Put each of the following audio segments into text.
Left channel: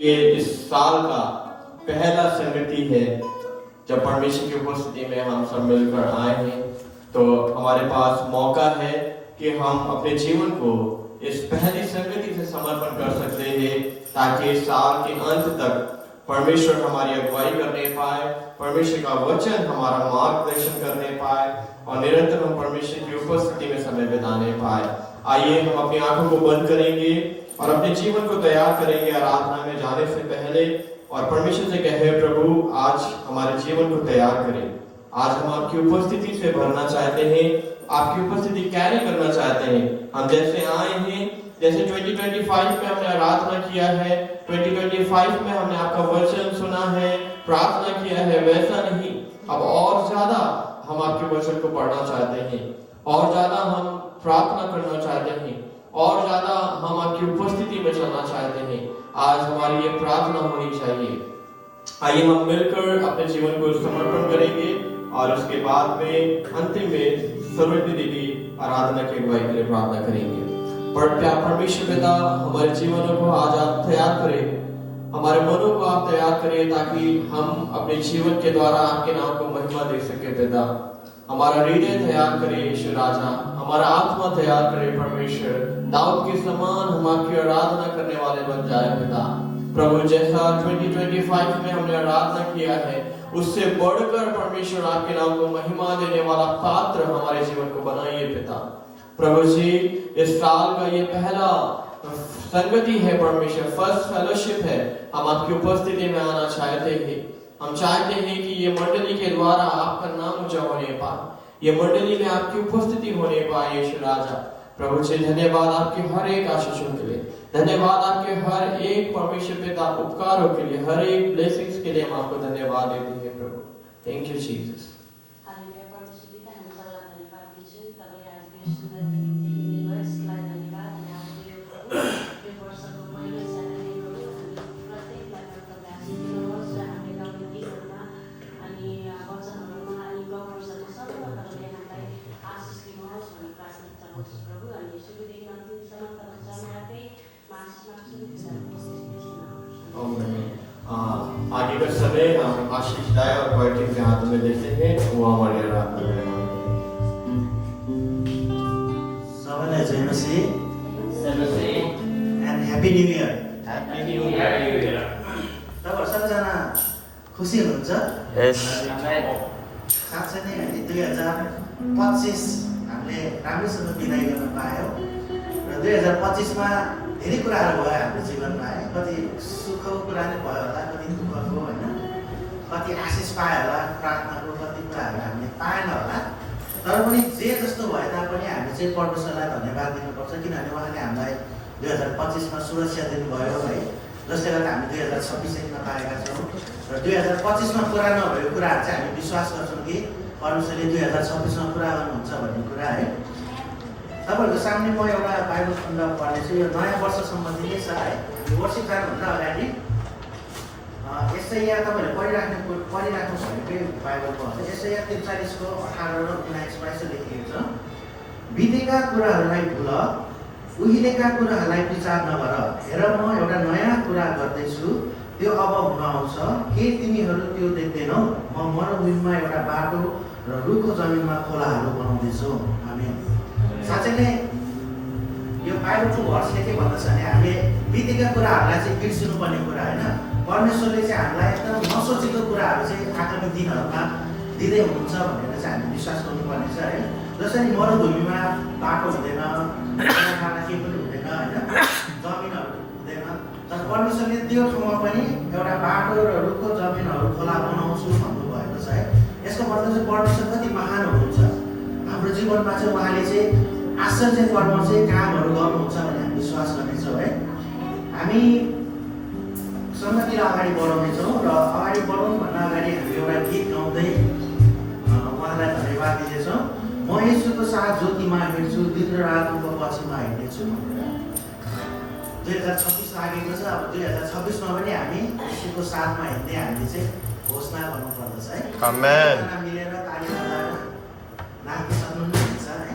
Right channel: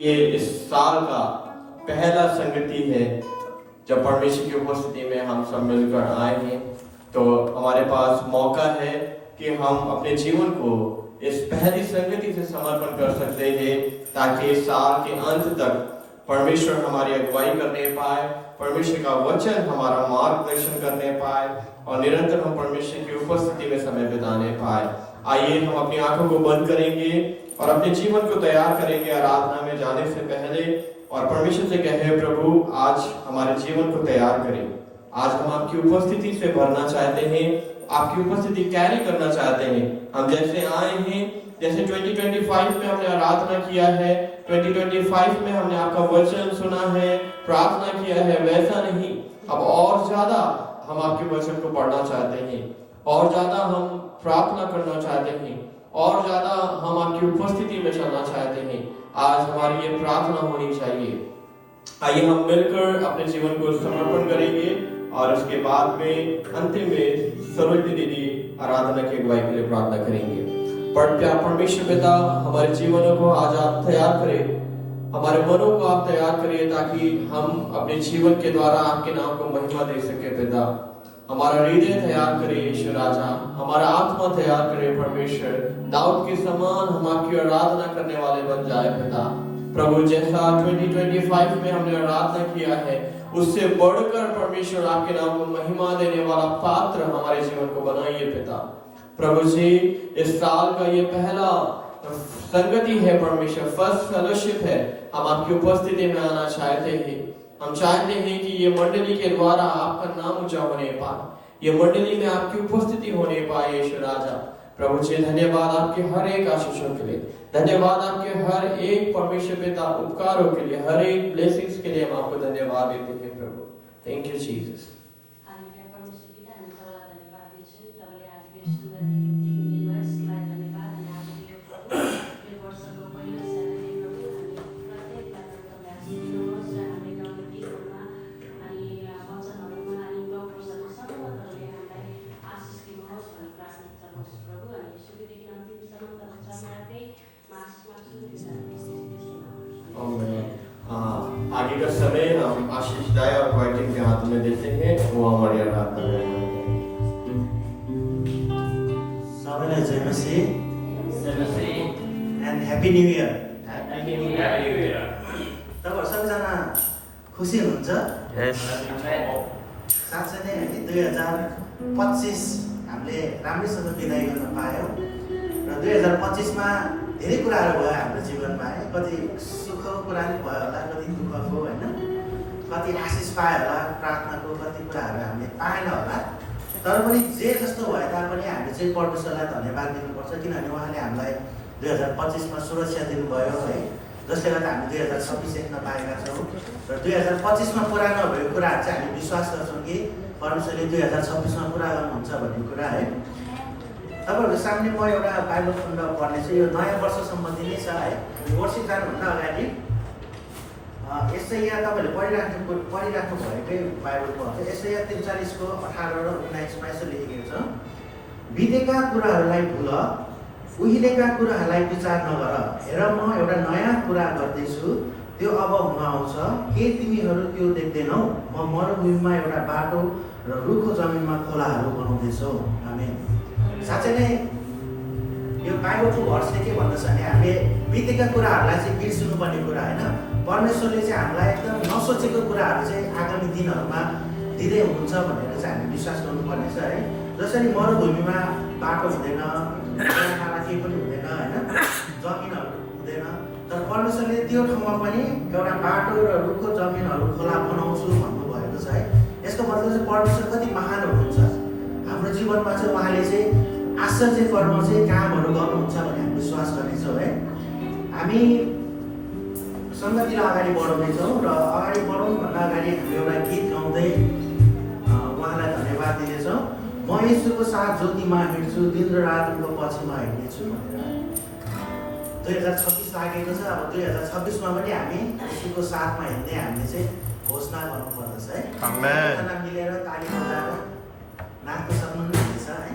ये इस साल का पहला संगति है जब परमेश्वर की उपस्थिति में हम सब मिलकर आए हैं। तो हमारे पास मौका है कि हम अपने जीवन को इस पहली संगति से समर्पण कर सकते हैं, ताकि इस साल के अंत तक परमेश्वर हमारी अगुवाई करने पाए, परमेश्वर का वचन हमारा मार्गदर्शन करने पाए और निरंतर हम परमेश्वर की उपस्थिति में समय बिताने पाए। आइए हम अपनी आंखों को बंद करेंगे और अपने जीवन को तैयार करेंगे आराधना में जाने से पहले, और परमेश्वर से कहें, प्रभु आज हमारे जीवन को तैयार करें। आज हम आपकी उपस्थिति से भरना चाहते हैं, आपकी उपस्थिति कैरी करना चाहते हैं। हम जैसे आए हैं, जैसे 2025 में हमने आराधना किया है, 2025 में हमने आपका वचन सुना है, प्रार्थना किया है, वैसा नहीं, अब और ज्यादा हम आपके वचन को पढ़ना चाहते हैं, और ज्यादा हम प्रार्थना करना चाहते हैं, और ज्यादा हम आपकी उपस्थिति में चलना चाहते हैं। आज हमारी ये प्रार्थना होनी चाहिए। आइए हम मिलकर अपने जीवन को समर्पण करेंगे और उसके बाद में अंतिम में सर्वज्ञ दीदी आराधना की अगुवाई के लिए प्रार्थना करेंगे। परमेश्वर पिता, हमारे जीवनों को आज आप तैयार करें, हमारे मनों को आप तैयार करें, ताकि हम अपने जीवन के द्वारा आपके नाम को महिमा दे सके। पिता, हमारा हृदय तैयार करे ईश्वर राजा, हमारा आत्मा तैयार करे परमेश्वर, दाऊद के समान हम आपकी आराधना करने वाले बन जाए। पिता प्रभु, जैसा 2025 में हमने आराधना किया है, उससे बढ़कर परमेश्वर आपके नाम को महिमा देने वाला पात्र हमारे जीवन को बनाइए। पिता प्रभु जी, इस साल का ये पहला संगति है परमेश्वर, फर्स्ट फेलोशिप है। हम आपकी उपस्थिति में आना चाहते हैं। हम चाहते हैं कि ये मंडली के द्वारा आपका नाम ऊंचा होने पाए, ये मंडली में आपकी उपस्थिति होने पाए। ईश्वर राजा प्रभु जी, धन्यवाद आपके हर एक आशीषों के लिए, धन्यवाद आपके हर एक परमेश्वर पिता उपकारों के लिए, हर एक ब्लेसिंग्स के लिए हम आपको धन्यवाद देते हैं प्रभु। Thank you Jesus. आगे का समय हम आशीष दाई और क्वाइटिंग के हाथ में देते हैं, वो हमारी आराधना में सबैलाई जय मसीह एन्ड ह्यापी न्यू इयर। तपाईहरु सबैजना खुसी हुनुहुन्छ? साँच्चै नै हामी 2025 हामीले राम्रैसँग बिदाई गर्न पायौँ र 2025 मा धेरै कुराहरू भयो हाम्रो जीवनमा है। कति सुखको कुरा नै भयो होला, कति दुःखको होइन, कति आशिष पायो होला प्रार्थनाको, कति कुराहरू हामीले पाएन होला। तर पनि जे जस्तो भए तापनि हामी चाहिँ परमेश्वरलाई धन्यवाद दिनुपर्छ, किनभने उहाँले हामीलाई 2025 मा सुरक्षा दिनुभयो है, जसले गर्दा हामी 2026 देख्न पाएका छौँ। र 2025 मा पुरा नभएको कुराहरू चाहिँ हामी विश्वास गर्छौँ कि परमेश्वरले 2026 मा पुरा गर्नुहुन्छ भन्ने कुरा है। तपाईँहरूको सामने म एउटा बाइबल खण्ड पढ्नेछु, यो नयाँ वर्ष सम्बन्धी नै छ है। यो वर्षिप जानुभन्दा अगाडि एसैया तपाईँहरूले पढिराख्नु भएकै बाइबलको हुन्छ। एसैया 43 को 18 र 19 यसो लेखिएको छ, बितेका कुराहरूलाई भुल, उहिलेका कुराहरूलाई विचार नगर, हेर म एउटा नयाँ कुरा गर्दैछु, त्यो अब हुन आउँछ, के तिमीहरू त्यो देख्दैनौ? म मरुभूमिमा एउटा बाटो र रुखो जमिनमा खोलाहरू बनाउँदैछु। आमेन। साँच्चै नै यो बाइबलको भर्सले के भन्दछ भने हामी बितेका कुराहरूलाई चाहिँ बिर्सिनुपर्ने कुरा होइन। परमेश्वरले चाहिँ हामीलाई एकदम नसोचेको कुराहरू चाहिँ आगामी दिनहरूमा दिँदै हुनुहुन्छ भनेर चाहिँ हामी विश्वास गर्नुपर्ने छ है। जसरी मरुभूमिमा बाटो हुँदैन, खाना केही पनि हुँदैन होइन, जमिनहरू हुँदैन, तर परमेश्वरले त्यो ठाउँमा पनि एउटा बाटो र रुखो जमिनहरू खोला बनाउँछु भन्नुभएको छ है। यसको मतलब चाहिँ परमेश्वर कति महान हुनुहुन्छ। हाम्रो जीवनमा चाहिँ उहाँले चाहिँ आश्चर्य कर्म चाहिँ कामहरू गर्नुहुन्छ भन्ने हामी विश्वास गर्नेछौँ है। हामी सङ्गतिर अगाडि बढाउनेछौँ र अगाडि बढाउनुभन्दा अगाडि हामी एउटा गीत गाउँदै उहाँलाई धन्यवाद दिनेछौँ। म येशूको साथ ज्योतिमा हिँड्छु, दिन र रात उनको पछिमा हिँड्नेछु भनेर। 2026 लागेको छ, अब 2026 मा पनि हामी येशूको साथमा हिँड्ने हामीले चाहिँ घोषणा गर्नुपर्दछ है। आमेन। मिलेर ताली बजाएर नाच्न सक्नुहुन्छ है।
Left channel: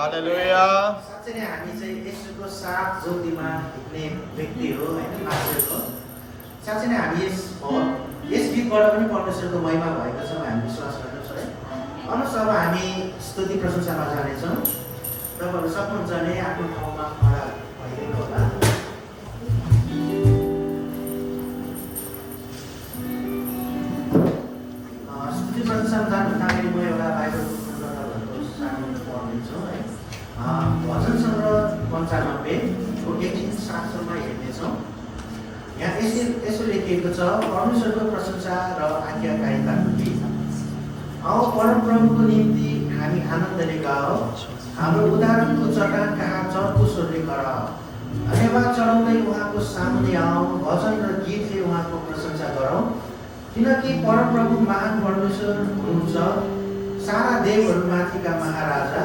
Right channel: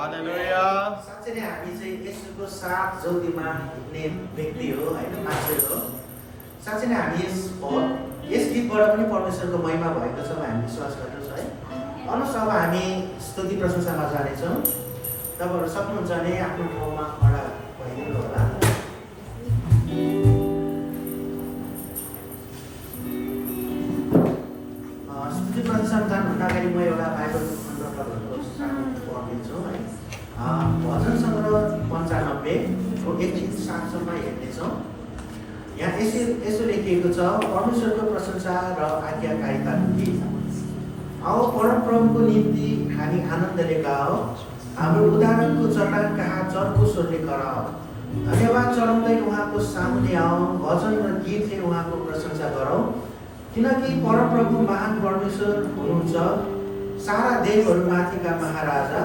हालेलुया। साँच्चै नै हामी चाहिँ येशूको साथ ज्योतिमा हिँड्ने व्यक्ति हो होइन, मान्छे हो। साँच्चै नै हामी यस गीतबाट पनि परमेश्वरको महिमा भएको छ हामी विश्वास गर्दछौँ है। अन्त अब हामी स्तुति प्रशंसामा जानेछौँ। तपाईँहरू सक्नुहुन्छ भने आफ्नो ठाउँमा खडा भइदिनु होला। स्तुति प्रशंसामा जानुभन्दा अगाडि म एउटा बाइबलको खण्ड तपाईँहरूको सानो पढिदिन्छु है। भजन सङ्ग्रह 95को 1-7 हेर्नेछौँ। यहाँ यसो लेखिएको छ, परमेश्वरको प्रशंसा र आज्ञाकारिताको गीत। आओ परमप्रभुको निम्ति हामी आनन्दले गाओ, हाम्रो उदाहरणको चट्टान कहाँ चर्को स्वरले कराओ। धन्यवाद चढाउँदै उहाँको सामुने आऊ, भजन र गीतले उहाँको प्रशंसा गरौँ। किनकि परमप्रभु महान परमेश्वर हुनुहुन्छ, सारा देवहरूमाथिका महाराजा।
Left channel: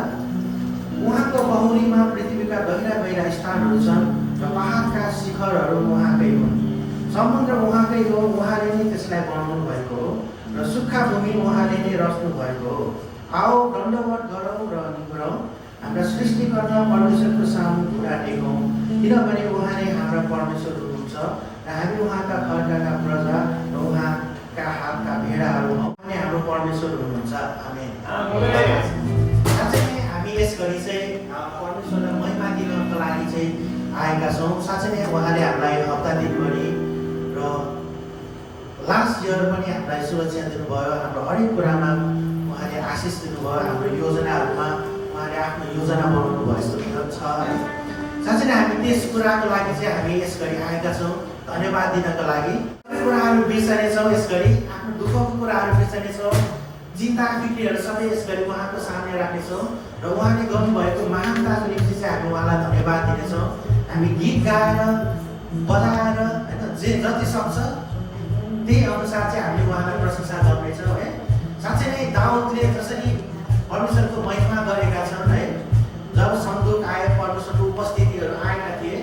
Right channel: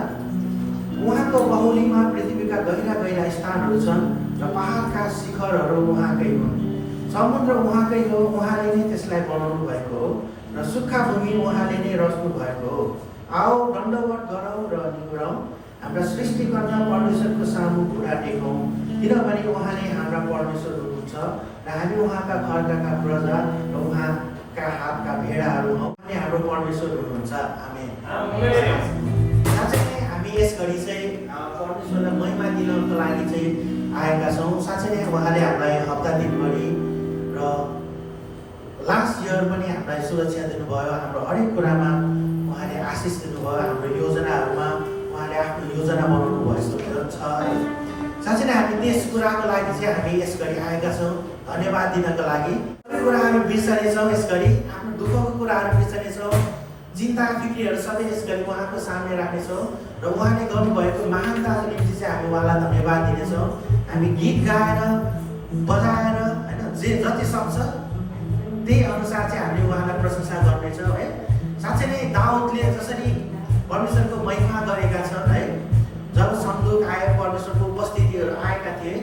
उहाँको बहुलीमा पृथ्वीका गहिरा गहिरा स्थानहरू छन् र पहाडका शिखरहरू उहाँकै हुन्। समुद्र उहाँकै हो, उहाँले नै त्यसलाई बनाउनु भएको हो र सुक्खा भूमि उहाँले नै रच्नु भएको हो। आओ दण्डवत गरौँ र निहुरौँ, हाम्रा सृष्टिकर्ता परमेश्वरको सामु कुरा टेकौँ। किनभने उहाँ नै हाम्रा परमेश्वर हुनुहुन्छ र हामी उहाँका खर्काका प्रजा र उहाँका हातका भेडाहरू हौँ। उहाँ नै हाम्रो परमेश्वर हुनुहुन्छ। आमेन। साँच्चै नै हामी यस घडी चाहिँ परमेश्वरलाई महिमा दिनको लागि चाहिँ आएका छौँ। साँच्चै नै उहाँले हामीलाई हप्ता दिनभरि र लास्ट इयर पनि हामीलाई सुरक्षा दिनुभयो। हाम्रो हरेक कुरामा उहाँले आशिष दिनुभयो। हाम्रो योजनाहरूमा उहाँले आफ्नो योजना बनाउनु भएको छ है। साँच्चै नै हामी त्यस कुराको लागि चाहिँ हामी यस घडी आएका छौँ धन्यवाद दिनको लागि। सबै कुराहरू बिर्सनेछौँ, यस घडी आफ्नो दुःखको कुराहरू बिर्सनेछौँ, चिन्ता फिक्रीहरू सबै यस घडी उहाँको सामने राख्नेछौँ र उहाँले गर्नुभएको महानताको निम्ति चाहिँ हामी उहाँलाई धन्यवाद दिनेछौँ। हामी गीत गाएर बजाएर होइन जति सक्छ त्यही अनुसार चाहिँ हामीले उहाँलाई प्रशंसा गर्नेछौँ है। साँच्चै नै दाउदले जसरी परमेश्वरको महिमा गरेका छन् है, जब सन्दुक आए, परमेश्वरको उपस्थितिहरू आएका थिए,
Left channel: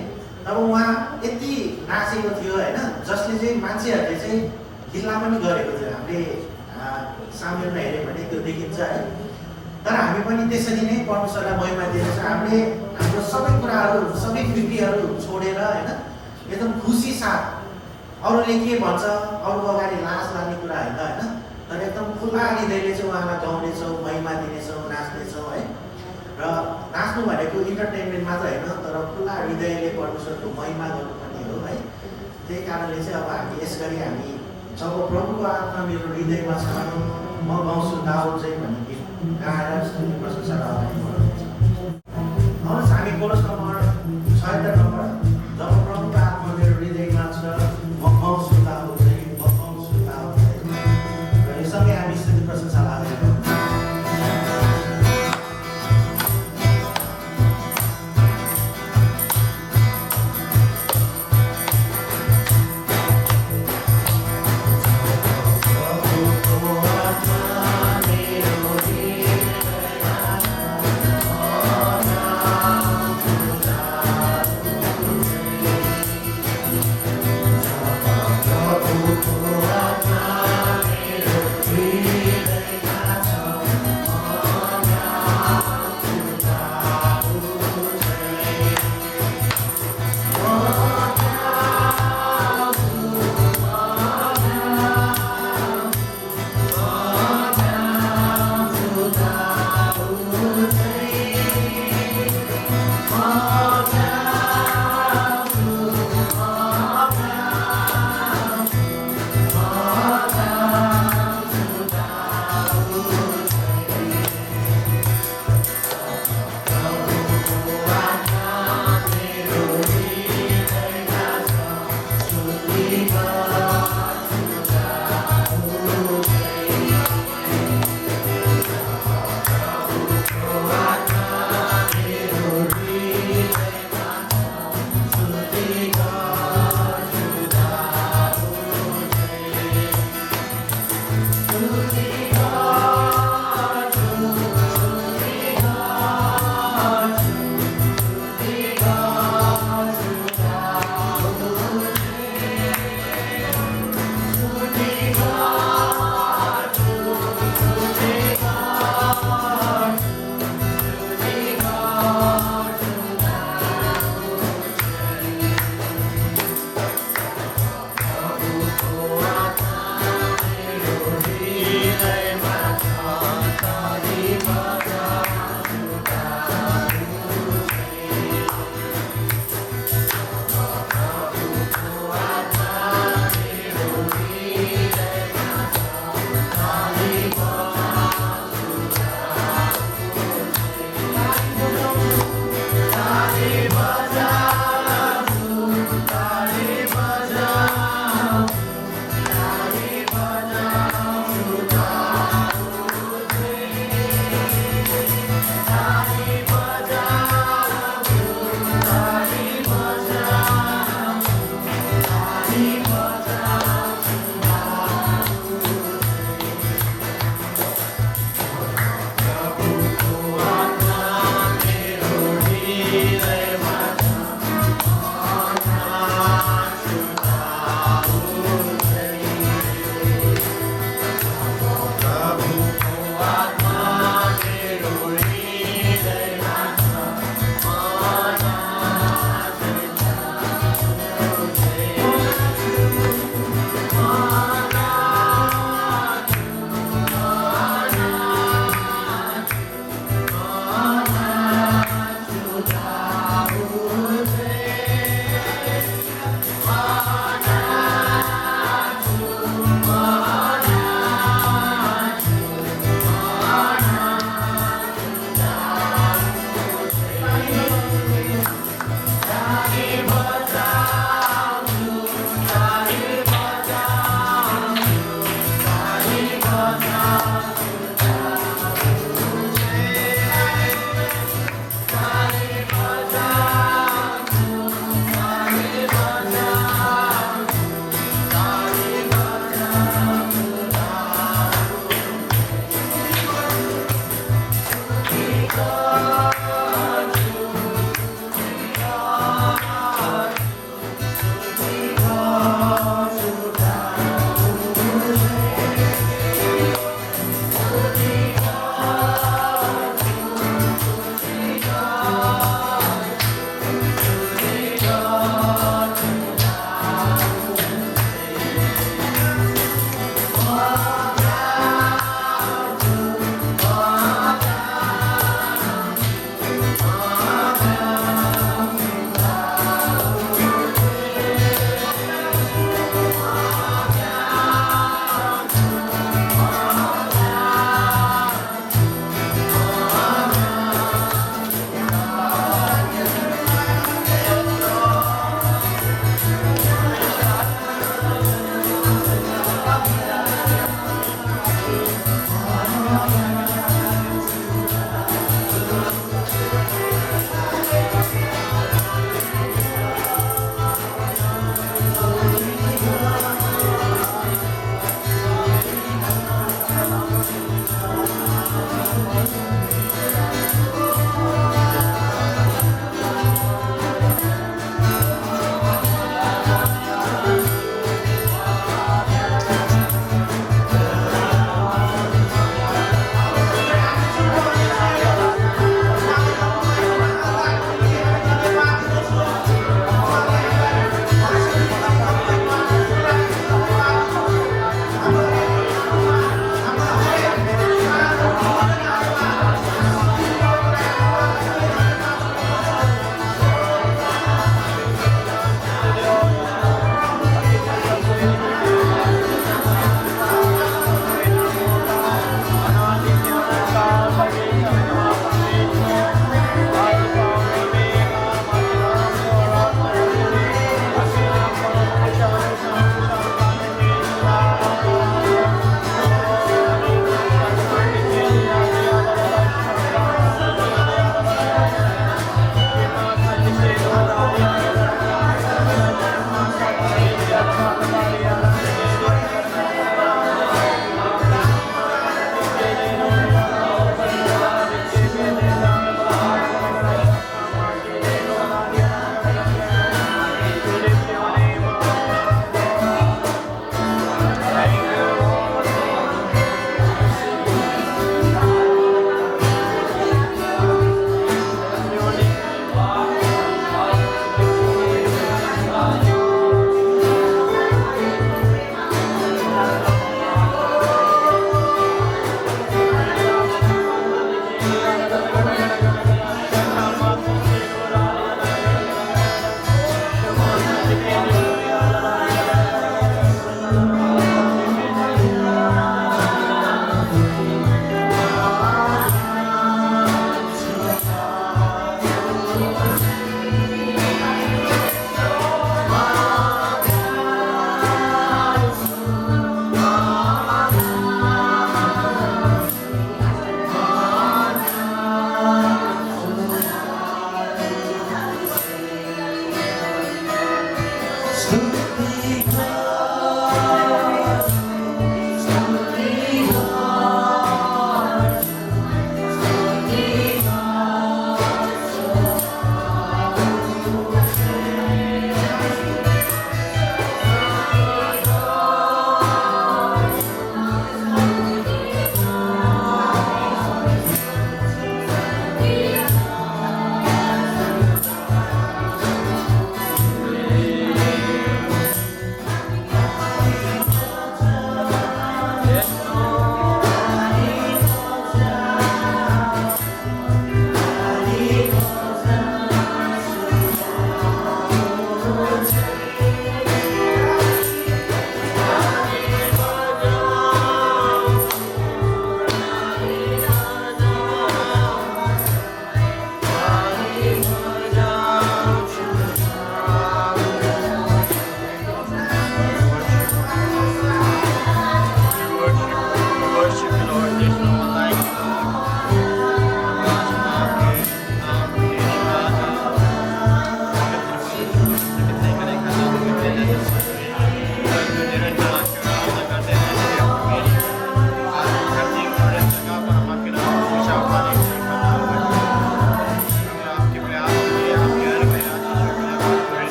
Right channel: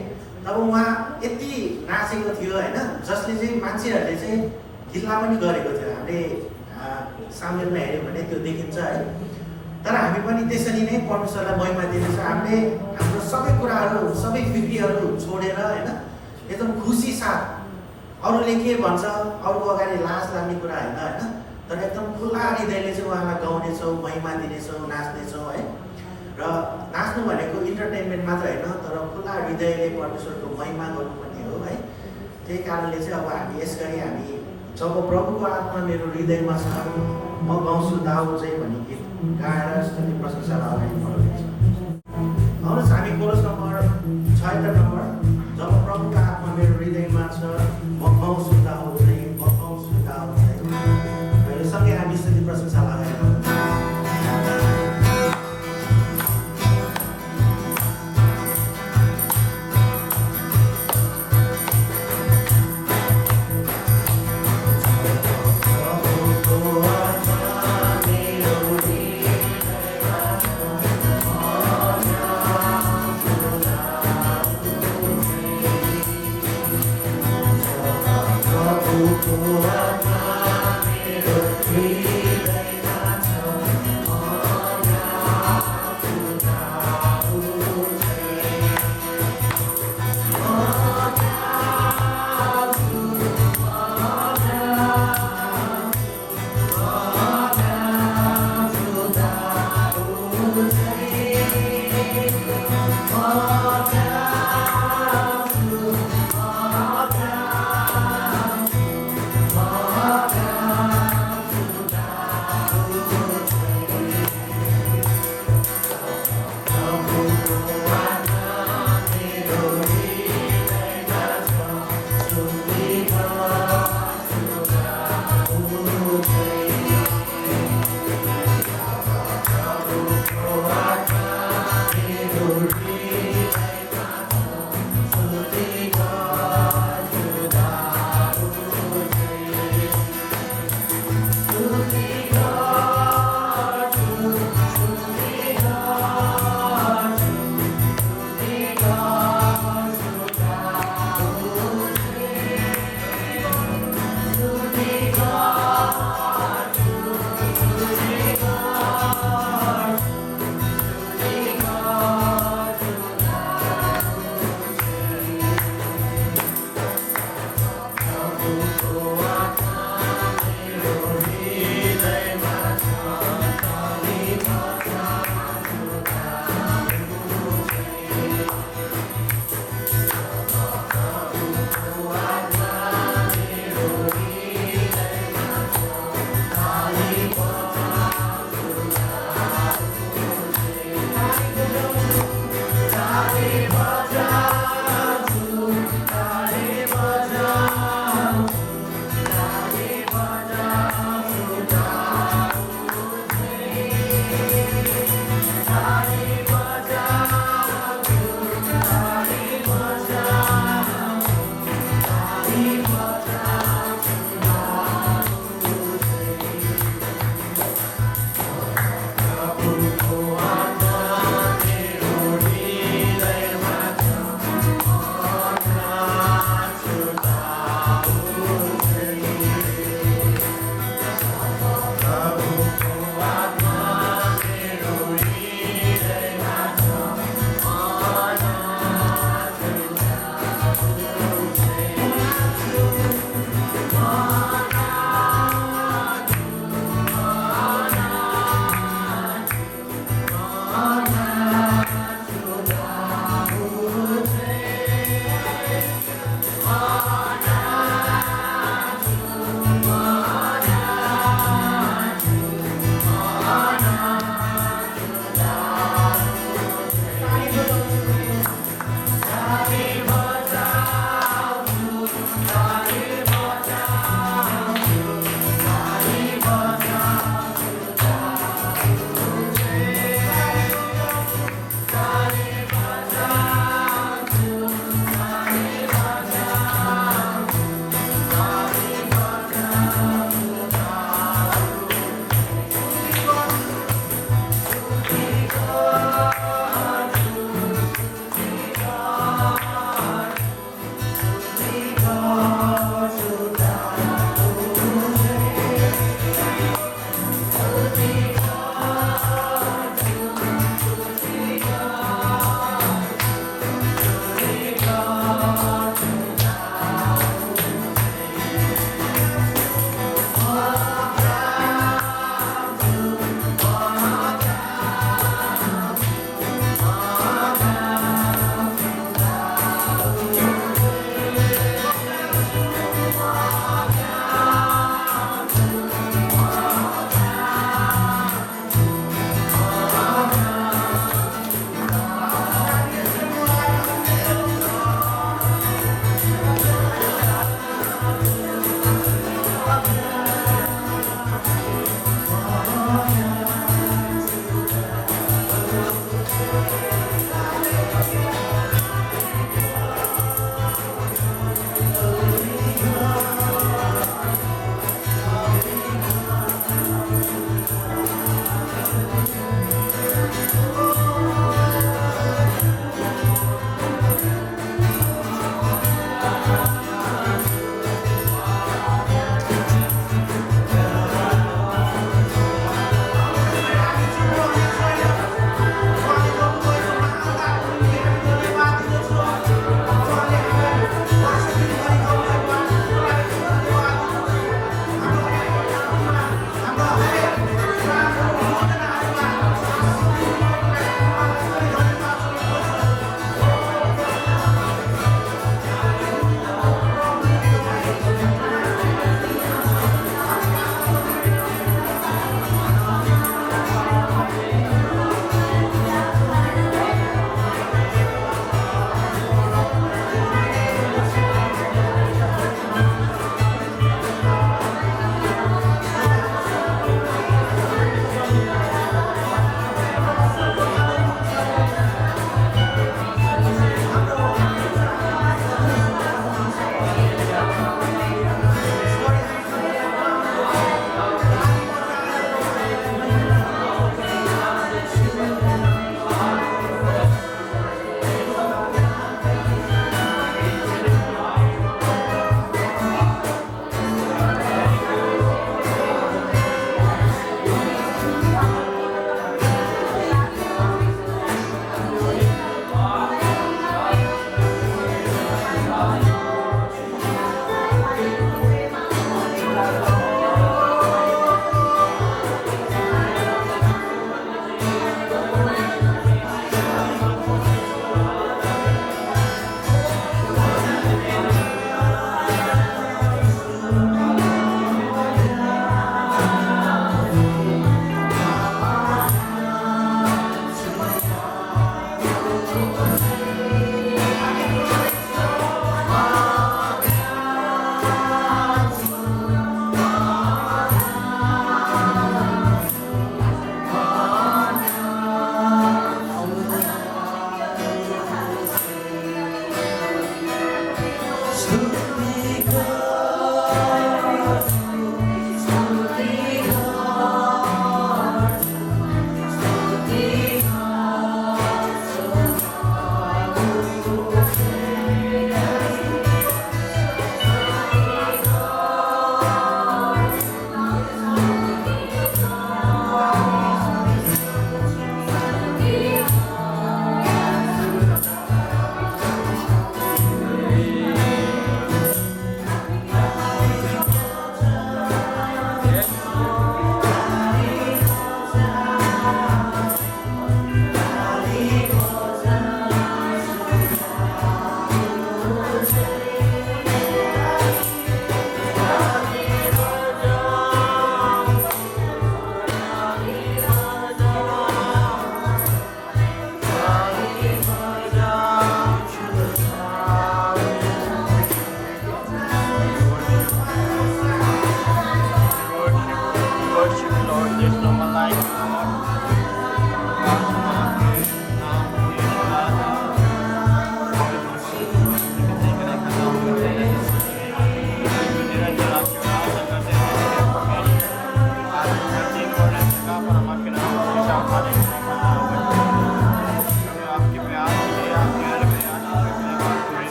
तब उहाँ यति नाचेको थियो होइन, जसले चाहिँ मान्छेहरूले चाहिँ गिल्ला पनि गरेको थियो। हामीले सामेलमा हेऱ्यौँ भने त्यो देखिन्छ है। तर हामी पनि त्यसरी नै परमेश्वरलाई महिमा दिनेछौँ। हामीले हाम्रो सबै कुराहरू, सबै फिक्रीहरू छोडेर होइन, एकदम खुसी साथ, अरूले के भन्छ अरूको अगाडि लाज लाग्ने कुरा होइन होइन, तर एकदम खुल्ला हृदयले चाहिँ उहाँलाई गाउनेछौँ, महिमा दिनेछौँ, नाच्नेछौँ है। र नाच्नु भनेको इन्टरटेनमेन्ट मात्र होइन, तर खुल्ला हृदयले परमेश्वरको महिमा गर्नु पनि हो है। त्यही कारणले चाहिँ अब हामी यस गरी हामी जब प्रभुको आत्मा मेरो हृदयमा छ म गाउँछु दाउद चाहिँ भन्ने गीत गाएर स्तुति प्रशंसालाई अगाडि बढाउनेछौँ। हवस्, हामी कोरस नम्बर 76 जब प्रभुको आत्मा मेरो हृदयमा छ म गाउँछु दाउद चाहिँ, म गाउँछु दाउद चाहिँ, र यो सँगै हामी स्तुति प्रशंसालाई अगाडि बढाउँछौँ।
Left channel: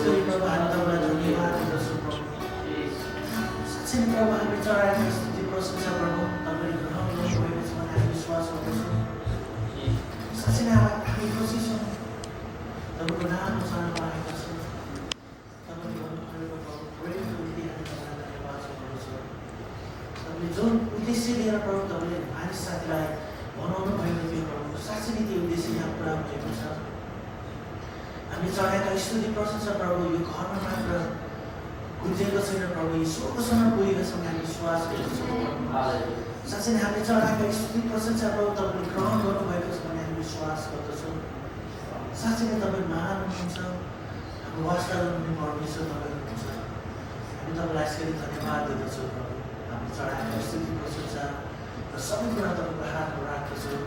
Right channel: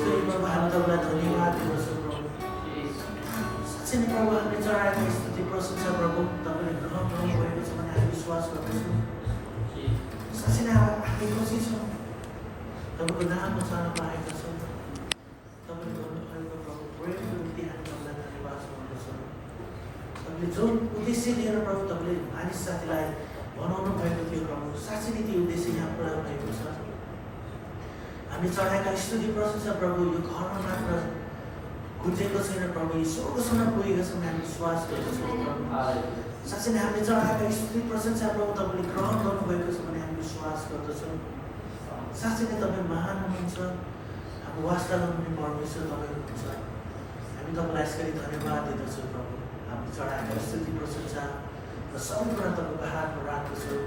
गरी प्रभु हामी तपाईँलाई धन्यवाद दिँदछौँ प्रभु। साँच्चै नै प्रभु हामी चढाएका स्तुति प्रशंसा प्रभु तपाईँले ग्रहण गर्नुभएको छ भने हामी विश्वास गर्दछौँ। साँच्चै नै हामी खुसी छौँ तपाईँको नाममा चढ्न पाएका छौँ। तपाईँले गर्नुभएको प्रभु प्रेमको निम्ति हामी तपाईँलाई धन्यवाद गर्दछौँ। तपाईँले जुन उद्देश्य लिएर प्रभु तपाईँले मानिस साथीलाई बनाउनु भएको थियो प्रभु, साँच्चै नै त्यो उद्देश्य यहाँ पुरा भएको छ। हामी चढाएका स्तुति प्रशंसा प्रभु यो घरमा मात्र गुन्जेको छैन प्रभु, यो स्वर्गसम्म पुगेको छ भने हामी विश्वास गर्दछौँ प्रभु। साँच्चै नै हामीले चढाएका स्तुति प्रशंसा प्रभु तपाईँले ग्रहण गर्नुभएको छ भने हामी विश्वास गर्दछौँ। साँच्चै नै तपाईँ महान हुनुहुन्छ, हाम्रो वास्ता गर्नुहुने परमेश्वर तपाईँ हुनुहुन्छ। हामी तपाईँलाई यसरी धन्यवाद दिँदछौँ प्रभु। हामीले चढाएका स्तुति प्रशंसा र सबै कुरा तपाईँको हातमा राख्दछौँ।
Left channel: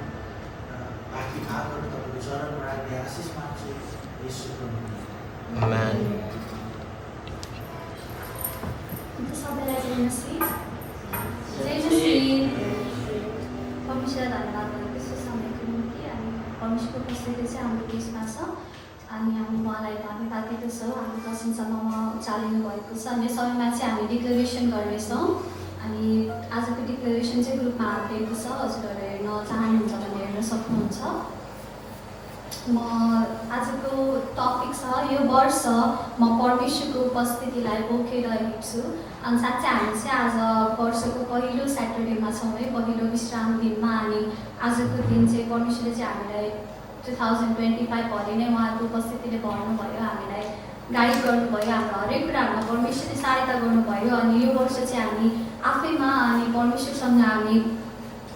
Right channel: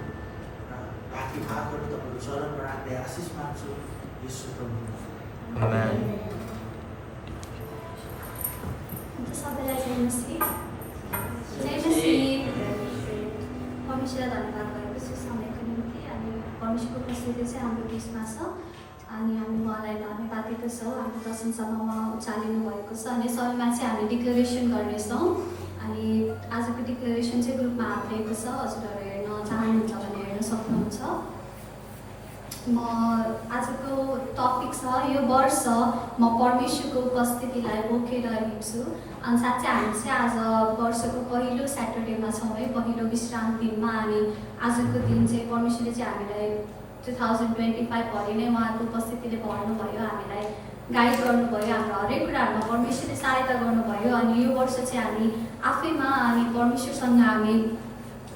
बाँकी भागहरू तपाईँको चरणमा राख्दै आशिष माग्छु यीशुको नाममा। आमेन। सबैलाई जय मसीह। जय मसीह। परमेश्वरलाई धन्यवाद गरेको छु समयको निम्ति। हामी परमेश्वरको उपस्थिति चाहिँ हाम्रो बिचमा छ अनि हामी उहाँलाई धन्यवाद दिँदछौँ। हाम्रो प्रशंसामा उहाँ उचालिनु भएको छ अनि समयमा चाहिँ हामी डिक्लेरेसन गर्नेछौँ। अनि आजको डिक्लेरेसन चाहिँ ग्रुपमा हालिदिएको छ, हजुरहरू हेर्न चाहनुहुन्छ भने हेर्न सक्नुहुन्छ। म आजको टपिक छ यो वर्ष म परमेश्वरको उपस्थितिलाई बोकेर हिँड्छु। अनि साँच्चै हामी चाहिँ आज वर्षको पहिलो स्याटरडेमा छौँ है, पहिलो विश्राम दिनमा। अनि आजको दिन चाहिँ परमेश्वरले चाहिँ हामीलाई 2025 भरि नै उहाँको उपस्थितिले भर्नुभयो, हामीलाई गाइड गर्नुभयो, हाम्रो हरेक कुराहरूमा परमेश्वरले सहायता गर्नुभयो। अनि यो वर्ष चाहिँ हामी आफैमा अनि परमेश्वरसँग हामी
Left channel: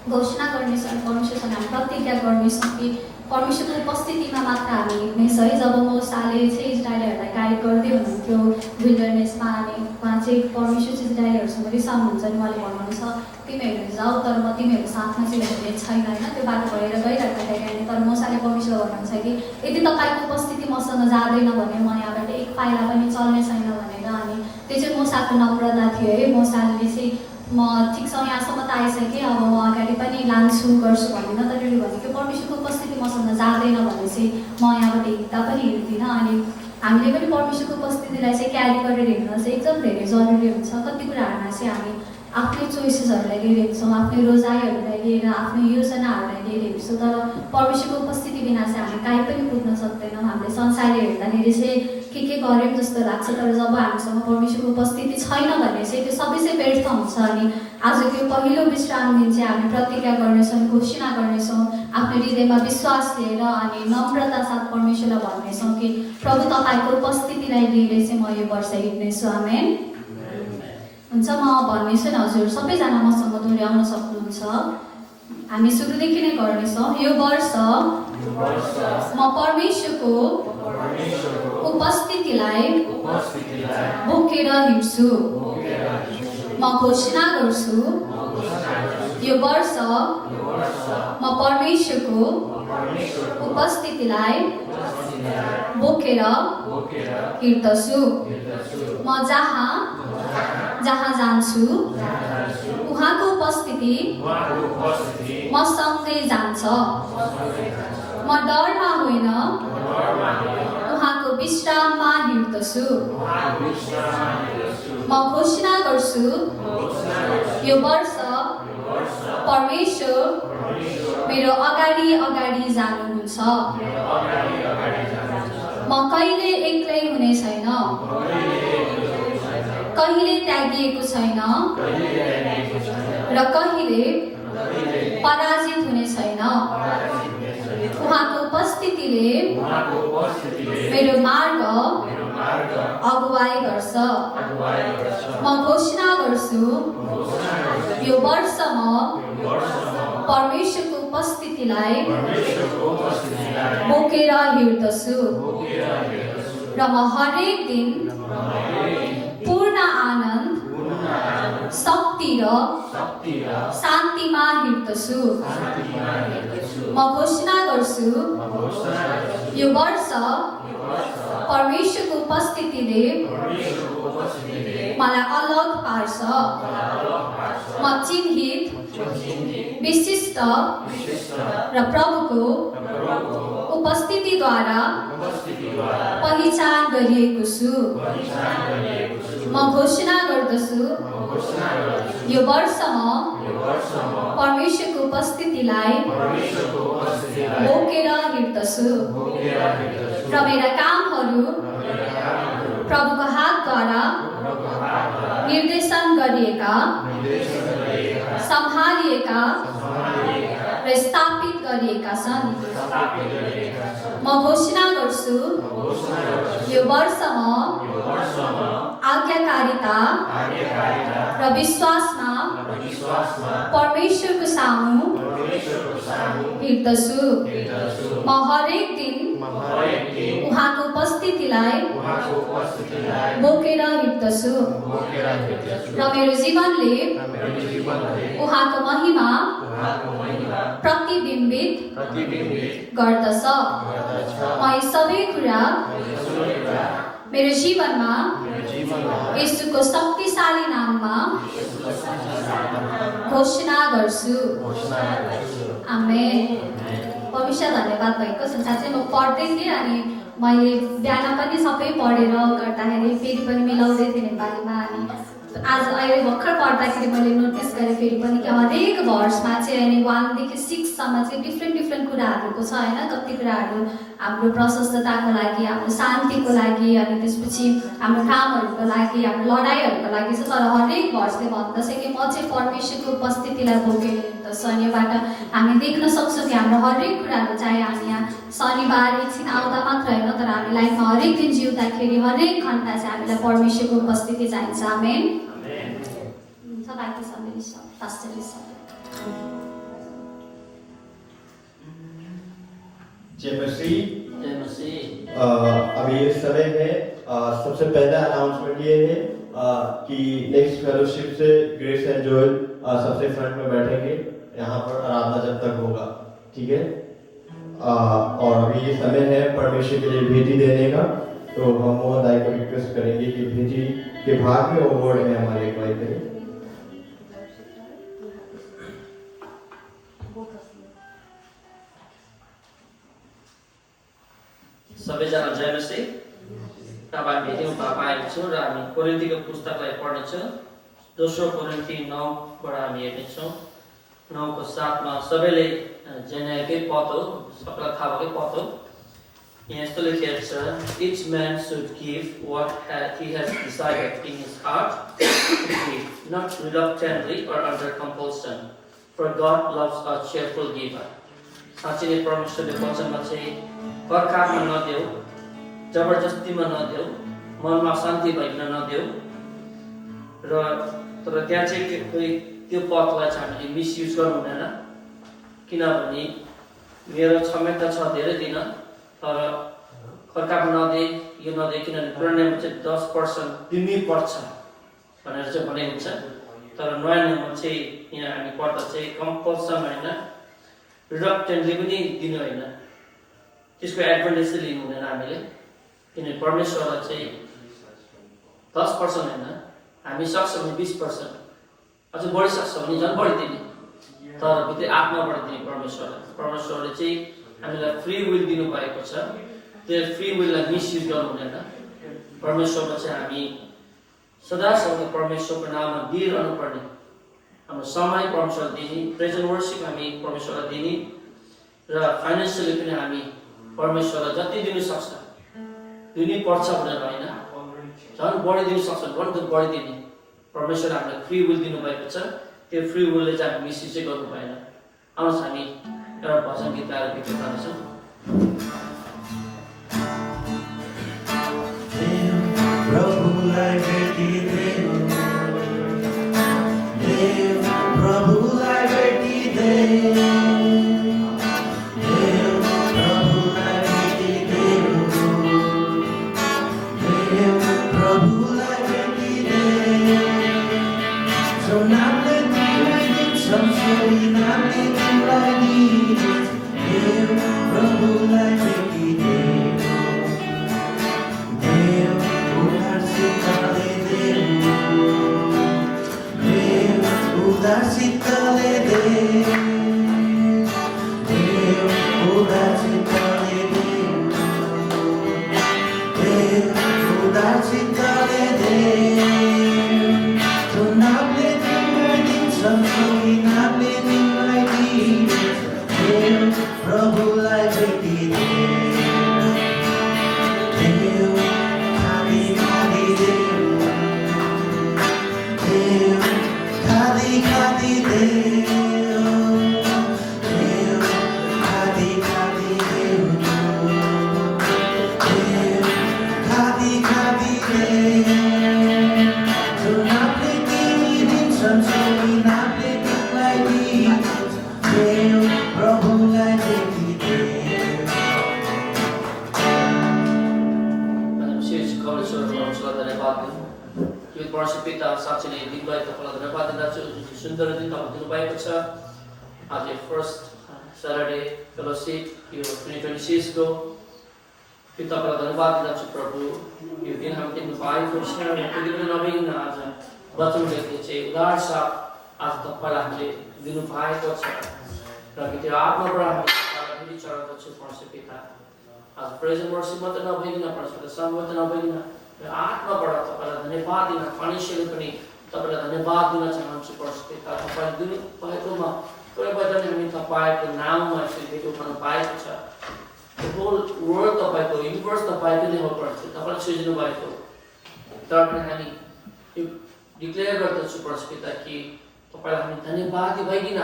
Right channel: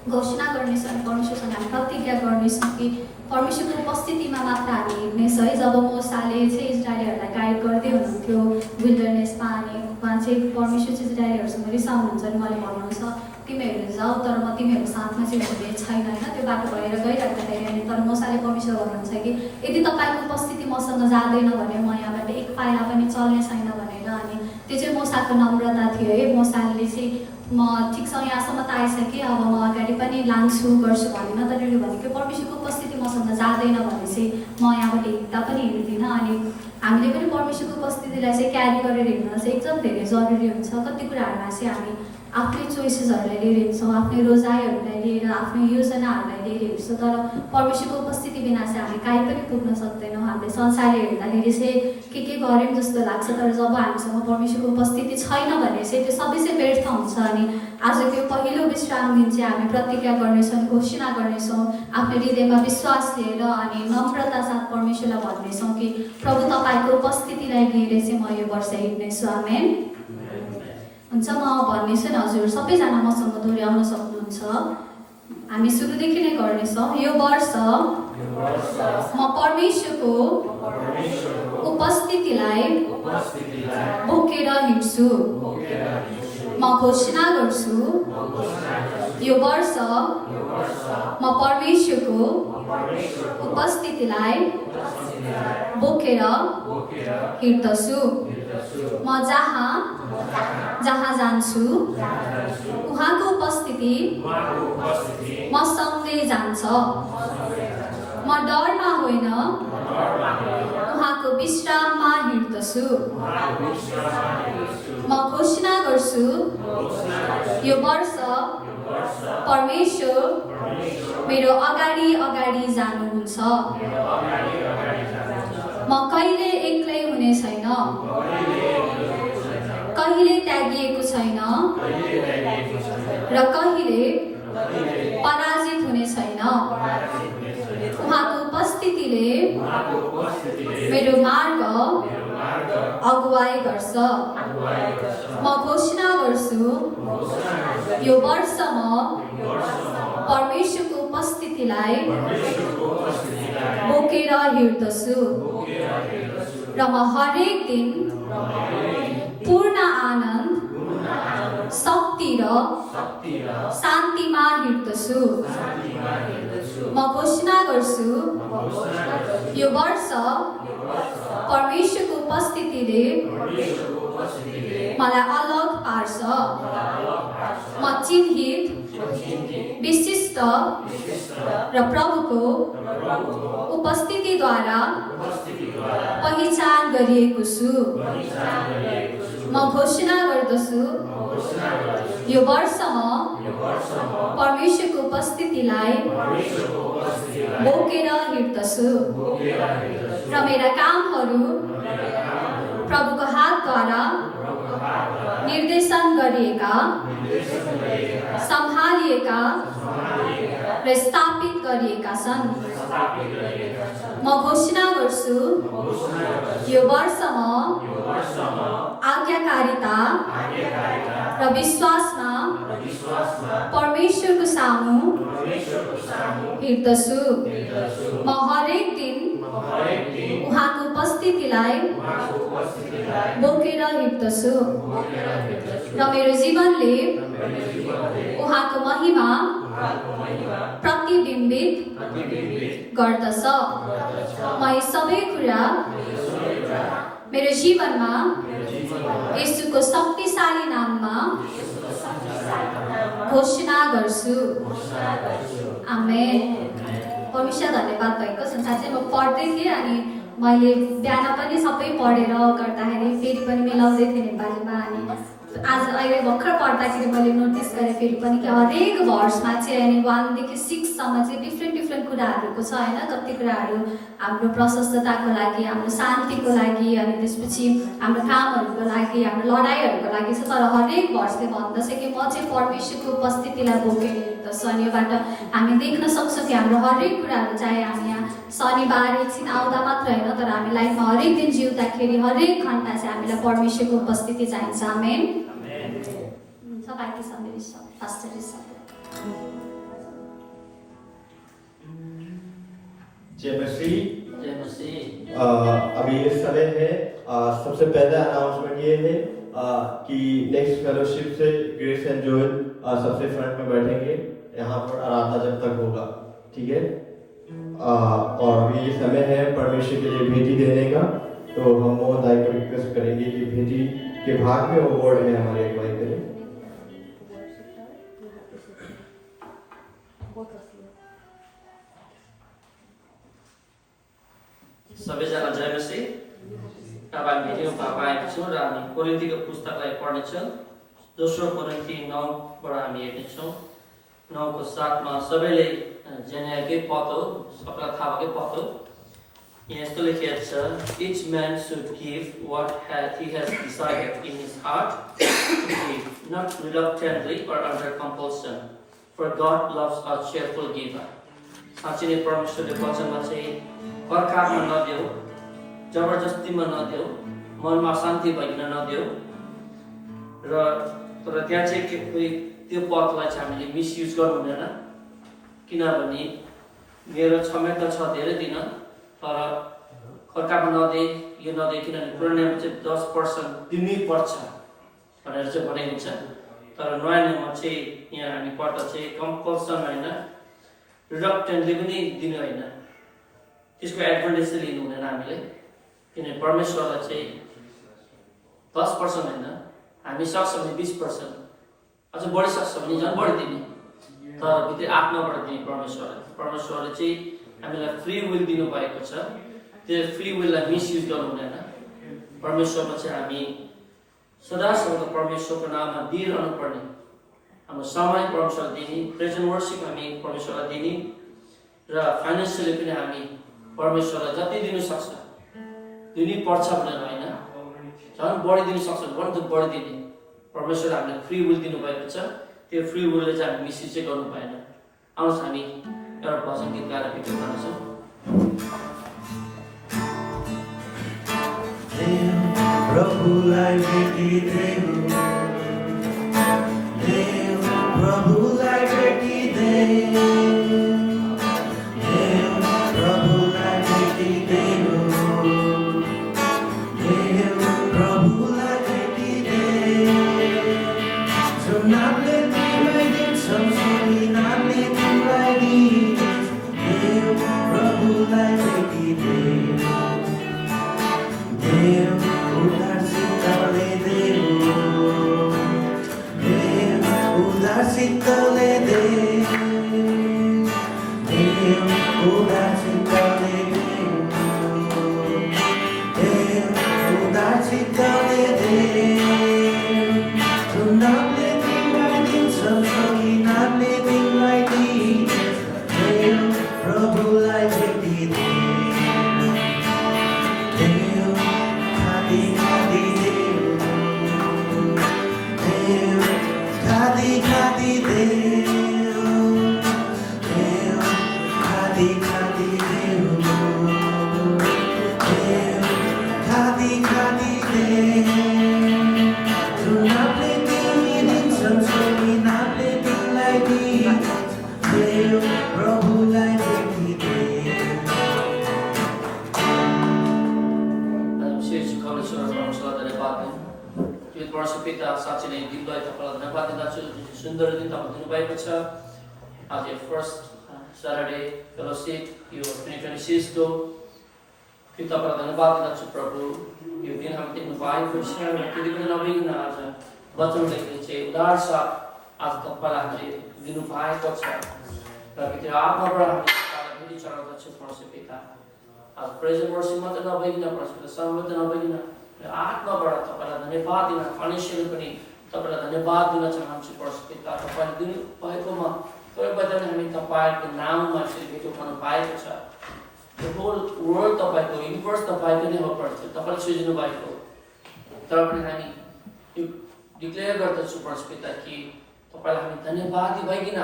घोषणा गर्नेछौँ अनि परमेश्वरसँग हामी प्रतिज्ञा गर्नेछौँ कि परमेश्वरको उपस्थितिमा मात्र हामी हिँड्नेछौँ है। जब मोसाले चाहिँ इजरायलीहरूलाई गाइड गर्दै हुनुहुन्थ्यो विल्डरनेसमा अनि उहाँ चाहिँ परमेश्वर चाहिँ इजरायलीहरूसँग रिसाउनुहुन्छ अनि उहाँले भन्नुहुन्छ तिमीहरू जाऊ तर म तिमीहरूको साथमा चाहिँ हुने छैन होइन, त्यो बाटो भएर गइराख्दाखेरि होइन। तर मोसाले परमेश्वर भन्नुहुन्छ कि यदि तपाईँको उपस्थिति मसँग जाँदैन भने म यहाँबाट एक पाइला पनि चल्ने छैन भनेर। अनि त्यो चाहिँ मोसाको नम्रता थियो है। मोसाले चाहिँ म ठिक छ यहाँसम्म त आइसकेँ, अब म अगाडि पनि लान्छु गर्छु भनेन, तर उसले भने कि परमेश्वरको उपस्थिति मसँग जाँदैन भने चाहिँ म यहाँबाट हिँड्दा पनि हिँड्दिनँ। अनि हामीले पनि परमेश्वरको उपस्थितिलाई चाहिँ क्यारी गरेर हिँड्न चाहिँ एकदम धेरै जरुरी हुन्छ। कति कुराहरूमा चाहिँ हामी आफ्नै चोइसेसहरूलाई लिएर हिँड्छौँ, आफ्नै रोजाइहरूलाई लिएर, आफ्नै योजनाहरूलाई लिएर हिँड्छौँ, तर परमेश्वरको उपस्थिति बिना चाहिँ हामी कहीँ पनि पुग्न सक्दैनौँ। हामीले संसारले हेर्दाखेरि चाहिँ के गऱ्यौँ जस्तो लाग्छ, तर जब हामीसँग परमेश्वरको उपस्थिति छैन भने चाहिँ त्यो सबै चाहिँ व्यर्थ हुन्छ। अनि आजको यो पहिलो विश्राम दिन चाहिँ हामी प्रतिज्ञा गर्नेछौँ, घोषणा गर्नेछौँ आफ्नो हृदयमा विश्वास लिएर अनि नम्रता साथ परमेश्वरलाई भन्नेछौँ कि प्रभु तपाईँको उपस्थितिलाई लिएर चाहिँ म यो वर्ष हिँड्नेछु। आमेन। हुन्छ, म भन्नेछु नि, हजुर सबैजना मसँग दोहोऱ्याउन सक्नुहुन्छ। हामी सुरुदेखि नै गर्नेछौँ। यो वर्ष म परमेश्वरको उपस्थितिलाई बोकेर हिँड्छु। म घोषणा गर्छु यो वर्ष म परमेश्वरको उपस्थितिलाई बोकेर हिँड्दछु। म जहाँ जान्छु उहाँको उपस्थिति मसँगै जान्छ। म डरमा होइन उहाँको विश्राममा हिँड्दछु। म घोषणा गर्छु यो वर्ष परमेश्वर मेरो अगाडि जानुहुन्छ। म कहिले एक्लै हुने छैन, कहिले त्यागिएको छैन र कहिले पराजित हुने छैन। उहाँको उपस्थितिले मेरो मार्ग अगुवाई गर्छ। म घोषणा गर्छु यो वर्ष म परमेश्वरको उपस्थितिलाई बोकेर हिँड्दछु र म हरेक दिन पूर्ण आनन्द, शक्ति र शान्तिमा हिँड्दछु। म घोषणा गर्छु यो वर्ष परमेश्वरको उपस्थितिले मलाई अलग पार्छ। म चिन्हित, विशिष्ट र प्रभुको उपस्थितिद्वारा पहिचान गरिएको छु। म घोषणा गर्दछु यो वर्षमा परमेश्वरको उपस्थितिलाई बोकेर हिँड्दछु र मेरा कामहरू प्रभुको हातद्वारा निर्देशन गरिएका, सम्हालिएका र स्थापित गरिएका छन्। म घोषणा गर्छु यो वर्षमा आज्ञाकारिता र विश्वासमा परमेश्वरको सामु हिँड्दछु। म हरेक दिन उहाँको उपस्थितिलाई बोकेर हिँड्दछु र मेरो जीवनले उहाँको महिमा प्रतिबिम्बित गर्दछ। म यी सबै कुरा मेरो जीवनमा येशूको शक्तिशाली नाममा घोषणा गर्छु। आमेन। परमेश्वर धन्यवाद भएको संसार चाहिँ म पढ्दै थिएँ अनि मैले बिहान पनि सबै पढेर गर्दाखेरि फेरि पनि मिलाउँदै थिएँ नेपालीमा। अनि आज अहिले भर्खर पढ्दाखेरि मैले नोटिस गरेँ फेरि पनि कि हरेक भर्समा चाहिँ अनि 1 देखि 6 सम्म चाहिँ डिफ्रेन्ट कुराहरूको छ होइन। कति कुराहरू हाम्रो प्रशस्तताको लागि, हाम्रो शान्तिको लागि, अनि त्यसपछि हाम्रो कामहरूको लागि, हाम्रो लडाइँहरूको लागि छ। तर हरेक भर्सले भन्दछ कि म चाहिँ परमेश्वरको उपस्थितिलाई बोकेर हिँड्दछु। अनि योबाट हामी देख्न सक्छौँ कि हाम्रो हरेक कुराहरू, चाहे हामी यहाँ शनिबार एकछिन आउँदा मात्र होइन, तर हामी लाइफमा हरेक दिन जिउँदाखेरि हरेक घन्टा चाहिँ हामीलाई परमेश्वरको उपस्थिति चाहिन्छ। आमेन। बाकी सब मेरी सब पास्टर सब। जय मसीह। अभी ये समय है, सबसे पहला अनाउंसमेंट ये है कि नेक्स्ट फेलोशिप से ग्रेस एंड जोएल सबसे फ्रंट में बैठेंगे यहाँ पर आराधना जब तक होगा, ठीक है। और अभी ये समय है परमेश्वर के लिए भेजी देने का, तो हम वो दाई को रिक्वेस्ट करेंगे कि भेजी के भाग में वो वर्ड में हमारी अगुवाई करें। सबैजना जय मसीह। अब हामी भेट्यौँ पाएका छौँ र हामी कोरिन्थीको पुस्तकलाई पढ्नेछौँ। दोस्रो कोरिन्थी 9बाट हामी हेर्नेछौँ। 9को 7मा सबैले जानेकै पद हो, सबैलाई थाहा भएकै पद हो। यहाँ यस्तो लेखिएको छ, each man should give what he has decided in his heart to give, not reluctantly or under compulsion, for God loves a cheerful giver। साँच्चै नै परमेश्वरले वचनमा चाहिँ कर्कापमा नदेऊ, जबरजस्तीमा नदेऊ, मनमा शान्ति भइकन नदेऊ। र तर त्यहाँ चाहिँ कोही त्यो पदलाई चाहिँ हामीले मिसयुज गर्नु हुँदैन, किनभने मेरो क्षमता छ धेरै दिन, तर कर्कापमा नदे, यो नदे, किनभने पुरानो नियममा चाहिँ 10% दिनै पर्छ भनेर चाहिँ भनेको हुन्छ। तर नयाँ नियममा चाहिँ यहाँ हामी पढ्दा चाहिँ कम्पल्सन होइन, रिडक्टेन्टली पनि दिनु होइन, त्यसको एडभान्टेज चाहिँ लिनु हुँदैन हामीले। किनभने परमेश्वरलाई चाहिँ 10% होइन, हामी सक्छ भने 20%, अझ बढी सक्छ भने झन् बढी दिने, तर भित्रै आत्माबाट दिने परमेश्वरले चाहिँ हामीलाई फ्री विल दिनुभएको छ। त्यो फ्री विललाई मिसयुज गर्नु हुँदैन। परमेश्वरमा चाहिँ हामी सदासम्म परमेश्वरको नाममा दिइरहनु पर्ने, हाम्रो समय परमेश्वरलाई दिने, प्रेजेन्ट वर्सिप हामी परमेश्वरलाई दिने, र फाइनेन्सियली पनि हामी परमेश्वरलाई जति दिनु सक्छ, दिनै पर्छ भनेर होइन, झन् बढी दिनु सक्छ भने त बढी दिने। परमेश्वरले हामीलाई फ्री विल दिनुभएको छ, त्यो फ्री विलले चाहिँ हामी मिसयुज चाहिँ गर्नु भएन। आउनुहोस् हामी एउटा भजन गीत गाएर भित्र जानेछौँ। प्रभुलाई भेटिदेऊ, देव प्रभुलाई भेटिदेऊ, देव प्रभुलाई भेटिदेऊ, देव प्रभुलाई भेटिदेऊ। जो नामले तिमीलाई दिन्छन्, सोही नामले तिमीलाई दिन्छन्, देव प्रभुलाई भेटिदेऊ, देव उद्धार सिद्धले देऊ। खादी खादीले जुन नामले तिमी दिन्छन् सोही नामले तिमीलाई दिइन्छ मेरो प्रभुलाई देखिदे पिता साँच्चै नै दिनलाई तपाईँलाई धन्यवाद दिँदछु जुन सुन्दर दिन तपाईँले दिनुभएको छ आज फर्स्ट सैटरडे फेलोशिप यो 2026 को फिर तपाईँलाई धन्यवाद दिँदछु प्रभु यो दिन हामी देख्नु पाएको छ र त्यति पनि नभइकन आज वचनले चाहिँ उदार साथ आज तपाईँलाई हामीले दिनु पाएको छ र त्यो आत्माबाट हामी तपाईँलाई फेरि चढाउँदछु परमेश्वर पिता आज प्रेज वर्षिप मात्र नभइकन परमेश्वर सर्वत्र नभइकन आत्माबाट तपाईँलाई धन्यवाद दिन फाइनेन्सियली पनि तपाईँलाई धन्यवाद दिन चाहन्छु परमेश्वर पिता तपाईँले दिनु भएकोमा तपाईँबाट हामी तपाईँको नाममा यसरी भेट उठाउनु पाएको छ The whole world तपाईँको युनिभर्स तपाईँको नै हो परमेश्वर तपाईँले सृजना भएको तर पनि हामी यो डिक्लेयर गर्दछु परमेश्वर पिता कि तपाईँलाई हामी धन्यवादी भइकन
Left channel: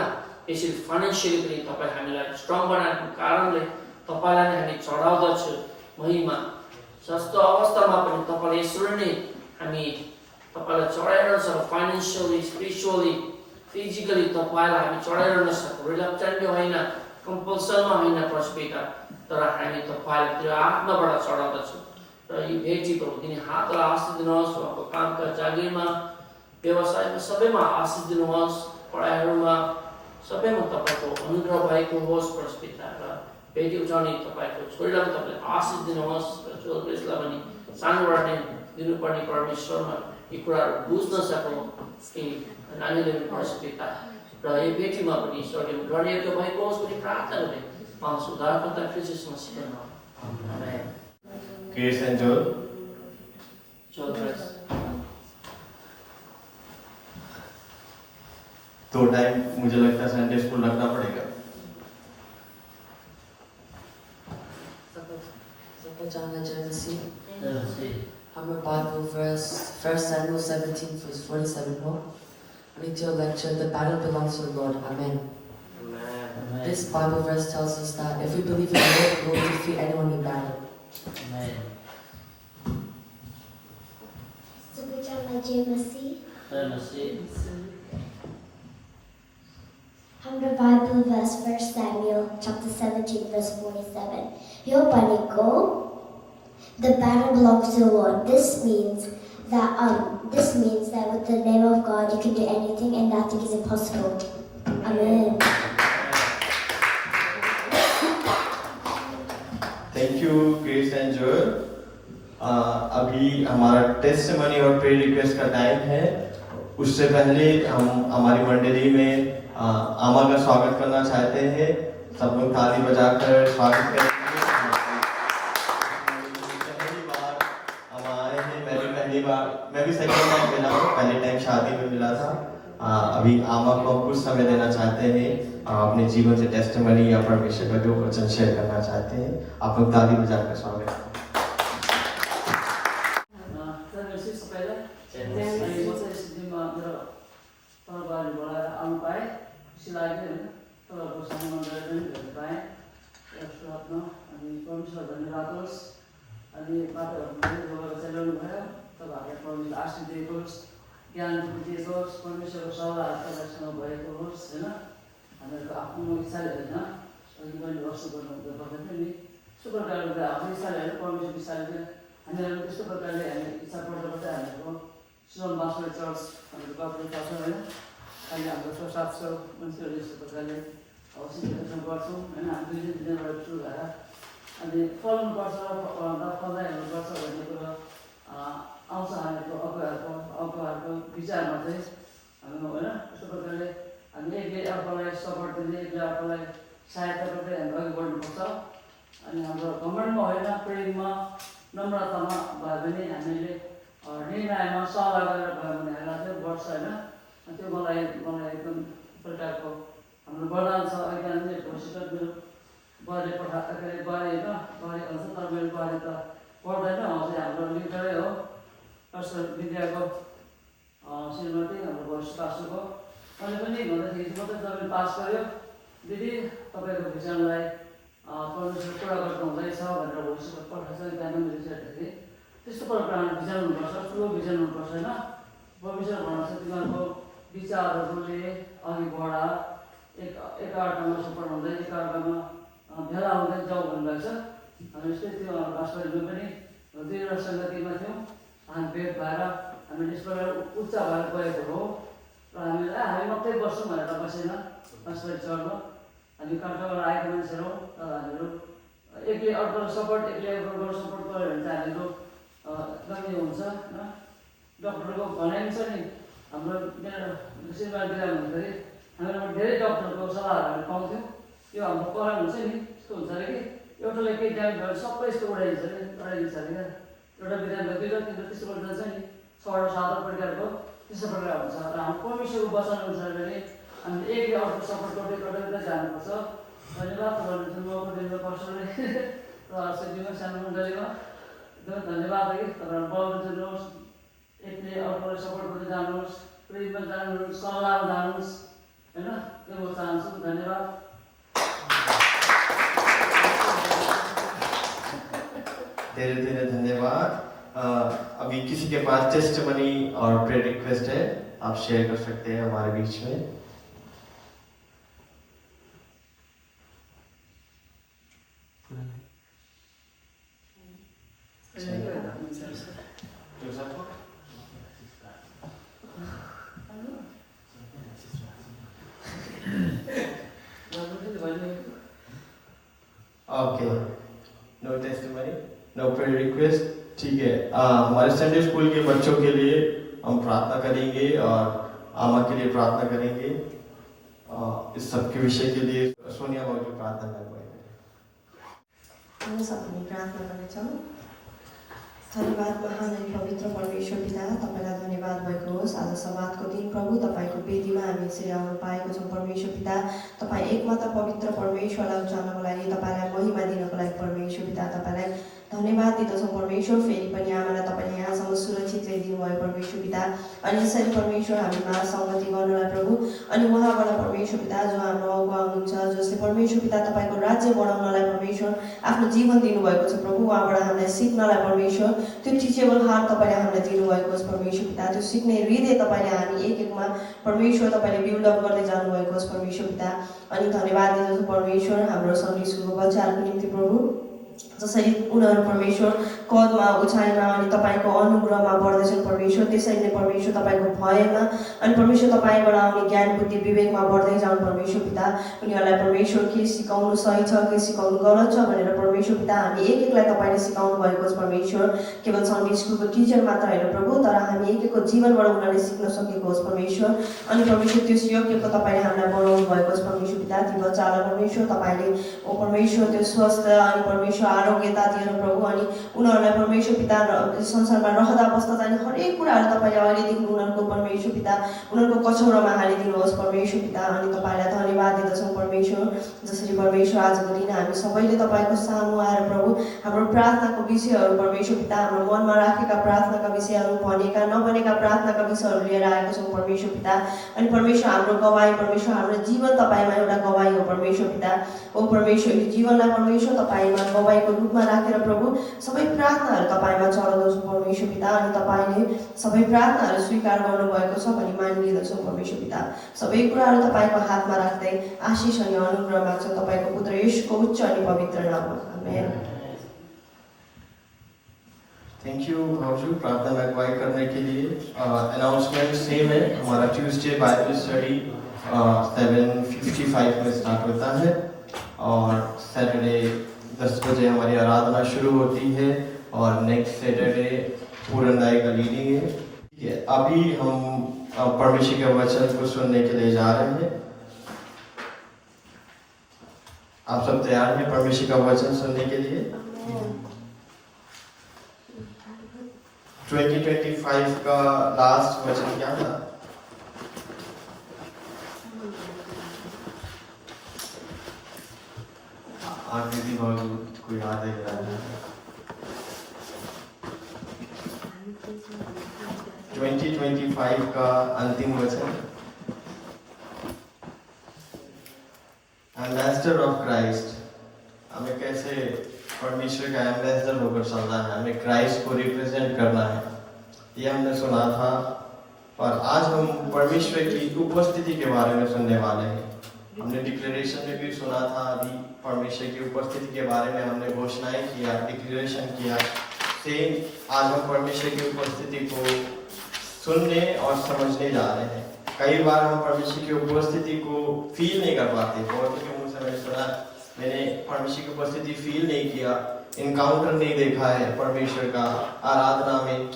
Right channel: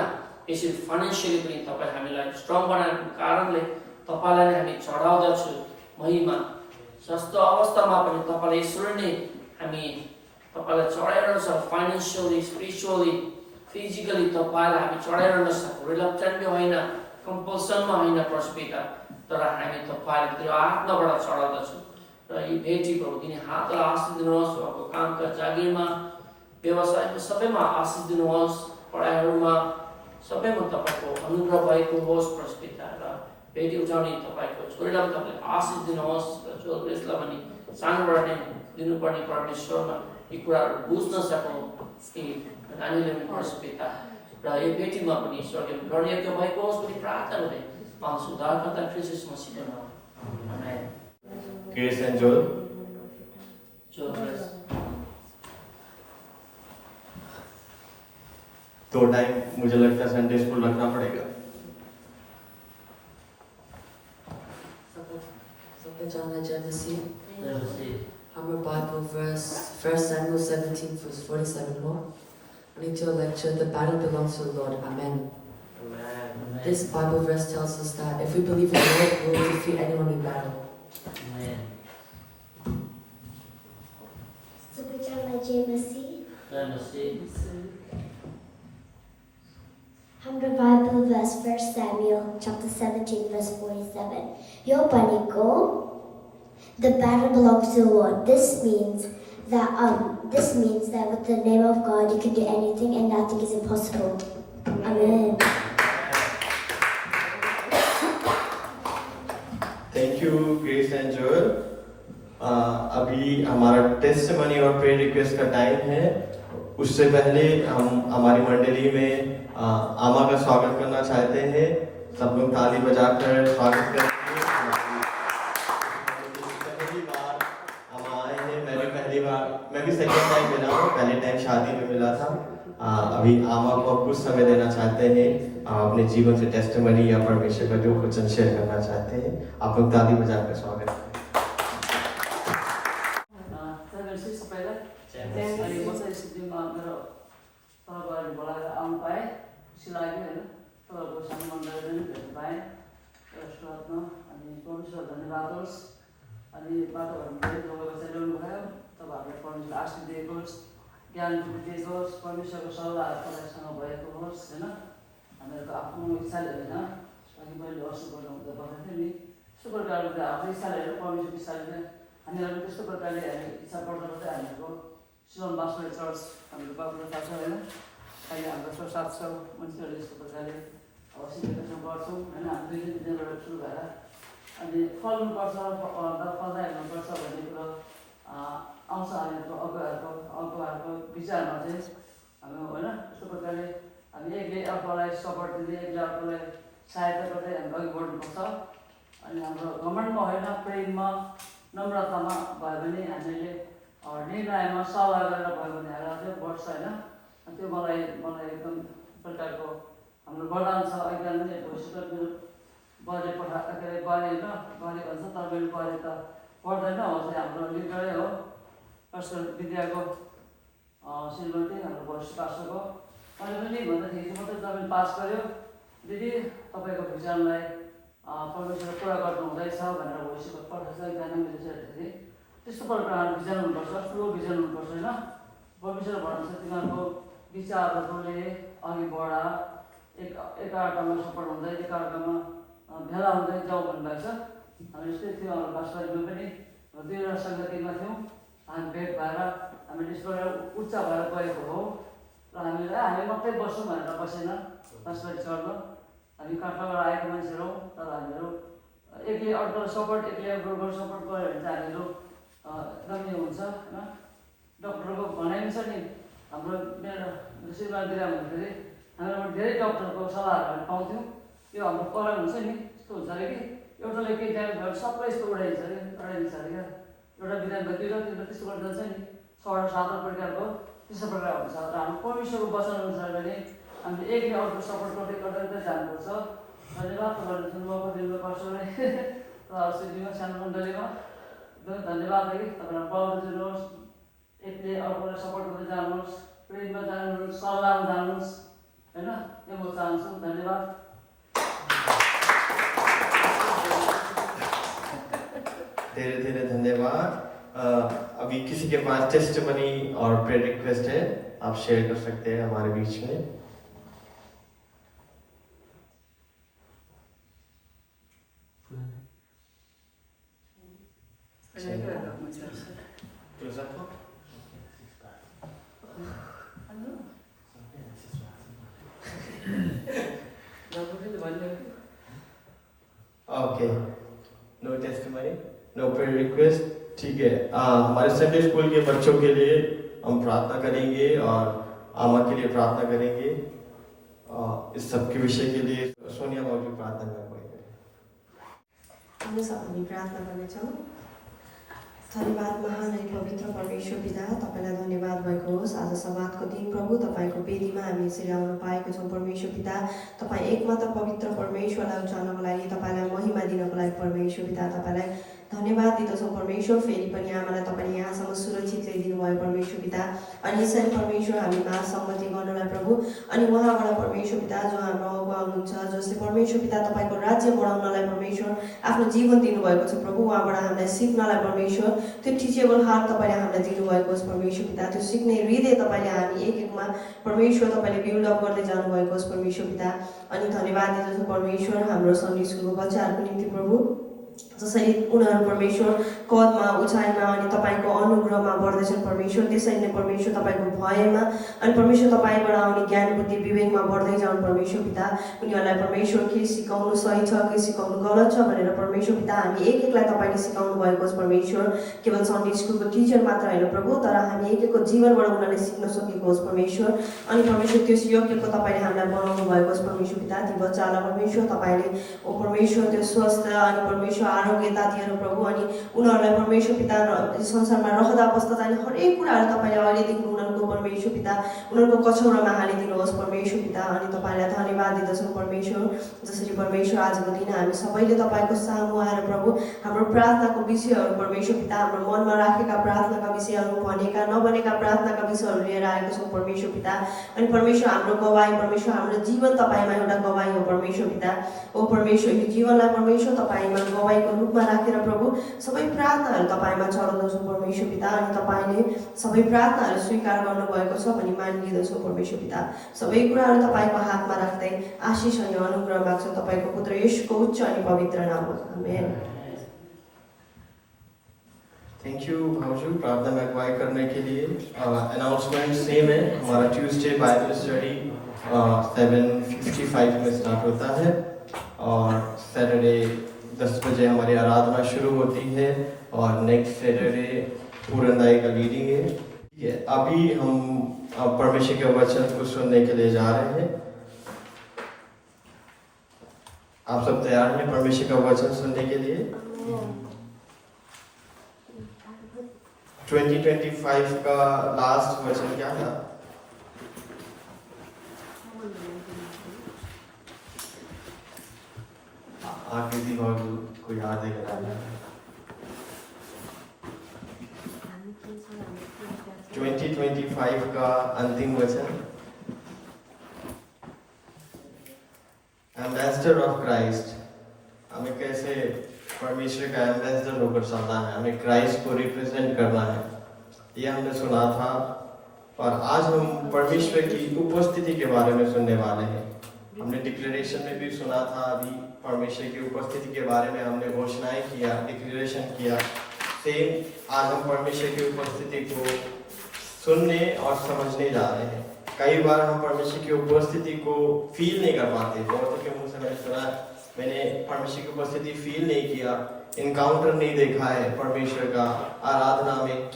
यसरी फाइनेन्सियली पनि तपाईँले हामीलाई स्ट्रङ बनाएको कारणले तपाईँलाई नै हामी चढाउँदछु महिमा जस्तो अवस्थामा पनि तपाईँले यसरी नै हामी तपाईँलाई चढाइरहन सक्छौँ फाइनेन्सियली स्पिरिचुअली फिजिकली तपाईँलाई हामी चढाइरहन सक्छौँ रिलक्टेन्टली होइन कम्पल्सनमा होइन परमेश्वर पिता तर हामी तपाईँले त्यो आत्माबाट चढाउँदछौँ र यी भेटी प्रभु तिनी हातलाई आशिष दिनुहोस् उहाँको कामका जागिरमा व्यवसायमा सबैमा आशिष दिनुहोस् पढाइहरूमा सबैमा तपाईँको अनुग्रह भएको होस् परमेश्वर पिता र भेटी उठाउने तपाईँको छोरीलाई तपाईँले आशिष दिनुहोस् र छोरीलाई पनि सानोबाट नै दिनुपर्ने परमेश्वरमा यी कुराहरू बुझ्न सकौँ यी नानीले पनि परमेश्वर पिता र यो भेटीमा पनि स्वर्गीय गरिएको भएको होस् पनि प्रार्थना गर्दै सुधारकर्ता ख्रीष्ट मसीहको नाम आमेन क्रिस एंड जोल तो टाइम मुझे लगता है संडे स्कूल रखना पड़ेगा Our Bible verse 1 Samuel 17 verse 47 more. Read your lecture. The battle belongs to the Lord. Amen. This Bible verse tells us that if we believe in the Lord, we will defeat anyone in battle. Amen. हाम्रो Bible verse 1 Samuel chapter 17 verse 47. Yo paniko, the battle belongs to the Lord. This means that with the name of God you can do anything and nothing is impossible. Amen. Thank you Chris and Joel. अभी हमारा testimony और prayer request का time है। उससे पहले हम हमारी मंडली में आमा का स्वागत करना चाहते हैं। सब लोग ताली बजाकर स्वागत करेंगे। पहली बार हम आए हैं, मैं भी सेकंड टाइम मिला हूँ। पहले टाइम शादी में मिला था। अभी आमा को कुछ समय देना चाहते हैं, अपने जीवन से टेस्टिमनी या परमेश्वर का जो वचन शेयर करना चाहते हैं। आप लोग ताली बजाकर स्वागत करें। ज्ञान दिएकोस् परमेश्वरको सल्लाह तपाईँसँग भएको होस् होइन हामीहरूको आफ्नो इच्छाले होइन अघि मैले वर्ष गर्नु पर्दाखेरि नि त्यस्तो प्रकारले आफ्नो इच्छाले होइन परमेश्वर इच्छाले चाहिँ हामीहरू त्यस्तो प्रकारले हामी इच्छा पर्दा पर्दै हामीहरूको सिलोन बास्टर चर्च हामीहरू बाबुले थाहा छ होइन अहिले हाम्रो 700 मान्छेहरू यस्तो प्रकारले सिचुएसन गर्छौँ होइन हामी 2 दिनबाट सुरु भएर अनि फल्नुपर्छ फल्दा हेर्नुपर्छ भन्ने कुरो आउँछ हामीहरूको अगुवाहरूको विचारमा चाहिँ हामी होइन त्यस्तो प्रकारले हामी एकले अर्कोलाई सपोर्ट दिँदै एकले अर्कोलाई सहायता गर्दै हामी अघि बढ्नुपर्छ अनि हाम्रो घमण्डमा होइन प्रेममा नम्रतामा भयो भने हामीले निर्णयमा सल्लाह गरेर भयो भने हामीलाई चाहिँ बढ्छ होइन त्यो मलाई एकदम प्रकारको हाम्रो वरदान छ एकदम भविष्य मेरो गरे गरे होइन गरे भन्छ तर मेरो गरे त पर्दैन हो चाहिँ हाम्रो लिडरै हो कस्तो विद्याको श्रीमती हाम्रो भविष्य पासको अनि पनि भन्दाखेरि चाहिँ मात्रै तपाईँ पास गर्यो दिदी तपाईँको विचारलाई परमेश्वर पुरा गर्नु हुँदैछ भनेर भविष्यको पठाएको छ ज्ञान मिलिसकेपछि त्यस्तो प्रकारको हामीले भिजन हुनुपर्छ, ठुलो भिजन हुनुपर्छ होइन। परमेश्वर भन्छ तिमीहरूको विचारहरूले अघि बढा, एकअर्कामा सपोर्ट हुँदै एकअर्कामा भेला हुँदै जाउँ भन्नुभएको छ। हामी यस्तै थियो हाम्रो पास्टरहरू पनि 2 सङ्गतिमा थियौँ, हामी भेट भएर हामी त्यस प्रकार उच्च भएर गएको हो र हामी मात्रै बस्छौँ भनेर बसेन पास्टर चढ्नु। हामी कहाँबाट आएको मान्छेहरू हौँ, तर हामीहरू एकले अर्कोलाई सपोर्ट, एकले अर्कोलाई सपोर्ट गऱ्यो भने चाहिँ हामीहरू एकदमै हुन्छ होइन। डक्टरको भनाइ पनि छ नि, हाम्रो मेरो श्रीमानतिर भन्दाखेरि हामीहरूमा धेरै डक्टरको सल्लाहहरू हामी पाउँथ्यौँ। त्यो हाम्रो करण हुन्छ नि, त्यस्तो हुन्छ अरे कि एउटाले केही ड्यामेज भयो सबै यस्तो उडाइदिन्छ अरे, लडाइदिन्छ अरे क्या। एउटा बिरामी भयो 2 र 3 त्यस्तो गर्दा जान्छ नि, 6 र 7 प्रकारको त्यस्तो प्रकार हुन्छ। र हाम्रो परमेश्वरको वचन अनुसार भने हामीले एकले अर्को सपोर्ट गर्दै गर्दै जानुपर्छ। धन्यवाद तपाईँहरू जुन मौका दिनु पास्टरले र सिद्धिमा सानो मण्डलीमा एकदमै धन्यवाद है कि तपाईँहरू बढाउँदै जानुहोस्, एकले अर्कोलाई सपोर्ट गर्दै जानुहोस्, प्रेममा जानुहोस्, सल्लाहमा जानुहोस् होइन। यो म चाहन्छु। धन्यवाद। धेरै धेरै धन्यवाद। अभी किसी के पास टेस्टमनी और प्रेयर रिक्वेस्ट है, आप शेयर कर सकते हैं हमारे बीच में। Okay, no testimony, no prayer request, ठीक है। हमारे संडे स्कूल के बच्चों के लिए हम प्रार्थना करेंगे और आमा के लिए प्रार्थना करेंगे। इस सब के विषय के लिए सोनिया बाबू प्रार्थना करेंगे। हामी सबैले प्रार्थना गर्नेछौँ। धन्यवाद महान अनि पवित्र परमेश्वर पिता, तपाईँलाई धन्यवाद भएको होस्। आज सवादको दिन प्रभु तपाईँको वेदीमा हामी यसरी आउन पाएको छौँ। परमेश्वर पिता, तपाईँ एकमात्र पवित्र परमेश्वरलाई उचाल्नको लागि, तपाईँलाई महिमा दिनको लागि परमेश्वर पिता तपाईँलाई धन्यवाद दिँदछौँ। परमेश्वर फेरि पनि आमालाई तपाईँले यहाँसम्म सुरक्षित ल्याइदिनु भयो परमेश्वर पिता। अनि यसरी परमेश्वर हामीमा सङ्गति गर्नुलाई प्रभु, अनि उहाँबाट परमेश्वर पिता जो हाम्रो अगुवा हुनुहुन्छ, जसले परमेश्वर पिता तपाईँको राज्य बढाउनलाई परमेश्वर आफ्नो जीवन दिनुभएको छ प्रभु, उहाँबाट हामीलाई सिक्नलाई परमेश्वर त्यो टिचेबल हार्ट तपाईँले हामीलाई दिनुभएको छ परमेश्वर पिता। त्यो सिक्ने हृदय तपाईँले हामी एक एकमा परमेश्वर तपाईँले बिल्डअप गर्दै जानुभएको छ परमेश्वर पिता। अनि धन्यवाद दिँदछु परमेश्वर हाम्रो सन्डे स्कुलको बच्चाहरूको निम्ति प्रभु, जसरी उनीहरू परमेश्वर कदमा उचाइमा अनि तपाईँको अनुग्रहमा बढ्दैछन् परमेश्वर, त्यसरी नै परमेश्वर तपाईँको भयमा अनि परमेश्वर तपाईँबाट आउने ज्ञान बुद्धि विवेकमा बढ्दै जाउँ परमेश्वर पिता। उनीहरूलाई परमेश्वर के सिकाउनु सही छ, के सिकाउनु गलत छ भनेर परमेश्वर पिता हामी एक एकलाई तपाईँले सिकाउनु भएको छ परमेश्वर। केवल सन्डे स्कुलको टिचर मात्र होइन प्रभु, तर हामी एक एकको जीवनबाट उनीहरूले सिक्न सकेको होस् परमेश्वर। अनि परमेश्वर त्यस योग्यको तपाईँले हामीलाई बनाउनु भएको छ परमेश्वर पिता। ती बच्चालाई परमेश्वर तपाईँले ओ परमेश्वर त्यो स्वस्थ अनि परमेश्वर आरोग्यता दिएर प्रभु, अनि उनीहरूलाई परमेश्वर पिता संसारमा रहँदा बस्दा जाने हरेक कुराहरू तपाईँले अहिलेदेखि उनीहरूको परमेश्वर पिता उनीहरूको कछौरामा हालिदिनुहोस् परमेश्वर पिता। अनि तपाईँलाई धन्यवाद दिँदछौँ परमेश्वर, जसरी परमेश्वर आजको दिन हामी सबैले तपाईँको सामु आएर प्रभु हाम्रो प्रार्थनाको विषयहरू परमेश्वर पिता, हाम्रो मनमा राखेका प्रार्थनाका विषयहरू, भनेका नबनेका प्रार्थनाका विषयहरू लिएर आएको छौँ परमेश्वर पिता। अनि परमेश्वर हाम्रो गवाई परमेश्वर, हाम्रो जीवन तपाईँमा एउटा गवाई हो परमेश्वर पिता। ओ परमेश्वर, यो जीवनलाई परमेश्वर तपाईँमा गवाईको रूपमा राखेर प्रभु सबै प्रार्थनाहरू तपाईँमा चढाउँदछौँ परमेश्वर पिता। अनि तपाईँले सबै प्रार्थनाहरू स्वीकार गर्नुभएको छ भनी मानिलिँदछौँ परमेश्वर पिता। सबै कुराहरू तपाईँको हातमा राख्दै आशिष अनि अनुग्रह माग्छौँ तपाईँको पुत्र येशूको उच्च अनि पवित्र नाममा, आमेन। थैंक यू भावजू प्रार्थना में अगुवाई करने के लिए। अनाउंसमेंट सेम है, हमारा ट्यूसडे बाइबल स्टडी 7:55 में स्टार्ट होता है और सैटरडे 10 बजे हमारी आराधना शुरू होती है और नेक्स्ट सैटरडे पूरनदाई का लीडिंग है। ठीक है, अभी हम परमेश्वर के वचन को सुनने के लिए जा रहे हैं। आप सब तैयार हैं परमेश्वर का वचन सुनने के लिए? 2025 का लास्ट वचन क्या था? आखिरी मौजूद को याद है कराना। 2025 का अंतिम वचन, एम्बेसडर ऑफ क्राइस्ट। हमें कैसे परमेश्वर का एम्बेसडर होकर चलना है, हमें क्राइस्ट को रिप्रेजेंट करना है, ये हमने सुना था। और आज हम परमेश्वर की उपस्थिति के बारे में सुनने वाले हैं। हमने डिक्लेरेशन में भी सुना था, अभी परमेश्वर की उपस्थिति के बारे में हमने घोषणाएं किया, डिक्लेरेशन किया। सेम आज हम परमेश्वर की उपस्थिति को सुनने और समझने जा रहे हैं। कई बार हम परमेश्वर की उपस्थिति को फील नहीं कर पाते। बहुतों के मुंह से मैंने सुना, मैंने परमेश्वर की उपस्थिति फील नहीं किया, इनकाउंटर नहीं देखा है परमेश्वर का आराधना में।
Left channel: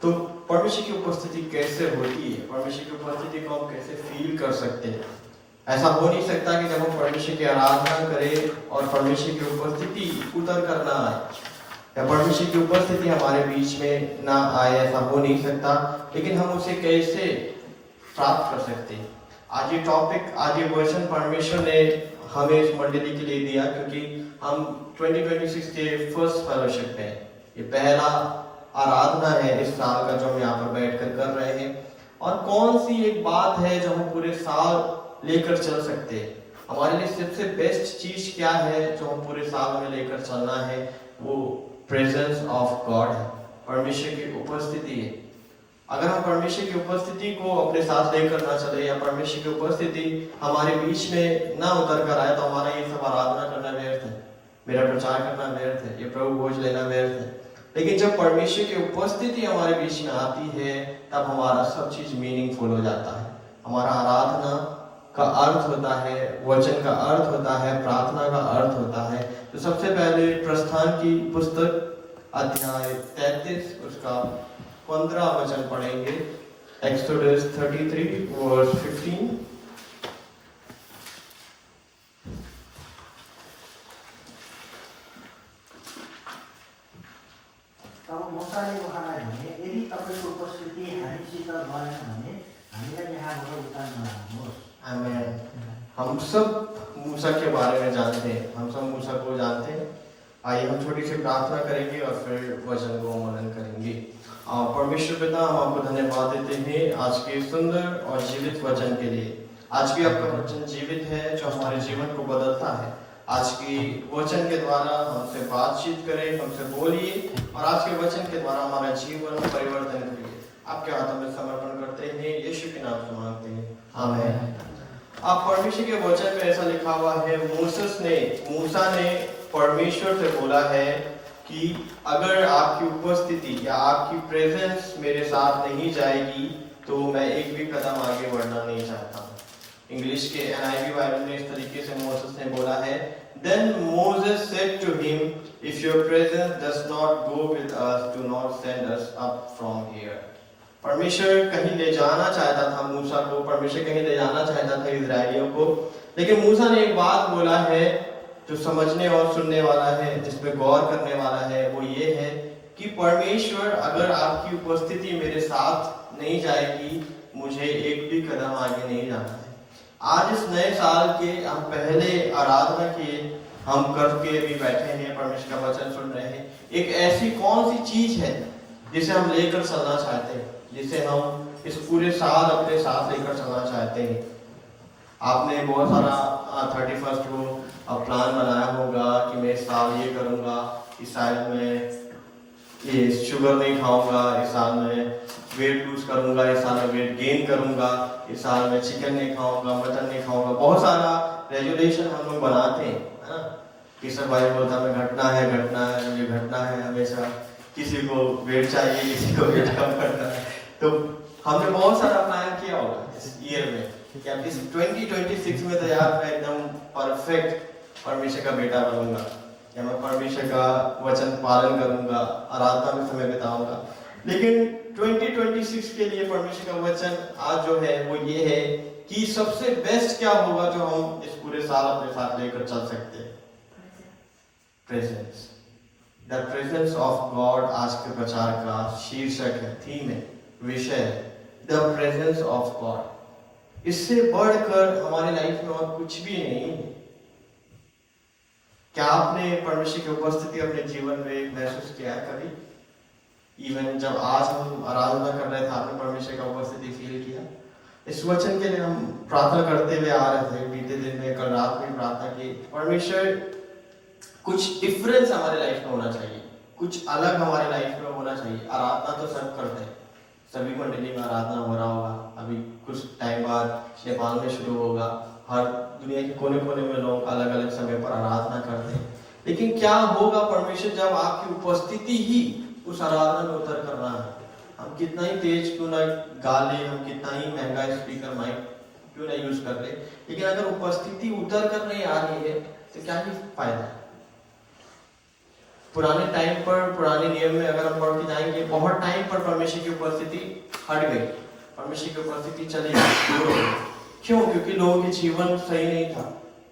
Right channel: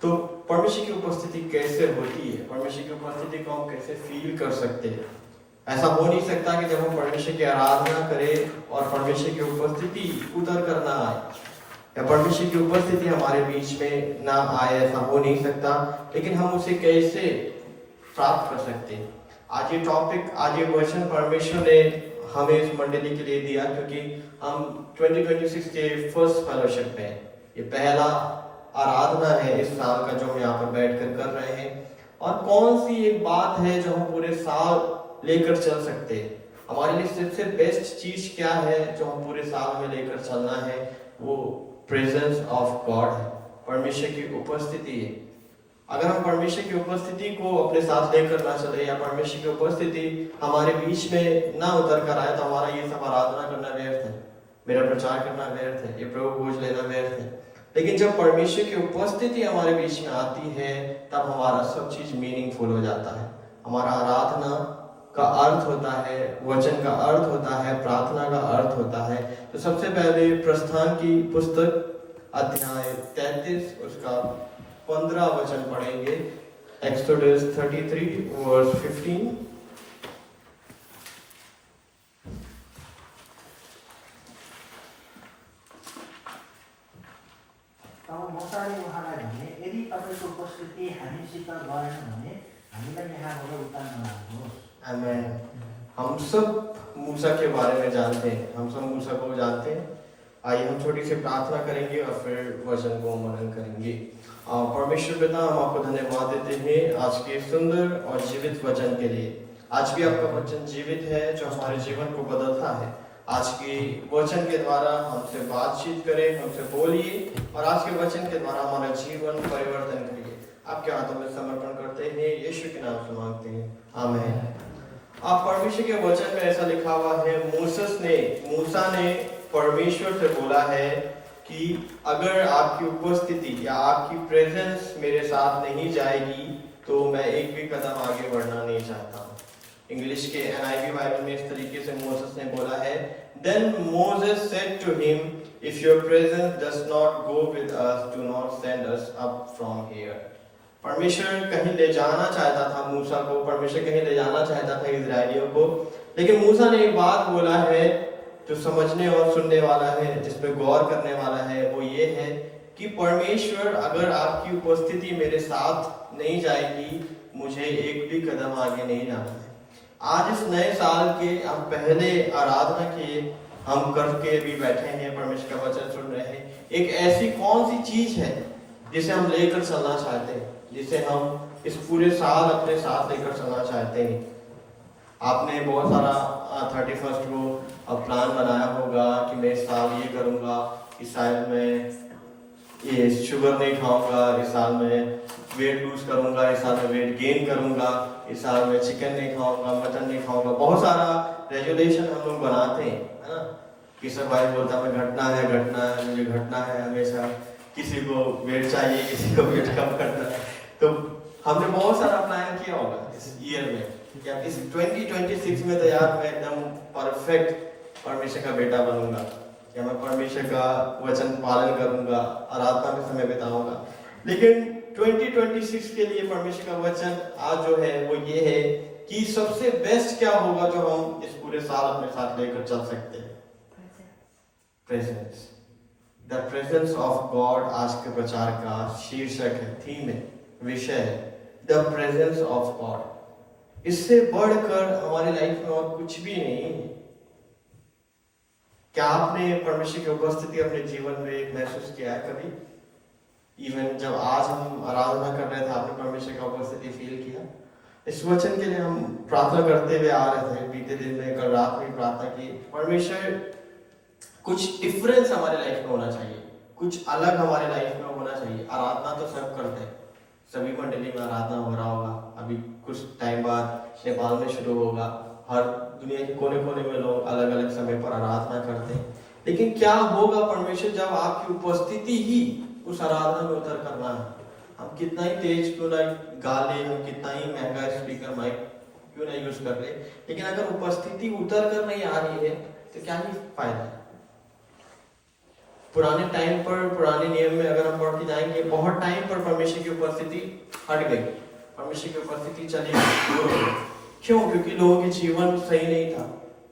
तो परमेश्वर की उपस्थिति कैसे होती है, परमेश्वर की उपस्थिति को हम कैसे फील कर सकते हैं? ऐसा हो नहीं सकता कि जब हम परमेश्वर की आराधना करें और परमेश्वर की उपस्थिति उतर कर ना आए, या परमेश्वर की उपस्थिति हमारे बीच में ना आए, ऐसा हो नहीं सकता। लेकिन हम उसे कैसे प्राप्त कर सकते हैं? आज ये टॉपिक, आज ये क्वेश्चन परमेश्वर ने हमें इस मंडली के लिए दिया, क्योंकि हम 2026 के फर्स्ट फेलोशिप में, ये पहला आराधना है इस साल का जो हम यहाँ पर बैठकर कर रहे हैं। और कौन सी एक बात है जो हम पूरे साल लेकर चल सकते हैं? हमारे लिए सबसे बेस्ट चीज क्या है जो हम पूरे साल में लेकर चलना है? वो प्रेजेंस ऑफ गॉड है, परमेश्वर की उपस्थिति है। अगर हम परमेश्वर की उपस्थिति को अपने साथ लेकर ना चले, या परमेश्वर की उपस्थिति हमारे बीच में ना उतर कर आए, तो हमारा ये सब आराधना करना व्यर्थ है, मेरा प्रचार करना व्यर्थ है, ये प्रभु भोज लेना व्यर्थ है। लेकिन जब परमेश्वर की उपस्थिति हमारे बीच में आती है, तब हमारा सब चीज मीनिंगफुल हो जाता है। हमारा आराधना का अर्थ होता है, वचन का अर्थ होता है, प्रार्थना का अर्थ होता है। तो सबसे पहले प्रस्थान की पुस्तक अध्याय 33 उसका 15 वचन पढ़ेंगे। Exodus 33 verse 15। तब मोसाले उहाँलाई भने, यदि तपाईँको उपस्थिति हामीसित गएन भने हामीलाई यहाँबाट उतार नलानुहोस्। आमेन। हम सब मूसा के बारे में जानते हैं, हम सब मूसा को जानते हैं। आइए हम छोटी सी प्रार्थना करेंगे और फिर वचन को मनन करेंगे। परमेश्वर पिता, हम आपको धन्यवाद देते हैं आज के सुंदर और जीवित वचन के लिए। आज भी आपका वचन जीवित है जो हमारे जीवन को बदलता है। आज के वचन के द्वारा हमसे बातचीत करें, हमसे बोलिए, और आज के वचन के द्वारा हमारा जीवन परिवर्तन करिए। आपके हाथों में समर्पण करते हैं, यीशु के नाम से मांगते हैं, आमीन। आप परमेश्वर के वचन में ऐसा लिखा हुआ है, मूसा ने परमेश्वर से बोला है कि अगर आपकी उपस्थिति या आपकी प्रेजेंस मेरे साथ नहीं जाएगी तो मैं एक भी कदम आगे बढ़ना नहीं चाहता। इंग्लिश के NIV बाइबल में इस तरीके से मोसेस ने बोला है, Then Moses said to him, If your presence does not go with us, do not send us up from here. परमेश्वर कहीं ले जाना चाहता था मूसा को, परमेश्वर कहीं ले जाना चाहता था इजरायलियों को, लेकिन मूसा ने एक बात बोला है जो समझने और सुनने वाला है, जिसमें गौर करने वाला है। वो ये है कि परमेश्वर, अगर आपकी उपस्थिति मेरे साथ नहीं जाएगी, मुझे एक भी कदम आगे नहीं जाना है। आज इस नए साल के हम पहले आराधना के हम करके अभी बैठे हैं, परमेश्वर का वचन सुन रहे हैं। एक ऐसी कौन सी चीज है जिसे हम लेकर चलना चाहते हैं, जिसे हम इस पूरे साल अपने साथ लेकर चलना चाहते हैं? आपने बहुत सारा 31st को प्लान बनाया होगा कि मैं इस साल ये करूँगा, इस साल में ये शुगर नहीं खाऊंगा, इस साल में वेट लूज करूंगा, इस साल में वेट गेन करूंगा, इस साल में चिकन नहीं खाऊंगा, मटन नहीं खाऊंगा। बहुत सारा रेजुलेशन हम लोग बनाते हैं, है ना। किशोर भाई बोलता है मुझे घटना है हमेशा, किसी को वेट चाहिए, किसी को वेट कम करना है। तो हमने बहुत सारा प्लान किया होगा इस ईयर में कि अब इस 2026 में तो यार मैं एकदम परफेक्ट परमेश्वर का बेटा बनूंगा, या मैं परमेश्वर का वचन पालन करूंगा, आराधना में समय बिताऊंगा। लेकिन 2026 के लिए परमेश्वर का वचन आज जो है वो ये है कि सबसे बेस्ट क्या होगा जो हम इस पूरे साल अपने साथ लेकर चल सकते हैं? Presence, the presence of God आज के प्रचार का शीर्षक है, थीम है, विषय है, द प्रेजेंस ऑफ गॉड। इससे बढ़कर हमारी लाइफ में और कुछ भी नहीं है। क्या आपने परमेश्वर की उपस्थिति अपने जीवन में महसूस किया है कभी? इवन जब आज हम आराधना कर रहे थे, आपने परमेश्वर का उपस्थिति फील किया? इस वचन के लिए हम प्रार्थना करते हुए आ रहे थे, बीते दिन में, कल रात में प्रार्थना की, परमेश्वर कुछ डिफरेंस हमारे लाइफ में होना चाहिए, कुछ अलग हमारे लाइफ में होना चाहिए। आराधना तो सब करते हैं, सभी मंडली में आराधना हो रहा होगा, अभी कुछ टाइम बाद नेपाल में शुरू होगा, हर दुनिया के कोने कोने में लोग अलग अलग समय पर आराधना करते हैं। लेकिन क्या होगा परमेश्वर जब आपकी उपस्थिति ही उस आराधना में उतर करना है? हम कितना ही तेज क्यों ना गा ले, हम कितना ही महंगा स्पीकर माइक क्यों ना यूज कर ले, लेकिन अगर उपस्थिति उतर कर नहीं आ रही है तो क्या ही फायदा है? पुराने टाइम पर, पुराने नियम में अगर हम पढ़ के जाएंगे, बहुत टाइम पर परमेश्वर की उपस्थिति हट गई, परमेश्वर की उपस्थिति चली गई, दूर हो गई। क्यों? क्योंकि लोगों के जीवन सही नहीं था,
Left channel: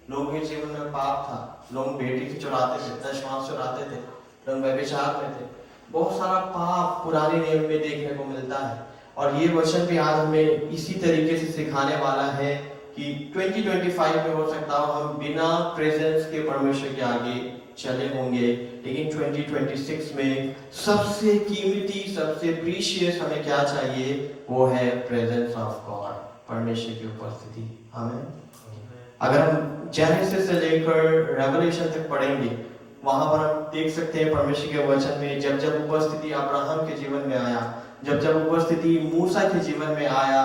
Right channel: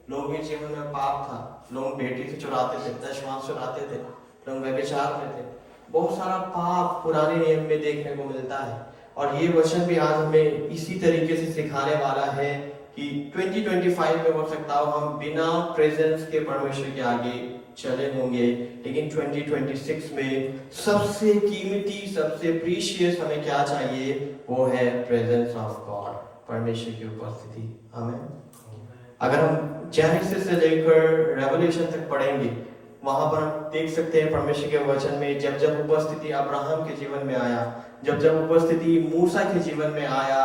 लोगों के जीवन में पाप था, लोग बेटी से चुराते थे, दशमांश चुराते थे, लोग व्यभिचार में थे, बहुत सारा पाप पुराने नियम में देखने को मिलता है। और ये वचन भी आज हमें इसी तरीके से सिखाने वाला है कि 2025 में हो सकता हो हम बिना प्रेजेंस के परमेश्वर के आगे चले होंगे, लेकिन 2026 में सबसे कीमती, सबसे प्रीशियस हमें क्या चाहिए? वो है प्रेजेंस ऑफ गॉड, परमेश्वर की उपस्थिति। हमें अगर हम जेनेसिस से लेकर रेवलेशन तक पढ़ेंगे, वहां पर हम देख सकते हैं परमेश्वर के वचन में जब जब उपस्थिति अब्राहम के जीवन में आया, जब जब उपस्थिति मूसा के जीवन में आया,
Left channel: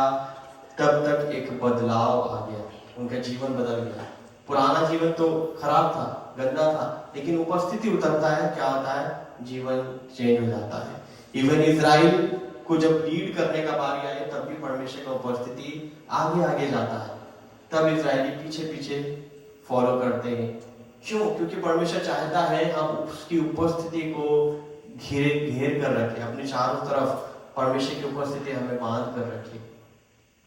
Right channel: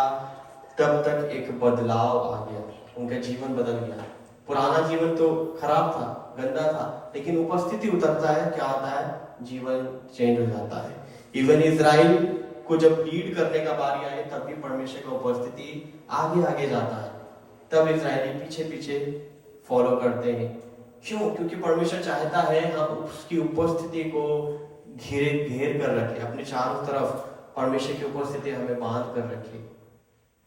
तब तक एक बदलाव आ गया, उनका जीवन बदल गया। पुराना जीवन तो खराब था, गंदा था, लेकिन उपस्थिति उतरता है, क्या आता है? जीवन चेंज हो जाता है। इवन इजराइल को जब लीड करने का बारी आए, तब भी परमेश्वर का उपस्थिति आगे आगे जाता है, तब इजरायली पीछे पीछे फॉलो करते हैं। क्यों? क्योंकि परमेश्वर चाहता है हम उसकी उपस्थिति को घेर कर रखें, अपने चारों तरफ परमेश्वर की उपस्थिति हमें बांध कर रखे।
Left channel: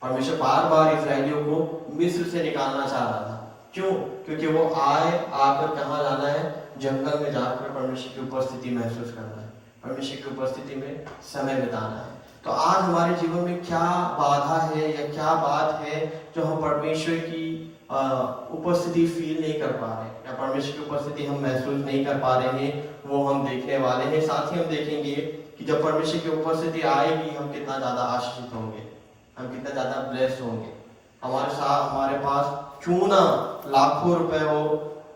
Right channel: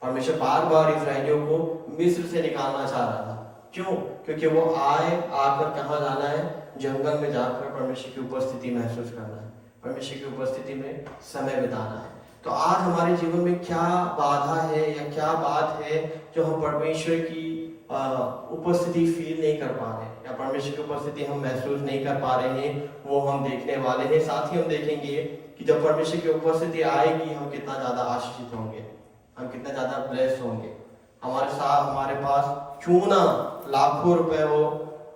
परमेश्वर बार बार इजरायलियों को मिस्र से निकालना चाह रहा था। क्यों? क्योंकि वो आकर कहाँ जाना है? जंगल में जाकर परमेश्वर की उपस्थिति महसूस करना है, परमेश्वर की उपस्थिति में समय बिताना है। तो आज हमारे जीवन में क्या बाधा है या क्या बात है जो हम परमेश्वर की उपस्थिति फील नहीं कर पा रहे हैं, या परमेश्वर की उपस्थिति हम महसूस नहीं कर पा रहे हैं? वो हम देखने वाले हैं। साथ ही हम देखेंगे कि जब परमेश्वर की उपस्थिति आएगी, हम कितना ज्यादा आशीषित होंगे, हम कितना ज्यादा ब्लेस्ड होंगे। हमारे साथ, हमारे पास क्यों ना लाखों रुपए हो,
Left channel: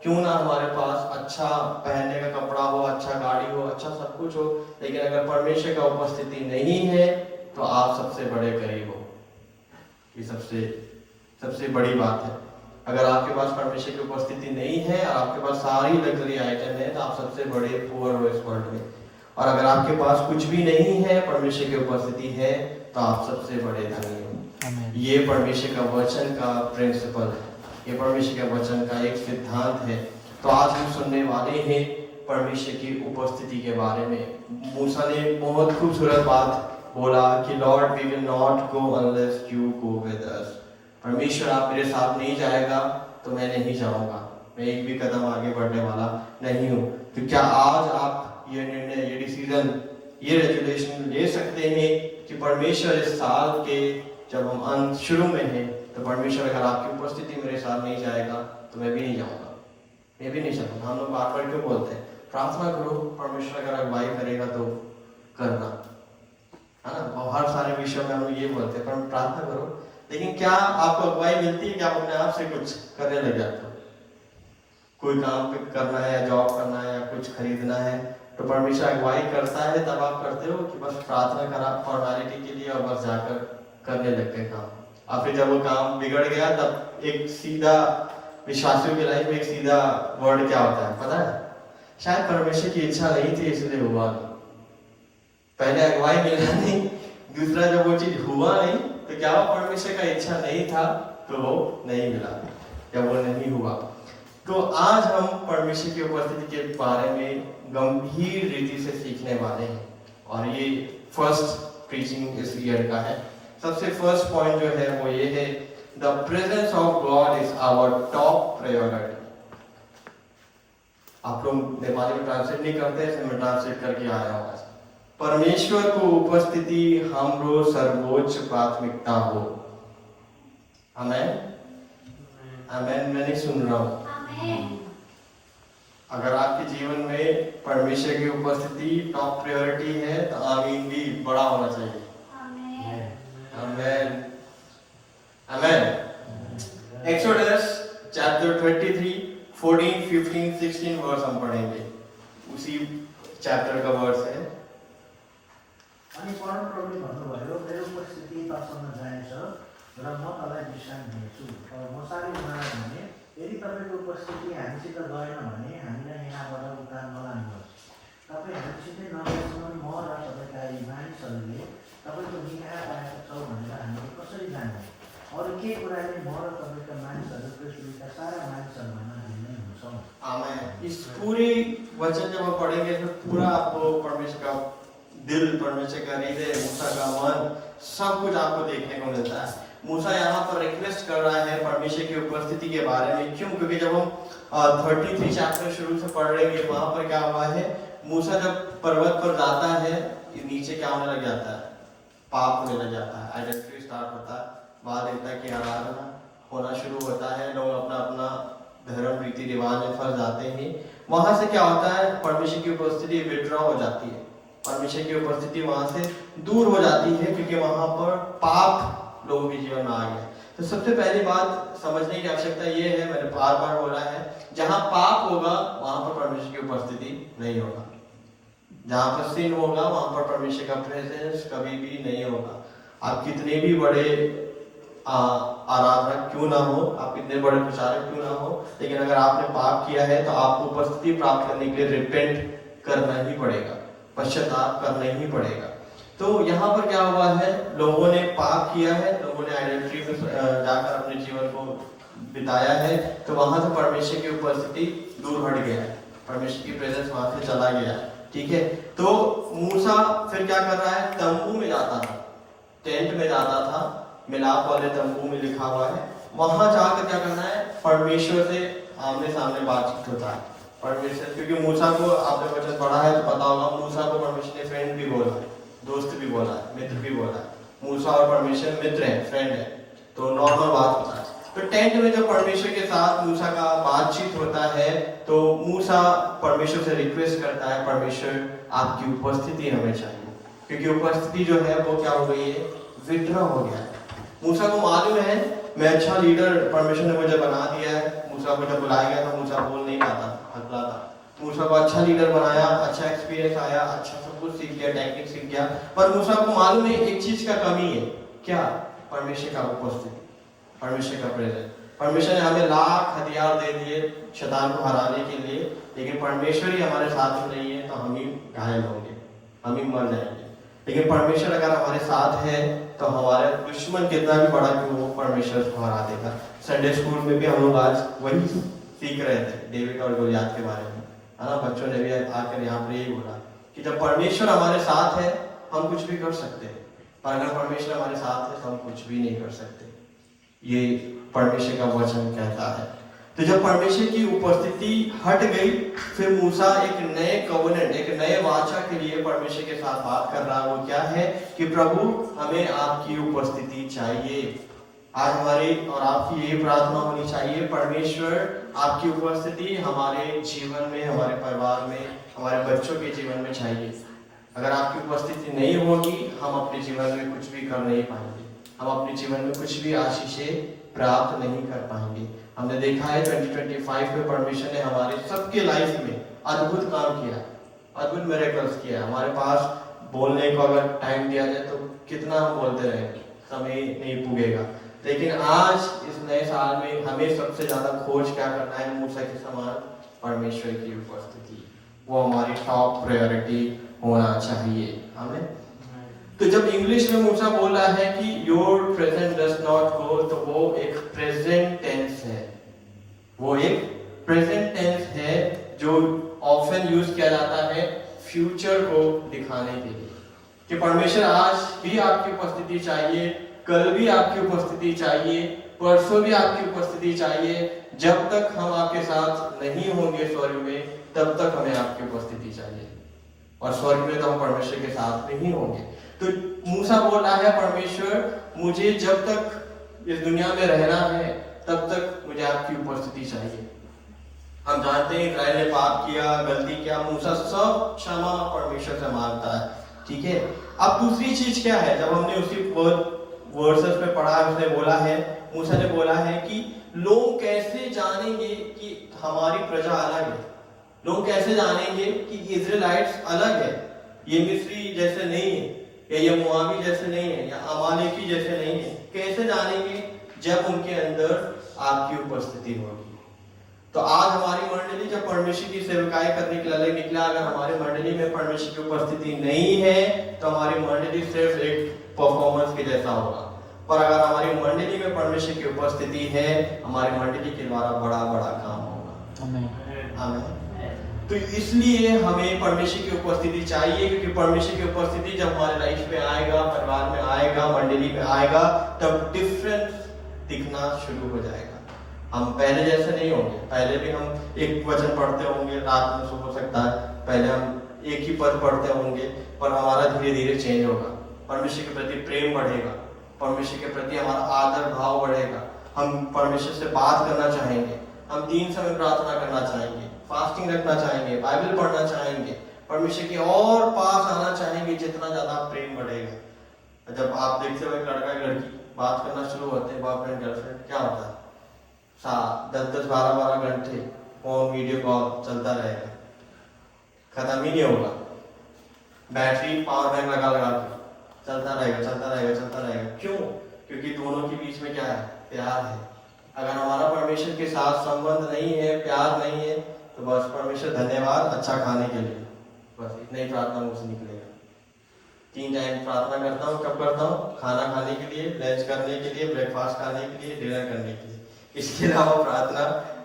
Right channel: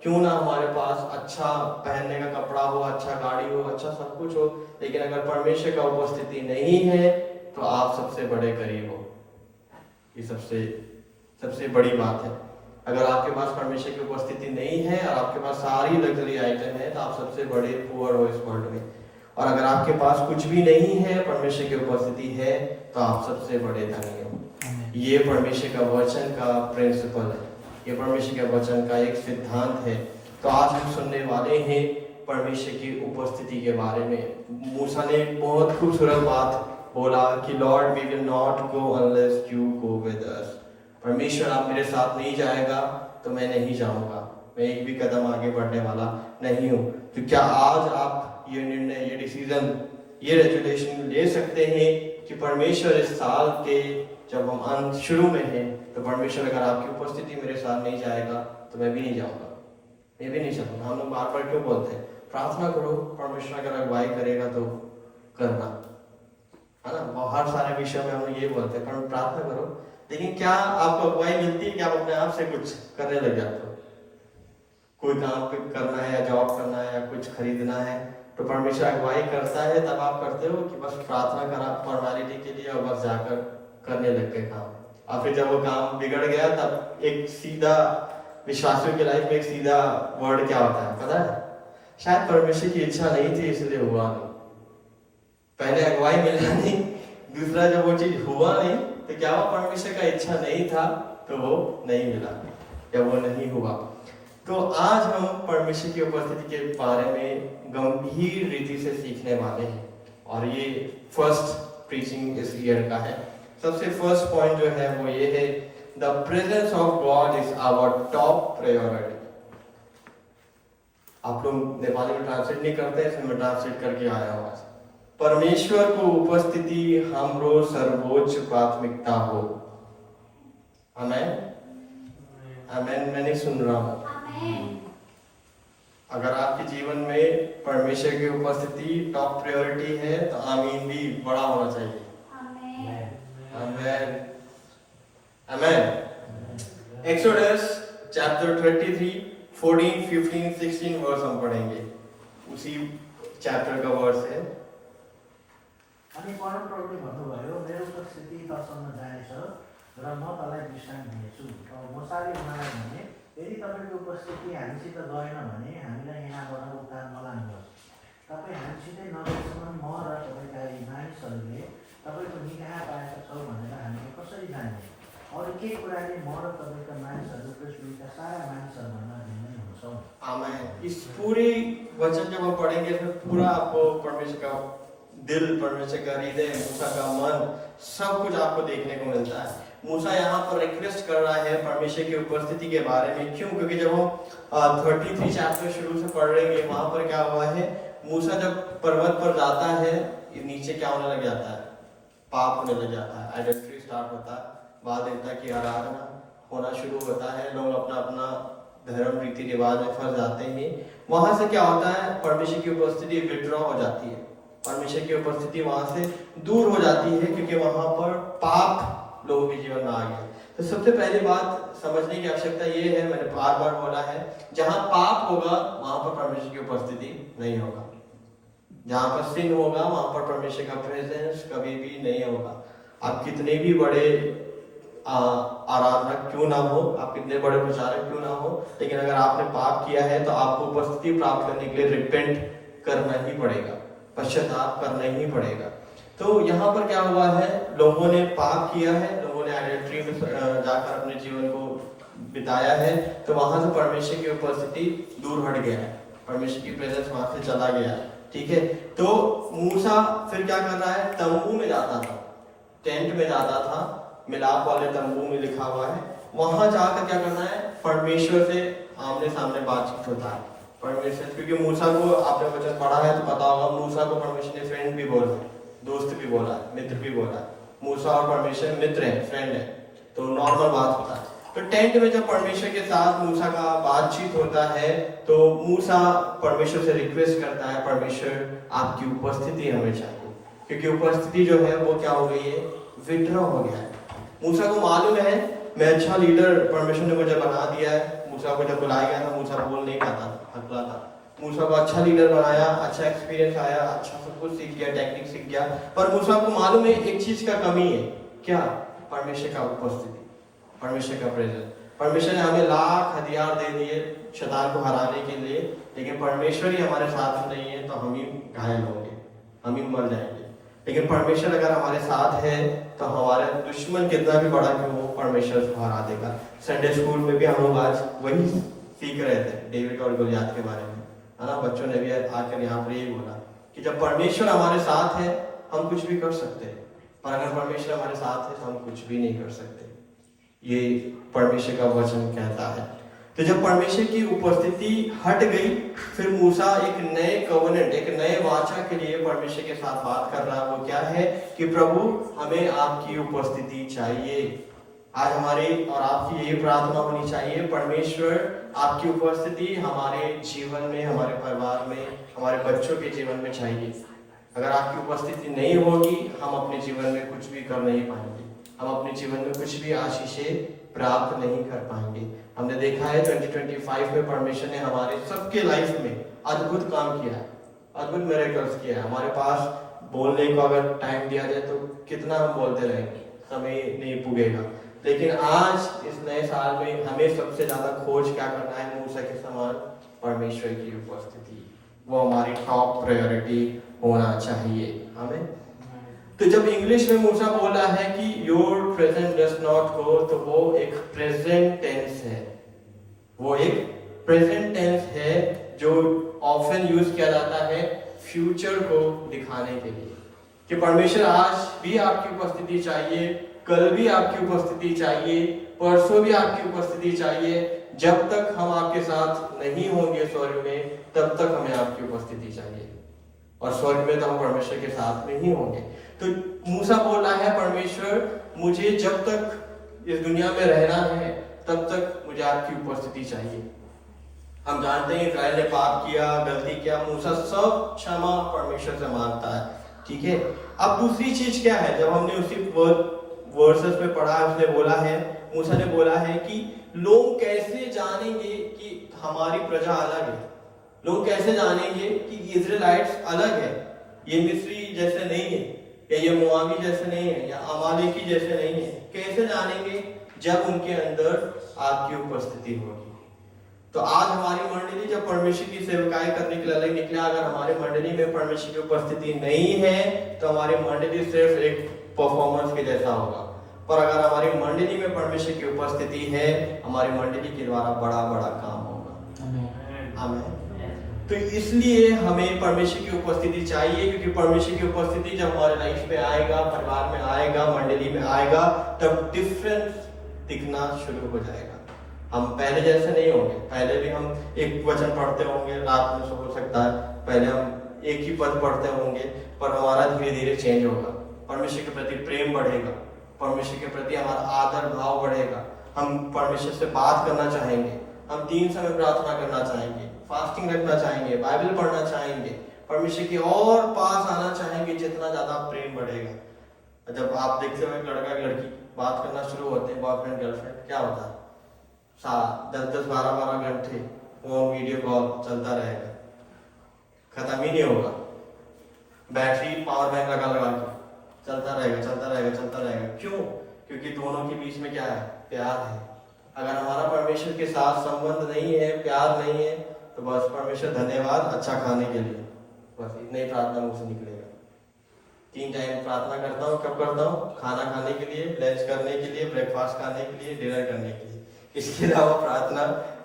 क्यों ना हमारे पास अच्छा पहनने का कपड़ा हो, अच्छा गाड़ी हो, अच्छा सब कुछ हो, लेकिन अगर परमेश्वर का उपस्थिति नहीं है तो आप सबसे बड़े गरीब हो। ये सबसे बड़ी बात है। अगर आपके पास परमेश्वर की उपस्थिति नहीं है और आपके पास सारी लग्जरी आइटम है, तो आप सबसे बड़े पुअर हो इस वर्ल्ड में। और अगर आपके पास कुछ भी नहीं है, परमेश्वर की उपस्थिति है, तो आप सबसे बड़े धनी हो। ये परमेश्वर का वचन का प्रिंसिपल है, ये परमेश्वर के वचन का एक सिद्धांत है। तो आज हम सुनने वाले हैं परमेश्वर की उपस्थिति के बारे में। मूसा ने बहुत खूबसूरत बात बोला कि Lord we will not go unless you go with us. परमेश्वर आप मेरे साथ नहीं जाएगा तो मैं नहीं जाऊंगा, मैं एक भी कदम आगे बढ़ने वाला नहीं हूँ। तो क्या आज आप ये निर्णय, ये डिसीजन, ये रेजुलेशन ले सकते हैं कि परमेश्वर इस साल के जब हम शुरू में हैं, तो परमेश्वर अगर आपकी उपस्थिति मेरे साथ नहीं जाएगा तो मैं भी नहीं जाऊंगा, मैं भी नहीं चलूंगा। हम लोग बार बार क्यों बोलते हैं प्रार्थना करो, परमेश्वर अगर अगुवाई करेगा तो करना, है ना? बहुत सारे विषयों में हम लोग ये बोलते हैं पर प्रार्थना करो, लेकिन क्या आपको अगुवाई मिलती है कि आप अपने आप से कुछ करने लग जाते हो? कोई काम करना है या जॉब करना है या कुछ खरीदना है, तो परमेश्वर अगुवाई करता है, तब आप करते हो कि बस प्रार्थना करा फॉर्मेलिटी के लिए और बस जाकर करने लग गए काम। और फिर जब वो काम बिगड़ गया, तब एक सीधा विश्वासियों की लाइफ में एक सीधा वर्ड क्या होता है पता है? शायद परमेश्वर की इच्छा नहीं थी इसलिए हुआ नहीं। पहले अगुवाई मिलना नहीं, दूसरा जब वो चीज हुआ नहीं तो क्या वो परमेश्वर का इच्छा नहीं था तो वो नहीं मिला या वो नहीं हुआ। तो आज हम परमेश्वर की उपस्थिति के बारे में गंभीर रीति से सीखने वाले हैं, और ये फर्स्ट प्रीचिंग इस ईयर का है। सबसे फर्स्ट पॉइंट जो है वो ये है, the presence of God is our top priority. आप लोग नेपाली में ट्रांसलेट नहीं करते, इसलिए मैं ट्रांसलेट करके आया हूँ। परमेश्वर को उपस्थिति हमरो सर्वोच्च प्राथमिकता हो। आमेन, आमेन। मैं नहीं सुन रहा हूँ। अगर आपके जीवन में परमेश्वर की उपस्थिति टॉप प्रायोरिटी है तो आमीन भी बड़ा होना चाहिए। आमेन, आमेन। एक्सोडस चैप्टर 33 14, 15, 16 वर्स हम पढ़ेंगे, उसी चैप्टर का वर्स है। अनि परमप्रभुले भन्नुभयो, मेरो उपस्थिति तसँग जानेछ र म तँलाई विश्राम दिनेछु। अब मोसाले उनीहरूलाई भने, यदि तपाईँको उपस्थिति हामीसित गएन भने हामीलाई यहाँबाट उता नलानुहोस्। तपाईँ हामीसितै नगएसम्म म र तपाईँका यी मानिसहरूले तपाईँको निगाह पाएका छौँ भनेर हामीले कसरी जान्ने? अरू के कुराले म र तपाईँका मानिसहरू पृथ्वीका सारा मानिसहरूभन्दा भिन्नै हुन्छौँ। आमेन। इस पूरे वचन जब हम पढ़ेंगे तो पूरा आपको परमेश्वर का दिल, परमेश्वर का हृदय, मूसा का मन, सब कुछ आपको देखने को मिलता है। मूसा यहाँ पर रिक्वेस्ट कर रहा है परमेश्वर की उपस्थिति के बारे में। क्यों? क्योंकि जब हम 33 चैप्टर शुरू से पढ़ रहे हैं, वहां पर क्या हुआ है, मूसा जब पर्वत पर जाता है, नीचे क्या होने लग जाता है, पाप होने लग जाता है, आइडेंटिटी स्टार्ट होता है, बाद देवता की आराधना होना शुरू होता है, लोग अपना अपना धर्म रीति रिवाज में फंस जाते हैं। वहां से क्या होता है, परमेश्वर की उपस्थिति विड्रॉ हो जाती है, परमेश्वर की उपस्थिति वहां से दूर हो जाती है, क्योंकि वहां पर पाप लोगों के जीवन में आ गया। तो सबसे पहली बात समझने की आवश्यकता ये है, मैंने बार बार बोला है, जहां पाप होगा वहां पर परमेश्वर की उपस्थिति नहीं होगा। जहां पर सिन होगा वहां पर परमेश्वर का प्रेजेंस कभी भी नहीं होगा। आप कितने भी बड़े आराधना क्यों ना हो, आप कितने बड़े प्रचारक क्यों ना हो, लेकिन अगर आपने पाप किया है तो आपको उपस्थिति प्राप्त करने के लिए रिपेंट करना ही पड़ेगा, पश्चाताप करना ही पड़ेगा। तो यहाँ पर क्या हुआ है, लोगों ने पाप किया है, लोगों ने आइडेंटिटी में जाकर अपने जीवन को बिताया है, तो वहां से परमेश्वर की उपस्थिति दूर हट गया है, परमेश्वर की प्रेजेंस वहां से चला गया। ठीक है, तो मूसा फिर क्या कर रहा है, तंबू में जाता था, टेंट में जाता था, मिलाप वाले तंबू में लिखा हुआ है, वहां जाकर क्या करना है, परमेश्वर से आमने सामने बातचीत होता है। परमेश्वर, क्योंकि मूसा को आपने वचन पढ़ा है तो पता होगा, मूसा को परमेश्वर ने फ्रेंड भी बोला है, दोस्त भी बोला है, मित्र भी बोला है। मूसा और परमेश्वर मित्र है, फ्रेंड है, तो नॉर्मल बात होता है। तो टेंट में जब परमेश्वर के साथ मूसा का बातचीत होता है, तो मूसा परमेश्वर से रिक्वेस्ट करता है, परमेश्वर आपकी उपस्थिति हमें चाहिए, क्योंकि उपस्थिति जो है वो क्या हो गई है, विड्रॉ हो गया है। मूसा को मालूम है मैं अच्छा लीडर परमेश्वर ने मुझे बना दिया है। मूसा को जब बुलाया गया था, मूसा बोल नहीं पाता, हकला था। मूसा को अच्छा लीडर बनाया, अच्छा एक्सपीरियंस आया, अच्छा सब कुछ सीख गया, टेक्निक सीख गया, पर मूसा को मालूम है एक चीज का कमी है, क्या? परमेश्वर का उपस्थिति, परमेश्वर का प्रेजेंस। परमेश्वर ने हमें लाख हथियार दे दिए शैतान को हराने के लिए, लेकिन परमेश्वर ही हमारे साथ नहीं है तो हम ही घायल होंगे, हम ही मर जाएंगे। लेकिन परमेश्वर अगर हमारे साथ है तो हमारे दुश्मन कितना भी बड़ा भी हो, परमेश्वर को हरा देगा। संडे स्कूल में भी हम लोग आज वही सीख रहे थे, डेविड और गोलियत के बारे में, है ना। बच्चों ने भी आकर यहाँ पर यही बोला कि जब परमेश्वर हमारे साथ है हम कुछ भी कर सकते हैं, पर अगर परमेश्वर हमारे साथ है तो हम कुछ भी नहीं कर सकते। ये परमेश्वर का वचन कहता है। तो जब परमेश्वर की उपस्थिति हट गई, फिर मूसा एक नए कवनेंट, एक नए वाचा के लिए परमेश्वर के साथ बात कर रहा है। वो क्या है कि प्रभु हमें आपकी उपस्थिति चाहिए। आज हमारी और आपकी ये प्रार्थना होनी चाहिए, परमेश्वर आपकी उपस्थिति हमारे जीवन में, हमारे परिवार में, हमारे बच्चों के जीवन में चाहिए। अगर आपकी उपस्थिति नहीं होगी, हम अपने जीवन में कुछ भी कर नहीं पाएंगे, हम अपने जीवन में कुछ भी आशीषें प्राप्त नहीं कर पाएंगे। हमने देखा है 2025 में परमेश्वर ने हमारे सबके लाइफ में अद्भुत काम किया, अद्भुत मिरेकल्स किया। हमारे पास बोलने को अगर टाइम दिया जाए तो कितना हम बोलते रहेंगे, समय नहीं पुगेगा। लेकिन आज इस नए साल में हमें सबसे ज्यादा खोज क्या करना है, मूसा के समान परमेश्वर की उपस्थिति, वो हमारी टॉप प्रायोरिटी होना चाहिए। हमें तो जब इंग्लिश में मूसा बोला है कि योर प्रेजेंट डज नॉट हो, तो वो एक प्रेजेंट टेंस है, वो एक प्रेजेंट टेंस है जो ऑफन यूज किया जाता है फ्यूचर को दिखाने के लिए कि परमेश्वर आज भी आपकी उपस्थिति चाहिए, कल भी आपकी उपस्थिति चाहिए, परसों भी आपकी उपस्थिति चाहिए। जब तक हम आपके साथ नहीं होंगे स्वर्ग में, तब तक हमें आपकी उपस्थिति चाहिए, और स्वर्ग में तो हम परमेश्वर के साथ में ही होंगे। तो मूसा बोल रहा है, परमेश्वर मुझे जब तक इस दुनिया में रहना है तब तक मुझे आपकी उपस्थिति चाहिए। हम जानते हैं इस्राएल ने पाप किया, गलती किया, मूसा सब क्षमा परमेश्वर से मांगता है, ठीक है। अब दूसरी चीज क्या है, जब हमने उसी वर्सेस में पढ़ा है, उसने बोला है, मूसा ने बोला है कि लोग कैसे जानेंगे कि हमारी प्रजा अलग है, लोग कैसे जानेंगे कि इजराइट्स अलग है, ये मिस्री जैसे नहीं है, या ये मुआवी जैसे नहीं है, या अमालेकी जैसे नहीं है। कैसे जानेंगे? जब उनके अंदर आपकी उपस्थिति होगी। तो आज हमारी मंडली जब परमेश्वर की सेवकाई करने के लिए निकला, अगर हमारी मंडली में परमेश्वर की उपस्थिति नहीं है तो हमारी मंडली सिर्फ एक परफॉर्मेंस के जैसा होगा। पर अगर हमारी मंडली में परमेश्वर की उपस्थिति है, हमारी मंडली के द्वारा बड़ा बड़ा काम होगा। आमीन। तो इसलिए हमें परमेश्वर की उपस्थिति चाहिए, क्योंकि परमेश्वर की उपस्थिति जब हमारे लाइफ में आएगा, परिवार में आएगा, मंडली में आएगा, तब डिफरेंस दिखना शुरू हो जाएगा। हम पहले जैसे नहीं होंगे। पहले भी हम एक वचन पढ़ते होंगे, रात में हो सकता है पहले हम एक ही पद पढ़ते होंगे, पर हमारा धीरे धीरे चेंज होगा। परमेश्वर के प्रति प्रेम बढ़ेगा, परमेश्वर के प्रति हमारा आदर भाव बढ़ेगा, हम परमेश्वर से बात करना चाहेंगे, हम 3 समय प्रार्थना करना चाहेंगे, फास्टिंग रखना चाहेंगे, बाइबल पढ़ना चाहेंगे, परमेश्वर के और पास आना चाहेंगे। जितना ज्यादा प्रेम बढ़ेगा। जब आप देखते हो एक लड़का एक लड़की बात करना शुरू होते हैं, बॉयफ्रेंड गर्लफ्रेंड, क्या होता है? 10-10, 12-12 घंटे फोन वीडियो कॉल चलता रहेगा, खत्म ही नहीं होगा। बैटरी पावर बैंक लगा लगा के चलता रहेगा, चलता रहेगा, चलता रहेगा। क्यों? क्योंकि दोनों के बीच में क्या है? प्यार है। अगर हमारा परमेश्वर के साथ संबंध नहीं है, प्यार नहीं है, तो बस परमेश्वर धन्यवाद अच्छा खाने के लिए, बस इतना ही प्रार्थना मुझसे निकलेगा। 3 टाइम प्रार्थना करता हूँ। कब करता हूँ? खाना खाने के लिए, लंच करने के लिए, ब्रेकफास्ट खाने के लिए, डिनर करने के लिए। इसके अलावा प्रार्थना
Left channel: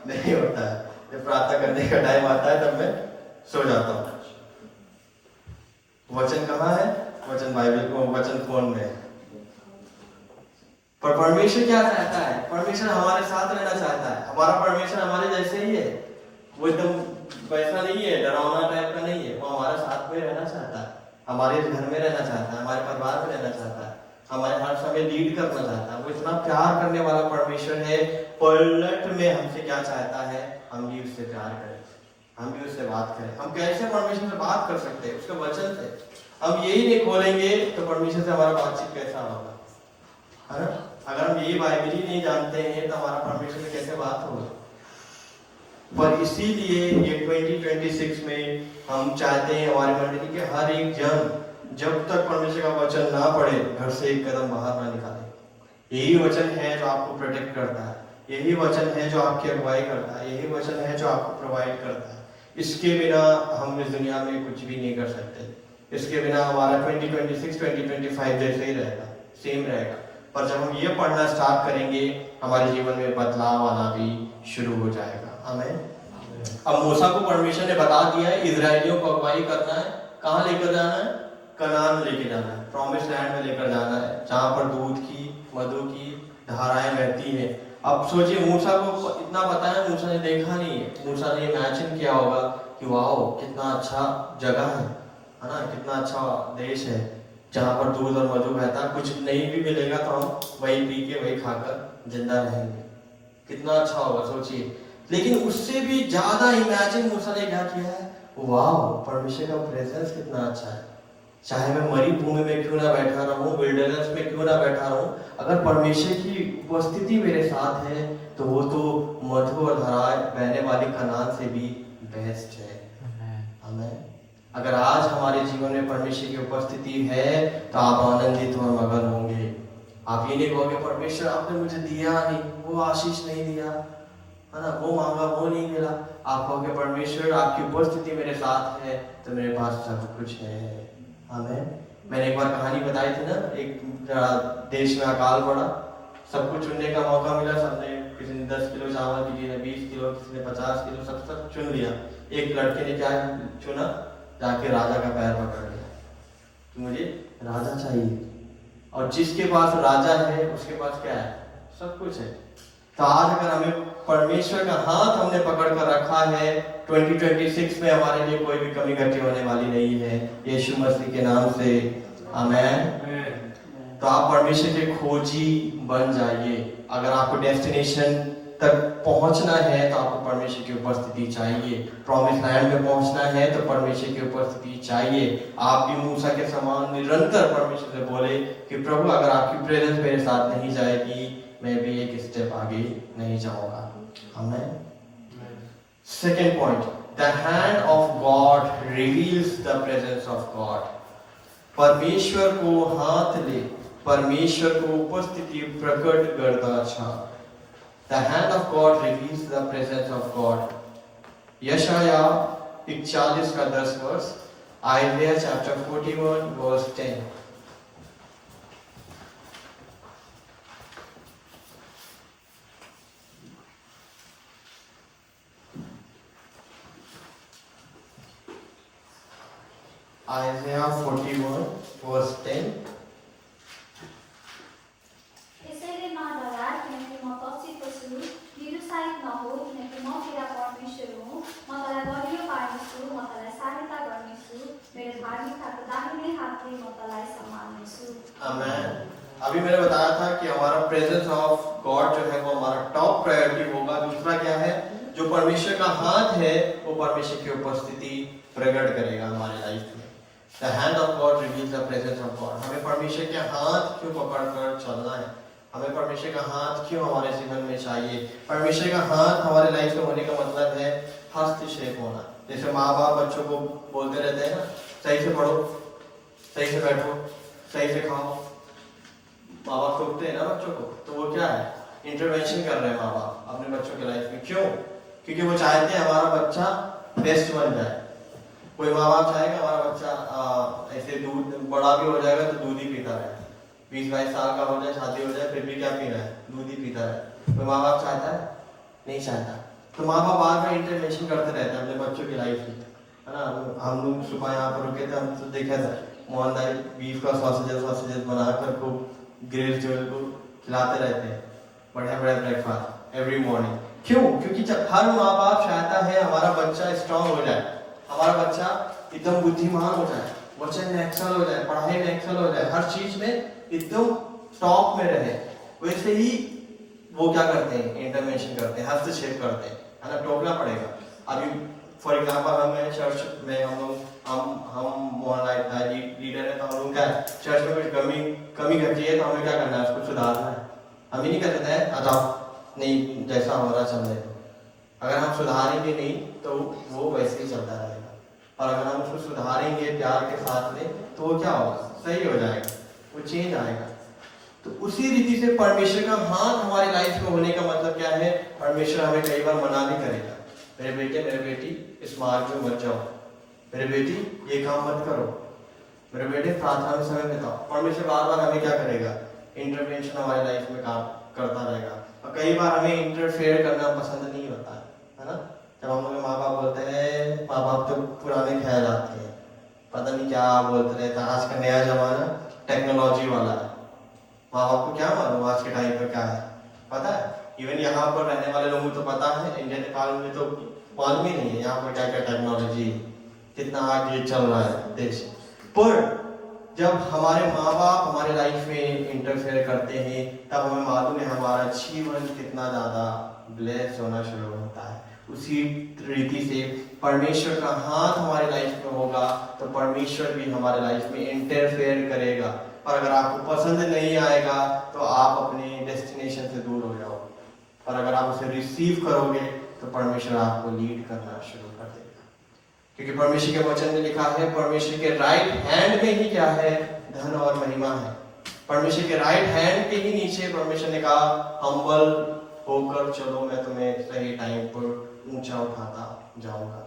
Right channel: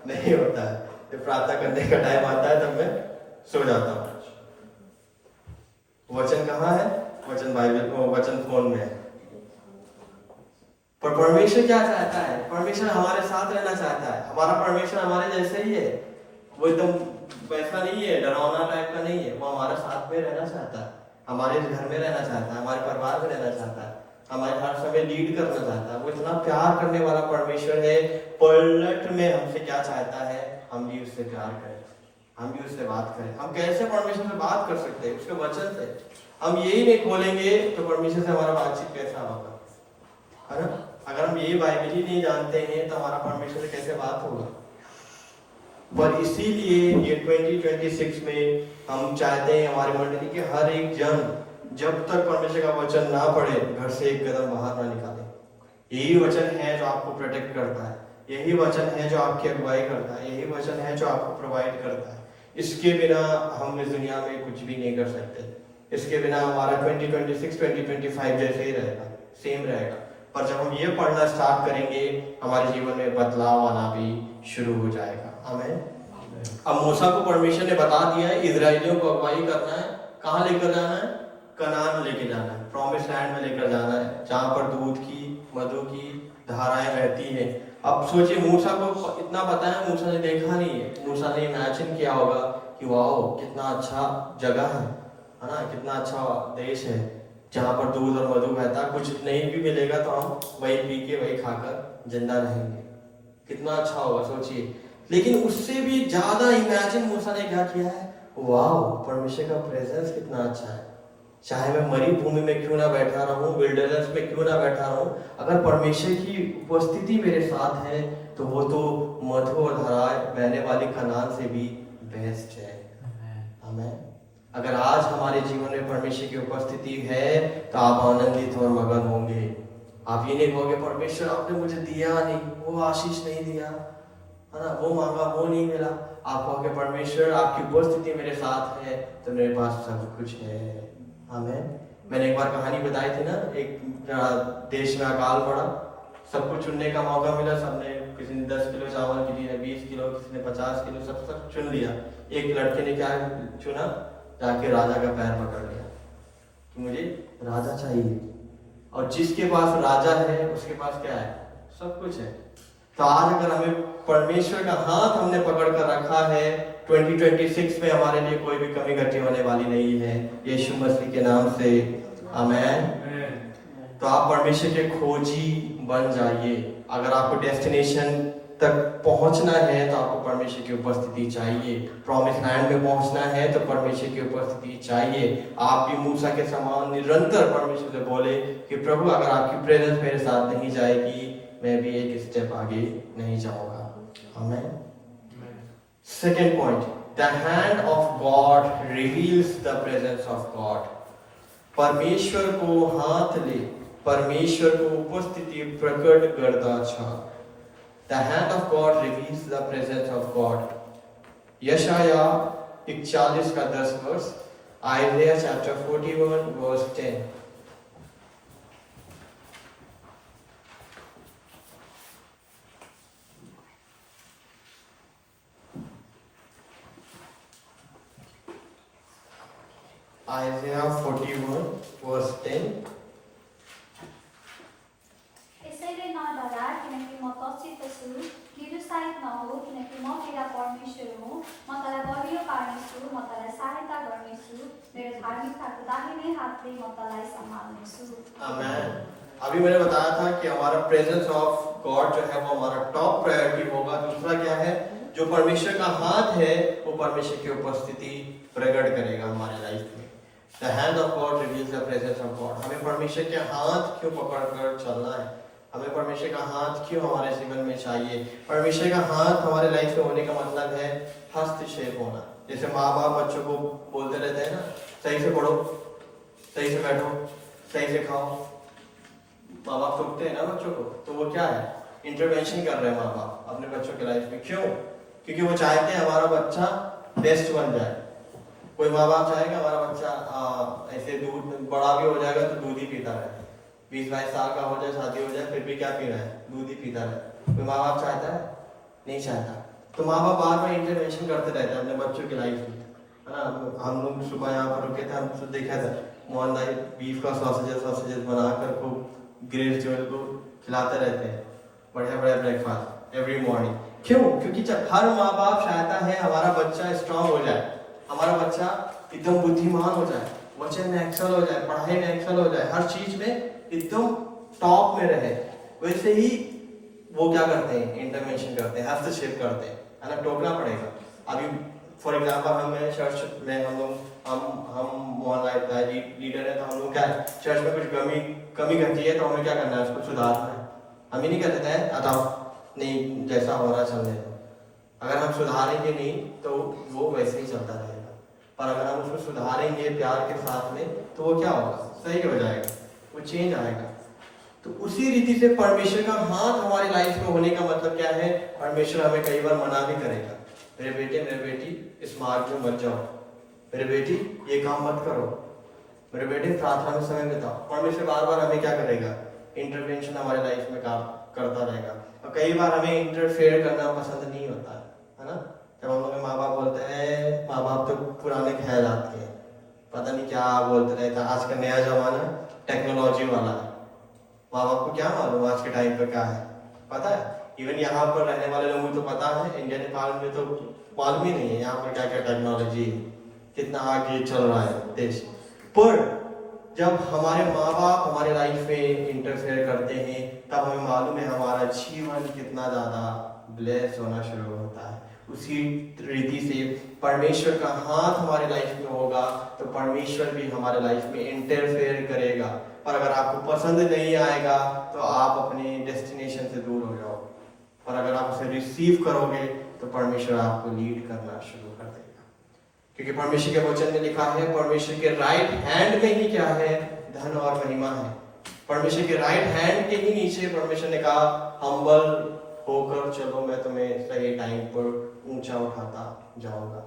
नहीं होता है। जब प्रार्थना करने का टाइम आता है तब मैं सो जाता हूँ। वचन कहाँ है? वचन बाइबल को, वचन फोन में है। पर परमेश्वर क्या चाहता है? परमेश्वर हमारे साथ रहना चाहता है। हमारा परमेश्वर हमारे जैसे ही है, वो एकदम वैसा नहीं है, डरावना टाइप का नहीं है। वो हमारे साथ में रहना चाहता है, हमारे घर में रहना चाहता है, हमारे परिवार में रहना चाहता है, हमारे हर समय लीड करना चाहता है। वो इतना प्यार करने वाला परमेश्वर है। पलट में हमसे क्या चाहता है? हम भी उससे प्यार करें, हम भी उससे बात करें। हम कैसे परमेश्वर से बात कर सकते हैं? उसके वचन से। हम यही नहीं खोलेंगे तो परमेश्वर से हमारा बातचीत कैसा होगा? है ना? अगर हम यही बाइबल ही नहीं जानते हैं तो हमारा परमेश्वर से कैसे बात होगा? पर इसीलिए ये 2026 में हम चाहते हैं हमारी मंडली के हर एक जन जब तक परमेश्वर का वचन ना पढ़े, घर से एक कदम बाहर ना निकाले। यही वचन है जो आपको प्रोटेक्ट करता है, यही वचन है जो आपकी अगुवाई करता है, यही वचन है जो आपको प्रोवाइड करता है। इसके बिना हम इस दुनिया में कुछ भी नहीं कर सकते। इसके बिना हमारा 2026, 2025 जैसे ही रहेगा, सेम रहेगा। पर जब हम ये पढ़ना स्टार्ट करेंगे, हमारे जीवन में बदलाव आना भी शुरू हो जाएगा। आमीन। अब मूसा को परमेश्वर ने बता दिया है इजरायलियों को अगुवाई करना है, कहाँ लेकर जाना है? कनान लेके जाना है, प्रॉमिस लैंड में लेकर जाना है, जहाँ पर दूध की मधु की धाराएं बहती हैं। अब सोचिए, मूसा को इतना पता है, मूसा ने देखा नहीं है। मूसा ने इमेजिन किया होगा कि वाह कितना अच्छा जगह है ना, कितना अच्छा देश है जहाँ पर दूध और मधु बहता। कुछ नहीं भी मिलेगा तो हम वही पी के वही खाकर जिंदा रहेंगे। कितना अच्छा होगा सोचिए। लेकिन उससे भी ज्यादा इमेजिन मूसा ने क्या किया है? वाह, परमेश्वर का प्रेजेंस कितना अच्छा है। चाहे मैं मरी भूमि में क्यों ना बैठा रहूं, विल्डरनेस में क्यों ना बैठा रहूं, अगर परमेश्वर की उपस्थिति मेरे साथ है तो वो तो मधु और धाराएं बहने वाली कनान से भी बेस्ट है। आमीन। अगर आज हमारे जीवन में परमेश्वर की उपस्थिति है तो आप आनंदित और मगन होंगे। आप ये नहीं कहोगे परमेश्वर आपने मुझे दिया नहीं, वो आशीष नहीं दिया, है ना, वो मांगा वो नहीं मिला। आप कहोगे परमेश्वर आपकी उपस्थिति मेरे साथ है तो मेरे पास सब कुछ है। आमीन। मैंने एक बार कहानी बताई थी ना, एक देश में अकाल पड़ा, सब कुछ चुनने का मौका मिला। सबने, किसी ने 10 किलो चावल, किसी ने 20 किलो, किसी ने 50 किलो, सब चुन लिया। एक लड़के ने क्या चुना? जाके राजा का पैर पकड़ लिया कि मुझे राजा चाहिए। और जिसके पास राजा है उसके पास क्या है? सब कुछ है। तो आज अगर हमें परमेश्वर का हाथ हमने पकड़ कर रखा है, 2026 में हमारे लिए कोई भी कमी घटी होने वाली नहीं है, यीशु मसीह के नाम से। आमीन। तो आप परमेश्वर के खोजी बन जाइए। अगर आपको डेस्टिनेशन तक पहुंचना है तो आपको परमेश्वर की उपस्थिति चाहिए। प्रॉमिस लैंड में पहुंचना है तो परमेश्वर की उपस्थिति चाहिए। आप भी मूसा के समान निरंतर परमेश्वर से बोले कि प्रभु अगर आपकी प्रेजेंस मेरे साथ नहीं जाएगी, मैं भी एक स्टेप आगे नहीं जाऊंगा। आमीन। Second point, the hand of God reveals the presence of God. परमेश्वर को हाथ ले, परमेश्वर को उपस्थिति प्रकट करता छ। The hand of God reveals the presence of God. यशाया 41 का 10 वर्ष, Isaiah chapter 41 verse 10. Isaiah 41 verse 10. यसैले नडरा, किनकि म तपसित छु, निरुत्साहित नहो, किनकि म तेरा परमेश्वर हुँ, म तँलाई बलियो पार्नेछु, म तँलाई सहायता गर्नेछु, मेरो धार्मिकताको दाहिने हातले म तँलाई सम्हाल्नेछु। आमेन। अभी मैंने बताया था कि हमारा प्रेजेंस ऑफ गॉड जो है वो हमारा टॉप प्रायोरिटी होगा। दूसरा क्या है, जो परमेश्वर का हाथ है वो परमेश्वर की उपस्थिति प्रकट करेगा हमारे लाइफ में। The hand of God reveals the presence of God. हमें परमेश्वर के हाथ क्यों पकड़कर चलना है, हमें परमेश्वर का हाथ क्यों हमारे जीवन में चाहिए। परमेश्वर का हाथ हमारे लाइफ में होने का मतलब है हस्तक्षेप होना। जैसे माँ बाप बच्चों को बोलते रहते हैं ना, सही से पढ़ो, सही से बैठो, सही से खाओ। माँ बाप टोकते हैं ना बच्चों को, तो वो क्या है, इंटरवेंशन कर रहे हैं माँ बाप अपने बच्चों के लाइफ में। क्यों? क्योंकि वो चाहते हैं हमारा बच्चा बेस्ट बन जाए। कोई माँ बाप चाहेगा हमारा बच्चा ऐसे दूध बड़ा भी हो जाएगा तो दूध ही पीता रहे, 20-22 साल का हो जाए, शादी हो जाए, फिर भी क्या पी रहा है, दूध ही पीता रहे। कोई माँ बाप चाहता है? नहीं चाहता। तो माँ बाप बार बार इंटरवेंशन करते रहते हैं अपने बच्चों की लाइफ में, है ना। हम लोग सुबह यहाँ पर रुके थे, हम तो देखा था मोहन दाई बीफ का सॉसेजेस बनाकर खूब ग्रिल जो है को खिलाते रहते हैं, बढ़िया बढ़िया ब्रेकफास्ट एवरी मॉर्निंग। क्यों? क्योंकि जब हर माँ बाप चाहता है हमारा बच्चा स्ट्रांग हो जाए, हमारा बच्चा एकदम बुद्धिमान हो जाए, वचन में एक्सेल हो जाए, पढ़ाई में एक्सेल हो जाए, हर चीज में एकदम टॉप में रहे। वैसे ही वो क्या करते हैं, इंटरवेंशन करते हैं, हस्तक्षेप करते हैं, है ना। टोकना पड़ेगा। अभी फॉर एग्जाम्पल हमें चर्च में हम मोहल्ला लीडर है, तो हम लोग क्या है, चर्च में कुछ कमी घटी है तो हमें क्या करना है, उसको सुधारना है। हम ही नहीं कहते हैं आ जाओ, नहीं जैसा हो रहा चलने दो। अगर हम सुधारेंगे नहीं तो वो वैसे ही चलता रहेगा, और अगर हम उसको सुधारेंगे प्यार के साथ में तो वो क्या होगा, सही हो जाएगा, वो चेंज आएगा। तो उसी रीति से परमेश्वर का हाथ हमारी लाइफ में होने का मतलब क्या है, परमेश्वर हमें कई बार मना भी करेगा, मेरे बेटे मेरे बेटी इस मार्ग में मत जाओ, मेरे बेटी ये काम मत करो, मेरे बेटे प्रार्थना में समय बिताओ। परमेश्वर बार बार हमें क्या करेगा, इंटरवेंशन हमारे लाइफ में काम करता रहेगा। और कई बार हमें इंटरफेयर करना पसंद नहीं होता है ना। जब हम लोग माँ बाप बोलते हैं, माँ बाप तो पुराने ख्यालात के हैं, पता नहीं क्या बोलते रहते हैं। आज का नया जमाना टेक्नोलॉजी वाला है, माँ बाप को क्या मालूम आज के टाइम पर क्या है, पता है। इवन यहाँ पर रहने वाले लोगों को तो पता है, इंडिया नेपाल में तो मालूम ही नहीं है यहाँ पर क्या क्या टेक्नोलॉजी, कितना आगे चल रहा है देश। पर जब हमारे माँ बाप हमारे लाइफ में इंटरफेयर करते हैं तब हमें मालूम है हमारा जीवन कितना ज़्यादा ब्लेस होना शुरू होता है। उसी रीति से परमेश्वर का हाथ हमारे लाइफ में होगा तो परमेश्वर भी हमारे लाइफ में इंटरफेयर करेगा। पर अगर आपको पसंद नहीं आएगा तो आप अपने डेस्टिनेशन से दूर हो जाओगे, पर अगर आप उसे रिसीव करोगे तो परमेश्वर आपको लीड करना शुरू कर देगा। क्योंकि परमेश्वर के वचन में लिखा है, परमेश्वर के राइट हैंड में ही क्या है, धन और महिमा है। परमेश्वर के राइट हैंड के ही नीचे परमेश्वर ने कहा, हम्बल होकर चलो, मैं तुम्हें सही टाइम पर ऊंचा उठाता जाऊंगा।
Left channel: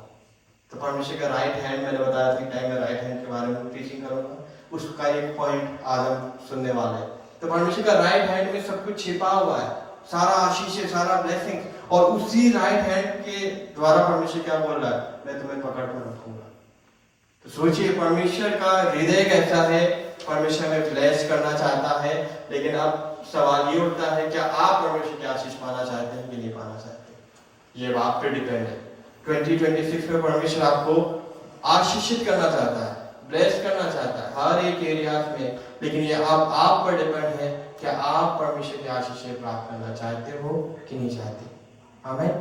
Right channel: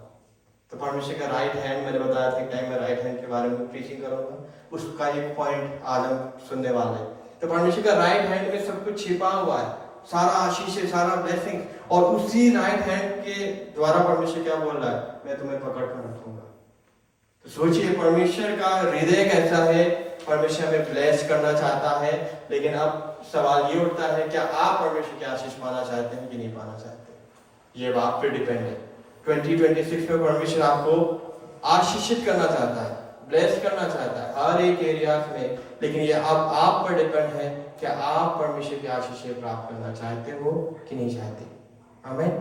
तो परमेश्वर का राइट हैंड, मैंने बताया था कि टाइम में राइट हैंड के बारे में प्रीचिंग करूंगा, उसका एक पॉइंट आज हम सुनने वाले हैं। तो परमेश्वर का राइट हैंड में सब कुछ छिपा हुआ है, सारा आशीष है, सारा ब्लेसिंग, और उसी राइट हैंड के द्वारा परमेश्वर क्या बोल रहा है, मैं तुम्हें पकड़ कर रखूंगा। तो सोचिए परमेश्वर का हृदय कैसा है, परमेश्वर हमें ब्लेस करना चाहता है। लेकिन अब सवाल ये उठता है, क्या आप परमेश्वर की आशीष पाना चाहते हैं कि नहीं पाना चाहते? ये आप पे डिपेंड है। 2026 में परमेश्वर आपको आशीषित करना चाहता है, ब्लेस करना चाहता है हर एक एरियाज में, लेकिन ये अब आप पर डिपेंड है कि आप परमेश्वर की आशीषें प्राप्त करना चाहते हो कि नहीं चाहते। आमीन।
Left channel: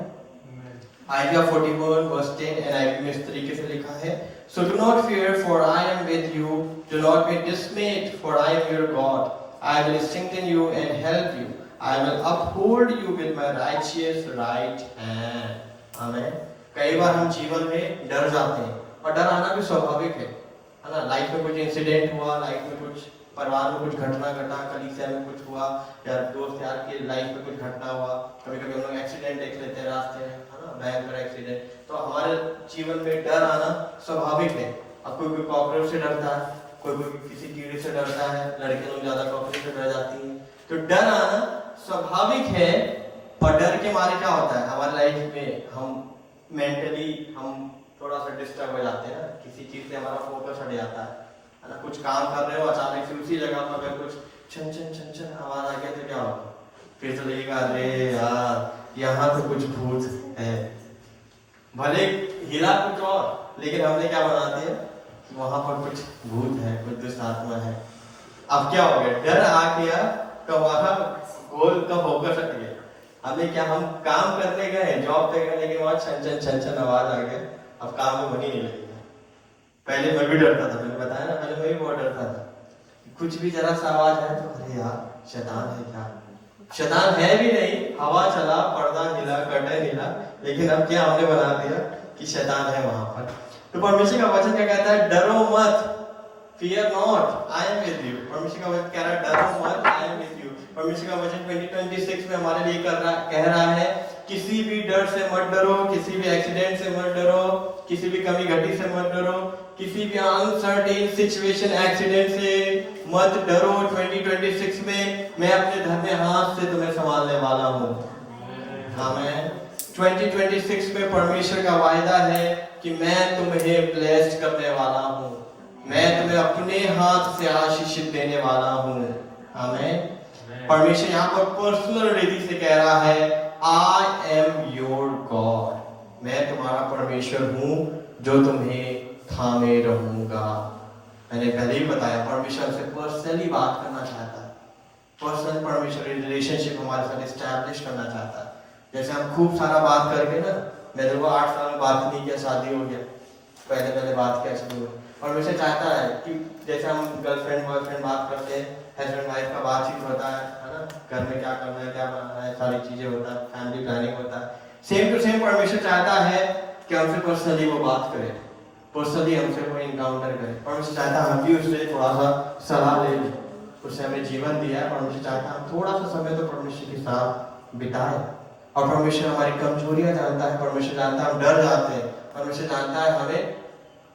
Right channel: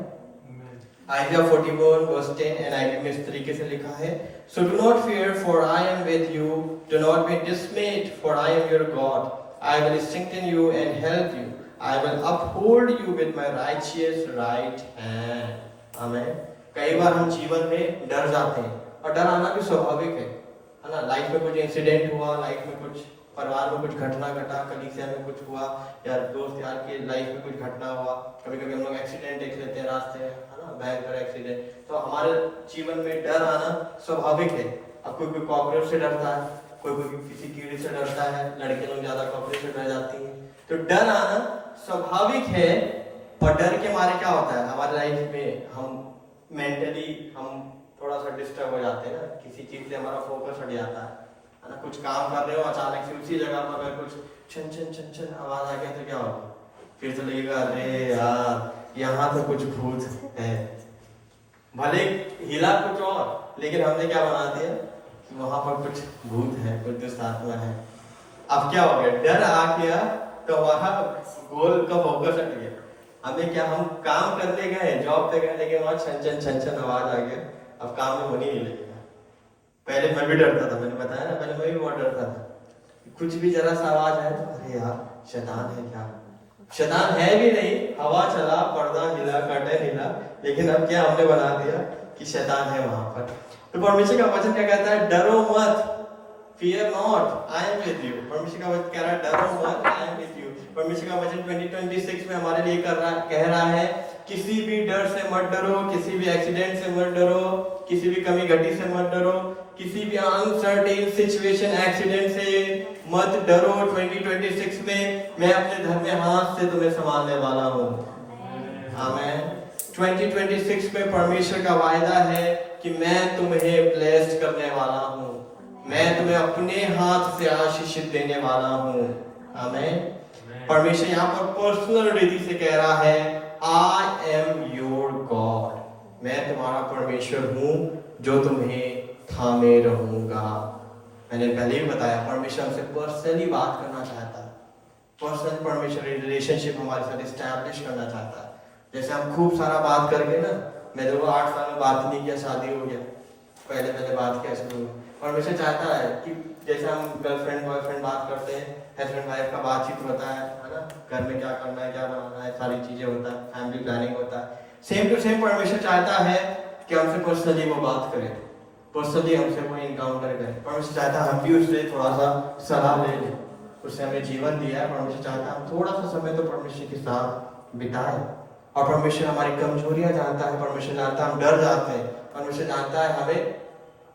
आइज़ाया 41 वर्स 10 NIV में इस तरीके से लिखा है, So do not fear, for I am with you. Do not be dismayed, for I am your God. I will strengthen you and help you. I will uphold you with my righteous right hand. आमीन। कई बार हम जीवन में डर जाते हैं और डर आना भी स्वाभाविक है ना। लाइफ में कुछ इंसिडेंट हुआ, लाइफ में कुछ परिवार में कुछ घटना घटा, कलीसिया में कुछ हुआ, या दोस्त यार के लाइफ में कुछ घटना हुआ, कभी कभी हम लोग एक्सीडेंट देख लेते हैं रास्ते में, है ना, भयंकर एक्सीडेंट। तो हमारे जीवन में डर आना स्वाभाविक है। अब कोई कोई कॉकरोच से डरता है, कोई कोई किसी कीड़े से डरता है, लड़के लोग ज्यादा कॉकरोच से डर जाती हैं। तो डर आना स्वाभाविक है। पर डर के मारे क्या होता है हमारी लाइफ में, हम मेंटली हम थोड़ा सा डिस्टर्ब हो जाते हैं ना, किसी चीज से हमारा फोकस हट जाता है ना। कुछ काम कर रहे हो, अचानक से उसी जगह पर अगर कुछ छन छन छन छन आवाज आ गया तो क्या होगा, फिर तो लगेगा अरे यार यहाँ तो कुछ भूत है। भले हिला कुछ और, लेकिन हमने क्या बना दिया कि वहां पर कुछ भूत है, कुछ दुष्ट आत्मा है। अब क्या हो गया, डर आ गया तो वहां गोल का फोकस हट गया। हमें क्या, हम काम करने गए, जॉब पे गए, लेकिन वहां छन छन छन आवाज आ गया, अब काम में मन ही नहीं लगेगा। पहले मैं भी डरता था, मैंने बताया ना, पहले मैं भी बहुत डरता था। कुछ भी जरा सा आवाज आए तो अरे यार शैतान है क्या, शैतान है भी नहीं, हवा चला, पर्दा हिला, कर्टन हिला, लेकिन अब क्या हमने बना दिया कि शैतान है वहां पर। तो परमेश्वर का वचन क्या कहता है, डरो मत, fear not, I am with you। परमेश्वर का वचन कह रहा है डरो मत, I am with you। परमेश्वर का वचन 2026 में हमारे लिए कह रहा है किसी भी डर से मत डरो, किसी भी एक्सीडेंट से मत डरो, किसी भी कमी घटी से मत डरो, किसी भी अनसर्टेन सिचुएशन एक्सीडेंट से मत डरो। 2026 में मैं अपने धर्म में हाथ से तुम्हें संभालने वाला हूँ। आमीन। 2026 में परमेश्वर का वायदा है कि मैं तुम्हें ब्लेस्ड करने वाला हूँ, मैं तुम्हें अपने हाथ से आशीषित देने वाला हूँ। आमीन। परमेश्वर यहाँ पर पर्सनल रीति से कह रहा है आई एम योर गॉड, मैं तुम्हारा परमेश्वर हूँ जो तुम्हें थामे रहूंगा। मैंने पहले ही बताया परमेश्वर हमसे पर्सनली बात करना चाहता है, पर्सनल परमेश्वर रिलेशनशिप हमारे साथ एस्टैब्लिश करना चाहता है। जैसे हम खूब सारा बात करके ना, मेरे को 8 साल में बात नहीं किया, शादी हो गया, पहले बात किया शुरू हुई। परमेश्वर चाहता है कि जैसे हम गर्लफ्रेंड बॉयफ्रेंड बात करते हैं, हस्बैंड वाइफ का बातचीत होता है ना, घर में क्या करना है, क्या बनाना है, सारी चीजें होता है, फैमिली प्लानिंग होता है। सेम टू सेम परमेश्वर चाहता है कि हमसे पर्सनली वो बात करे, पर्सनली हमसे वो इनकाउंटर करे। परमेश्वर चाहता है हम भी उससे थोड़ा सा सलाह ले लें, उसने हमें जीवन दिया है। परमेश्वर चाहता है हम थोड़ा सा समय तो परमेश्वर के साथ बिताएं। और परमेश्वर हमारी कमजोरियां जानता है, परमेश्वर जानता है हम डर जाते हैं, परमेश्वर जानता है हमें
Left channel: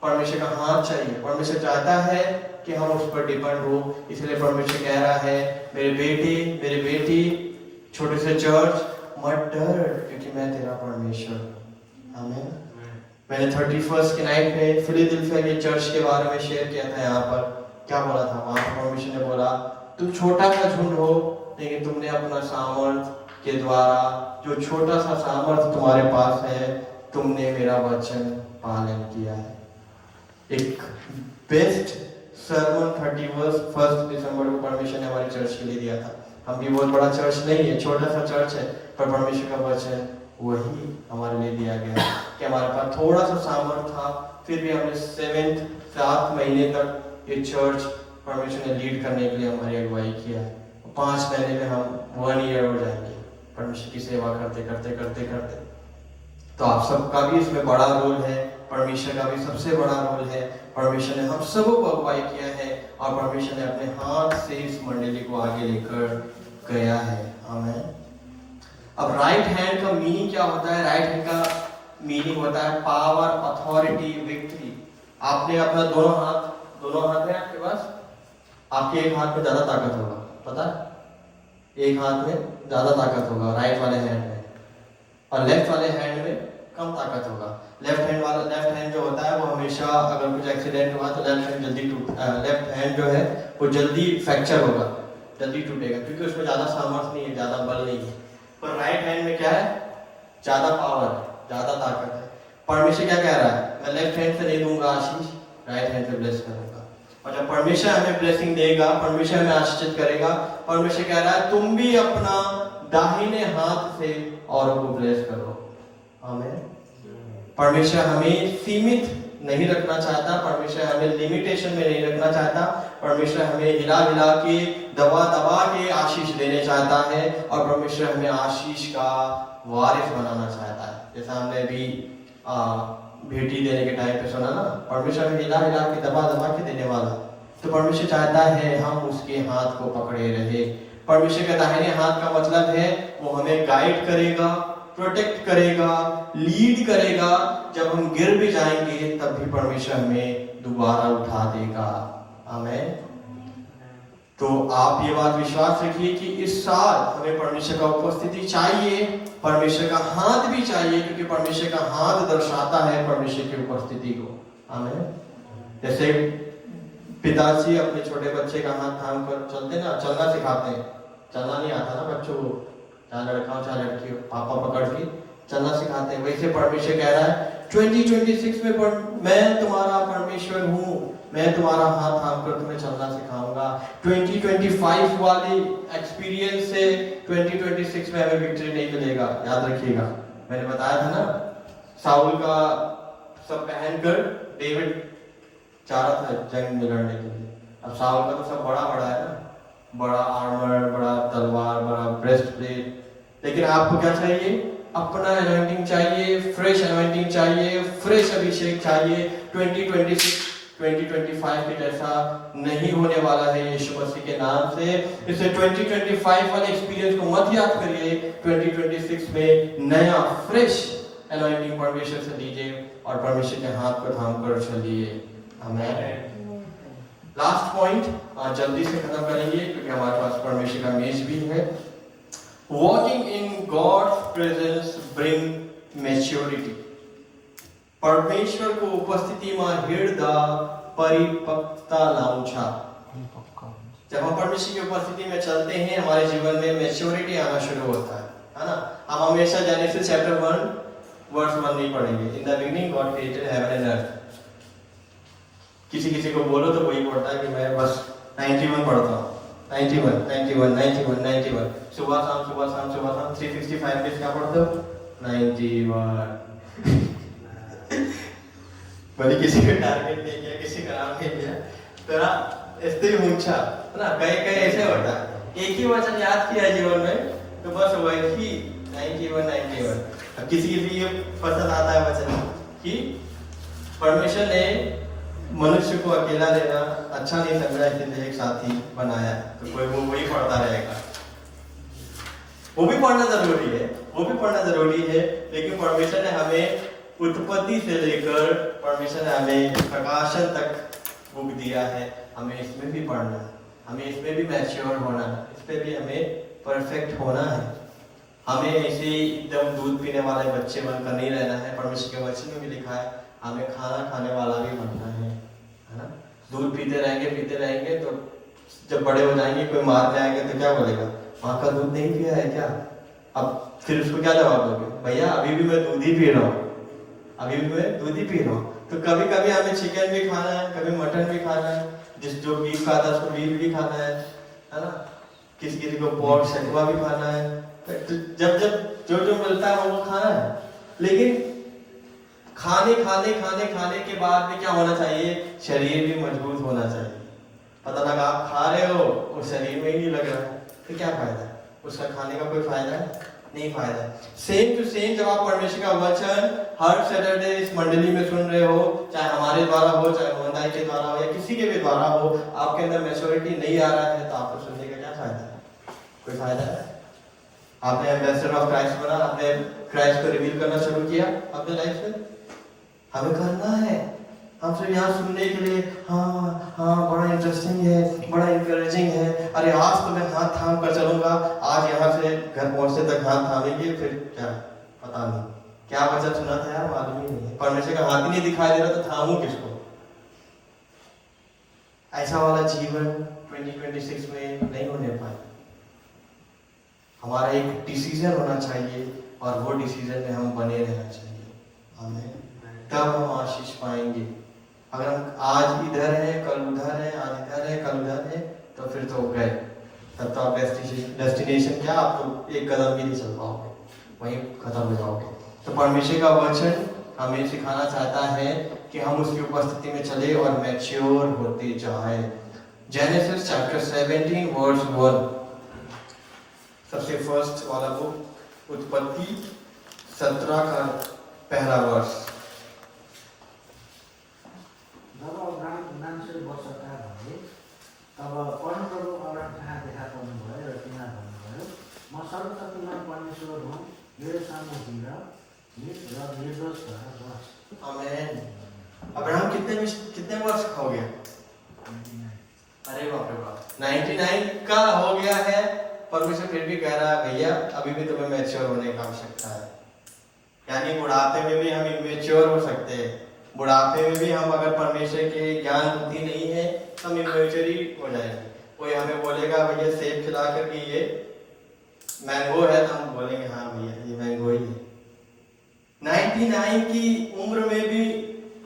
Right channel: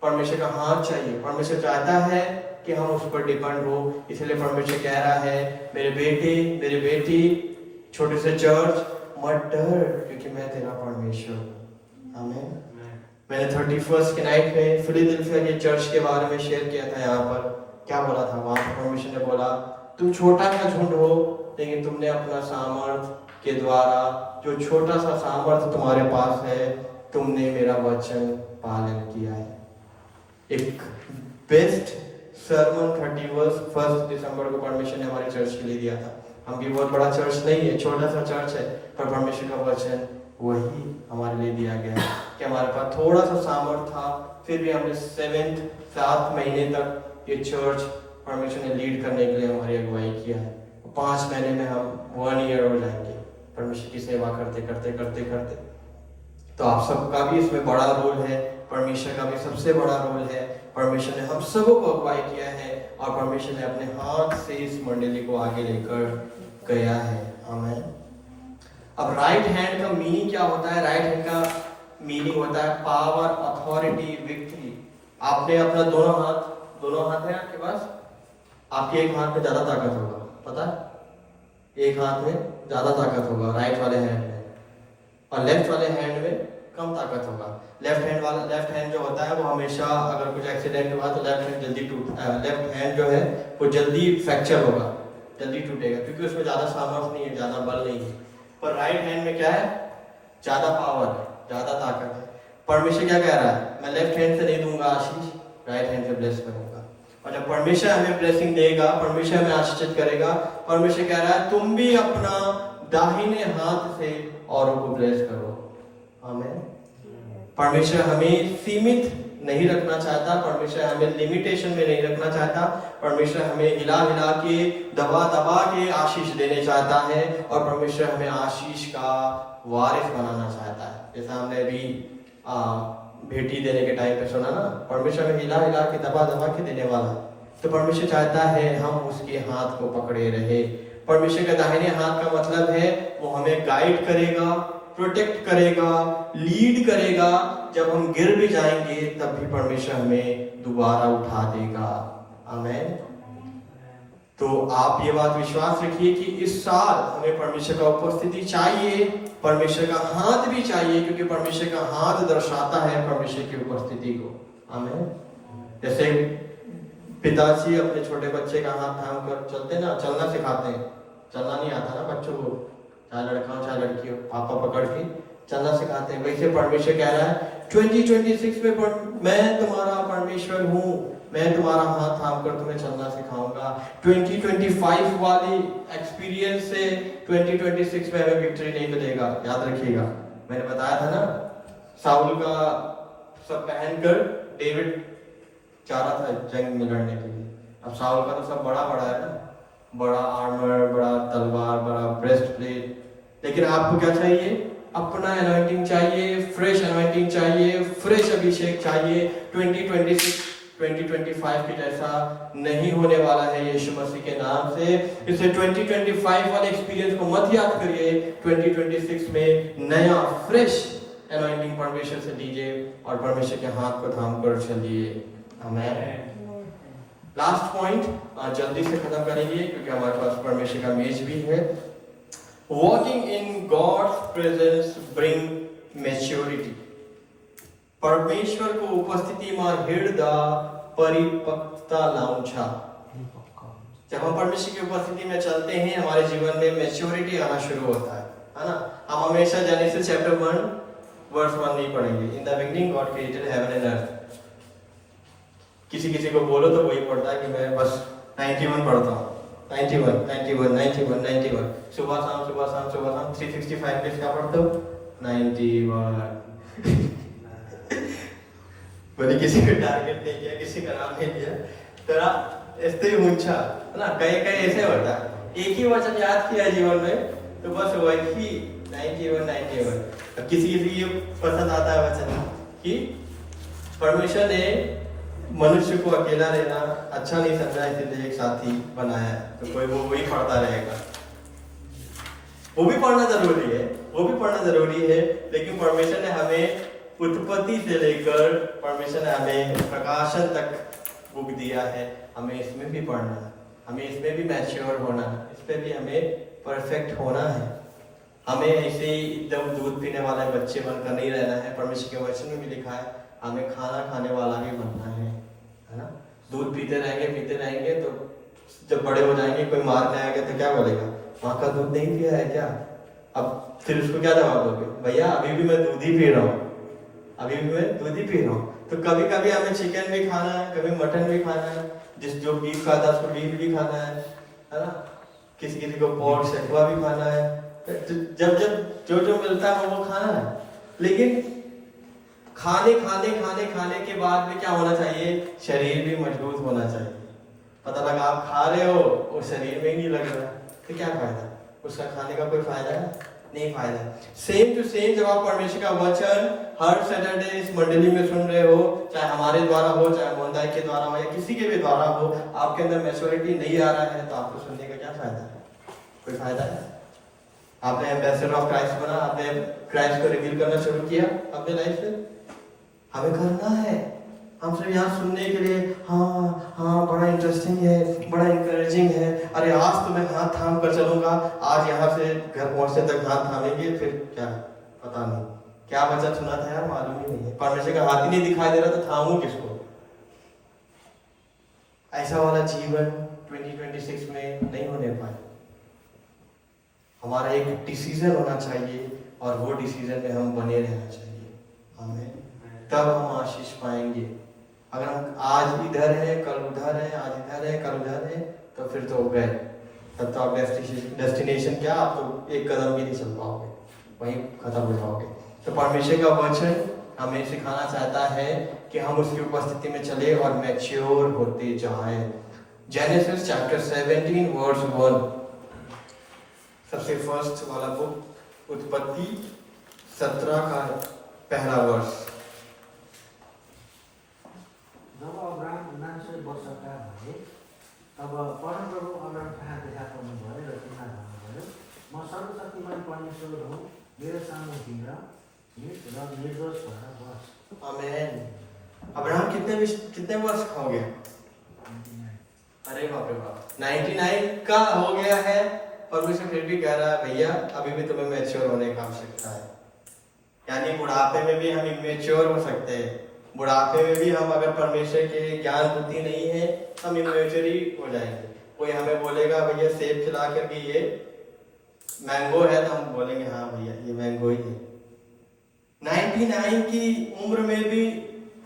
परमेश्वर का हाथ चाहिए। परमेश्वर चाहता है कि हम उस पर डिपेंड हो। इसलिए परमेश्वर कह रहा है मेरे बेटे मेरे बेटी, छोटे से चर्च मत डर, क्योंकि मैं तेरा परमेश्वर हूँ। आमीन। मैंने 31st के नाइट में फिलाडेल्फिया के चर्च के बारे में शेयर किया था। यहाँ पर क्या बोला था, वहां पर परमेश्वर ने बोला तुम छोटा सा झुंड हो, लेकिन तुमने अपना सामर्थ के द्वारा, जो छोटा सा सामर्थ तुम्हारे पास है, तुमने मेरा वचन पालन किया है। एक बेस्ट सर्मन 31 दिसंबर को परमेश्वर ने हमारे चर्च के लिए दिया था। हम भी बहुत बड़ा चर्च नहीं है, छोटा सा चर्च है, पर परमेश्वर का वचन वही हमारे लिए दिया गया कि हमारे पास थोड़ा सा सामर्थ था, फिर भी हमने 7 महीने तक ये चर्च परमेश्वर ने लीड करने के लिए हमारी अगुवाई किया है। 5 महीने में हम 1 ईयर हो जाएंगे परमेश्वर की सेवा करते करते करते करते। तो आप सबका भी इसमें बड़ा रोल है, परमेश्वर का भी सबसे बड़ा रोल है। परमेश्वर ने हम सबों को अगुवाई किया है और परमेश्वर ने अपने हाथ से इस मंडली को आगे लेकर गया है। आमीन। अब राइट हैंड का मीनिंग क्या होता है? राइट हैंड का मीनिंग होता है पावर, अथॉरिटी, विक्ट्री। आपने अपना दोनों हाथ है आपके पास, आपके एक हाथ में ज्यादा ताकत होगा, पता है? एक हाथ में ज्यादा ताकत होगा राइट वाले हैंड में, और लेफ्ट वाले हैंड में कम ताकत होगा। लेफ्ट हैंड जो होता है वो हमेशा, अगर कुछ एक्सीडेंट हुआ तो लेफ्ट हैंड जल्दी लेफ्ट हैंड जो है वो जल्दी फ्रैक्चर होगा, जल्दी टूटेगा, क्योंकि उसमें ज्यादा सामर्थ्य नहीं है, ज्यादा बल नहीं है। पर राइट हैंड में क्या है? ज्यादा पावर है, ज्यादा ताकत है। परमेश्वर क्या कह रहा है? मैं लेफ्ट हैंड से नहीं दूंगा आशीष, राइट हैंड से ब्लेस करूंगा। और जब परमेश्वर हमें ब्लेसिंग देगा, परमेश्वर हमें आशीषित करेगा, परमेश्वर कह रहा है तुम भी अपना दाहिने हाथ से औरों को ब्लेस करो। आमीन। परमेश्वर हमें सीमित नहीं रखना चाहता, परमेश्वर हमें लिमिटेशन में नहीं रखना चाहता, परमेश्वर हमें हिला हिला के दबा दबा के आशीष देने चाहता है और परमेश्वर हमें आशीष का वारिस बनाना चाहता है। जैसा हमने अभी भेटी देने के टाइम पे सुना ना, परमेश्वर हमें हिला हिला के दबा दबा के देने वाला है। तो परमेश्वर चाहता है हम उसके हाथ को पकड़े रहे। परमेश्वर का दाहिने हाथ का मतलब है वो हमें गाइड करेगा, प्रोटेक्ट करेगा, लीड करेगा। जब हम गिर भी जाएंगे तब भी परमेश्वर हमें दोबारा उठा देगा। आमीन। तो आप ये बात विश्वास रखिए कि इस साल हमें परमेश्वर का उपस्थिति चाहिए, परमेश्वर का हाथ भी चाहिए, क्योंकि परमेश्वर का हाथ दर्शाता है परमेश्वर की उपस्थिति को। आमीन। जैसे पिताजी अपने छोटे बच्चे का हाथ थाम कर चलते ना, चलना सिखाते हैं। चलना नहीं आता ना बच्चों को, चाहे लड़का हो चाहे लड़की हो, पापा पकड़ के चलना सिखाते हैं। वैसे परमेश्वर कह रहा है 2026 में मैं तुम्हारा परमेश्वर हूँ, मैं तुम्हारा हाथ थाम कर तुम्हें चलना सिखाऊंगा। 2025 वाली एक्सपीरियंस से 2026 में हमें विक्ट्री नहीं मिलेगा, याद रखिएगा। मैंने बताया था ना, साउल का सब पहनकर डेविड जा रहा था जंग में लड़ने के लिए। अब साउल का तो सब बड़ा बड़ा है ना, बड़ा आर्मर, बड़ा तलवार, बड़ा ब्रेस्ट प्लेट, लेकिन आपको क्या चाहिए? अपना एनॉइंटिंग चाहिए, फ्रेश एनॉइंटिंग चाहिए, फ्रेश अभिषेक चाहिए। 2025 के जैसा नहीं होने वाला है यीशु मसीह के नाम से। इसलिए 2025 वाले एक्सपीरियंस को मत याद करिए, 2026 में नया फ्रेश एनॉइंटिंग परमेश्वर से लीजिए और परमेश्वर के हाथ को थाम कर चलिए। आमीन। लास्ट पॉइंट जल्दी से खत्म करेंगे क्योंकि हमारे पास परमेश्वर का मेज भी है। Walking in God's presence bring maturity. परमेश्वर को उपस्थिति में हृदय परिपक्वता लाउँछ। जब हम परमेश्वर की उपस्थिति में चलते हैं हमारे जीवन में मैच्योरिटी आना शुरू होता है ना। हम हमेशा जेनेसिस चैप्टर 1 वर्स 1 नहीं पढ़ेंगे। In the beginning God created heaven and earth. किसी को बोलो तो वही पढ़ता है कि मैं बस 91 पढ़ता हूँ, 91 सुबह शाम 365 डेज क्या पढ़ते हो? 91 बोले किसी को टारगेट नहीं किया, किसी का नाम नहीं लिया, तेरा स्त्री मुंछा है ना। कई ऐसे होता है, एक ही वचन याद किया जीवन में तो बस वही 91। अब किसी ये पसंद आता है वचन कि परमेश्वर ने मनुष्य को अकेला रहना अच्छा नहीं समझा, इसलिए एक साथी बनाया है। तो कोई वो वही पढ़ता रहेगा। वो भी पढ़ना जरूरी है, लेकिन परमेश्वर ने हमें उत्पत्ति से लेकर परमेश्वर ने हमें प्रकाशन तक बुक दिया है। हमें इसमें भी पढ़ना है, हमें इसमें भी मैच्योर होना है, इस पे भी हमें परफेक्ट होना है। हमें ऐसे एकदम दूध पीने वाले बच्चे बनकर नहीं रहना है। परमेश्वर के वचन में भी लिखा है हमें खाना खाने वाला भी बनना है ना। दूध पीते रहेंगे तो जब बड़े हो जाएंगे कोई मारने आएगा तो क्या बोलेगा? माँ का दूध नहीं पिया है क्या? अब फिर उसको क्या जवाब दोगे? भैया अभी भी मैं दूध ही पी रहा हूँ। तो कभी कभी हमें चिकन भी खाना है, कभी मटन भी खाना है, जो बीफ खाता है उसको बीफ भी खाना है ना। किसी को पोर्क सेकवा भी खाना है। तो जब जो मिलता है वो खाना है। लेकिन खाने के बाद में क्या होना चाहिए? शरीर भी मजबूत होना चाहिए। पता लगा आप खा रहे हो और शरीर में ही नहीं लग रहा है तो क्या फायदा? उसका खाने का कोई फायदा है? नहीं फायदा। सेम टू सेम जब आप परमेश्वर का वचन हर सैटरडे इस मंडली में सुन रहे हो, चाहे हमारे द्वारा हो, चाहे मोहनदाई के द्वारा हो या किसी के भी द्वारा हो, आपके अंदर मैच्योरिटी नहीं आ रहा है तो आपको सुनने का क्या फायदा है? कोई फायदा है? आपने एम्बेसडर ऑफ क्राइस्ट बना, आपने क्राइस्ट को रिवील करना शुरू किया अपने लाइफ में। हमें करना है। हम सिर्फ यहाँ सुनने के लिए हाँ बड़ा इंटरेस्टिंग है, बड़ा इंकरेजिंग है, अरे आज तो मैं हाथ थाम कर चलूंगा, आज यहाँ से घर पहुंचने तक हाथ थामेंगे, फिर क्या पता नहीं क्या वचन सुना था यार, मालूम ही नहीं है। परमेश्वर का हाथ ही नहीं दिखाई दे रहा तो थामू किसको? ऐसा वाला जीवन 2026 में नहीं होने पाए। हमारा एक डिसीजन होना चाहिए और वो डिसीजन में हम बने रहना चाहिए। हमें तब हम आशीष पाएंगे। अगर हम आज इधर है कल उधर है, आज इधर है कल उधर है, तो फिर तो गए। तब तो आप डेस्टिनेशन क्या, आप तो एक कदम भी नहीं चल पाओगे, वहीं खत्म हो जाओगे। तो परमेश्वर का वचन हमें सिखाना चाहता है कि हम उसकी उपस्थिति में चले और मैच्योर होते जाए। जेनेसिस चैप्टर 17 वर्स 1, सबसे फर्स्ट वाला बुक, उत्पत्ति 17 का पहला वर्ष। जब अब्राहम 99 वर्षका भए तब परमप्रभु अब्राहम कहाँ देखा पर्नुभयो र तिनीलाई भन्नुभयो, म सर्वशक्तिमान परमेश्वर हुँ, मेरो सामु हिँड र निर्दोष भएर बस। आमेन। अब्राहम कितने वर्ष का हो गया? 99। अरे बाप रे बाप, 99 का हो गया है। परमेश्वर फिर भी कह रहा है भैया अभी भी तुम्हें मैच्योर होने की आवश्यकता है। यानी बुढ़ापे में भी हम इमेच्योर हो सकते हैं। बुढ़ापे में भी हम अगर परमेश्वर के ज्ञान बुद्धि नहीं है हम इमेच्योर ही हो जाएंगे। कोई हमें बोलेगा भैया सेब खिला करके ये मैंगो है, तो हम बोलेंगे हाँ भैया ये मैंगो ही है। 99 की उम्र में भी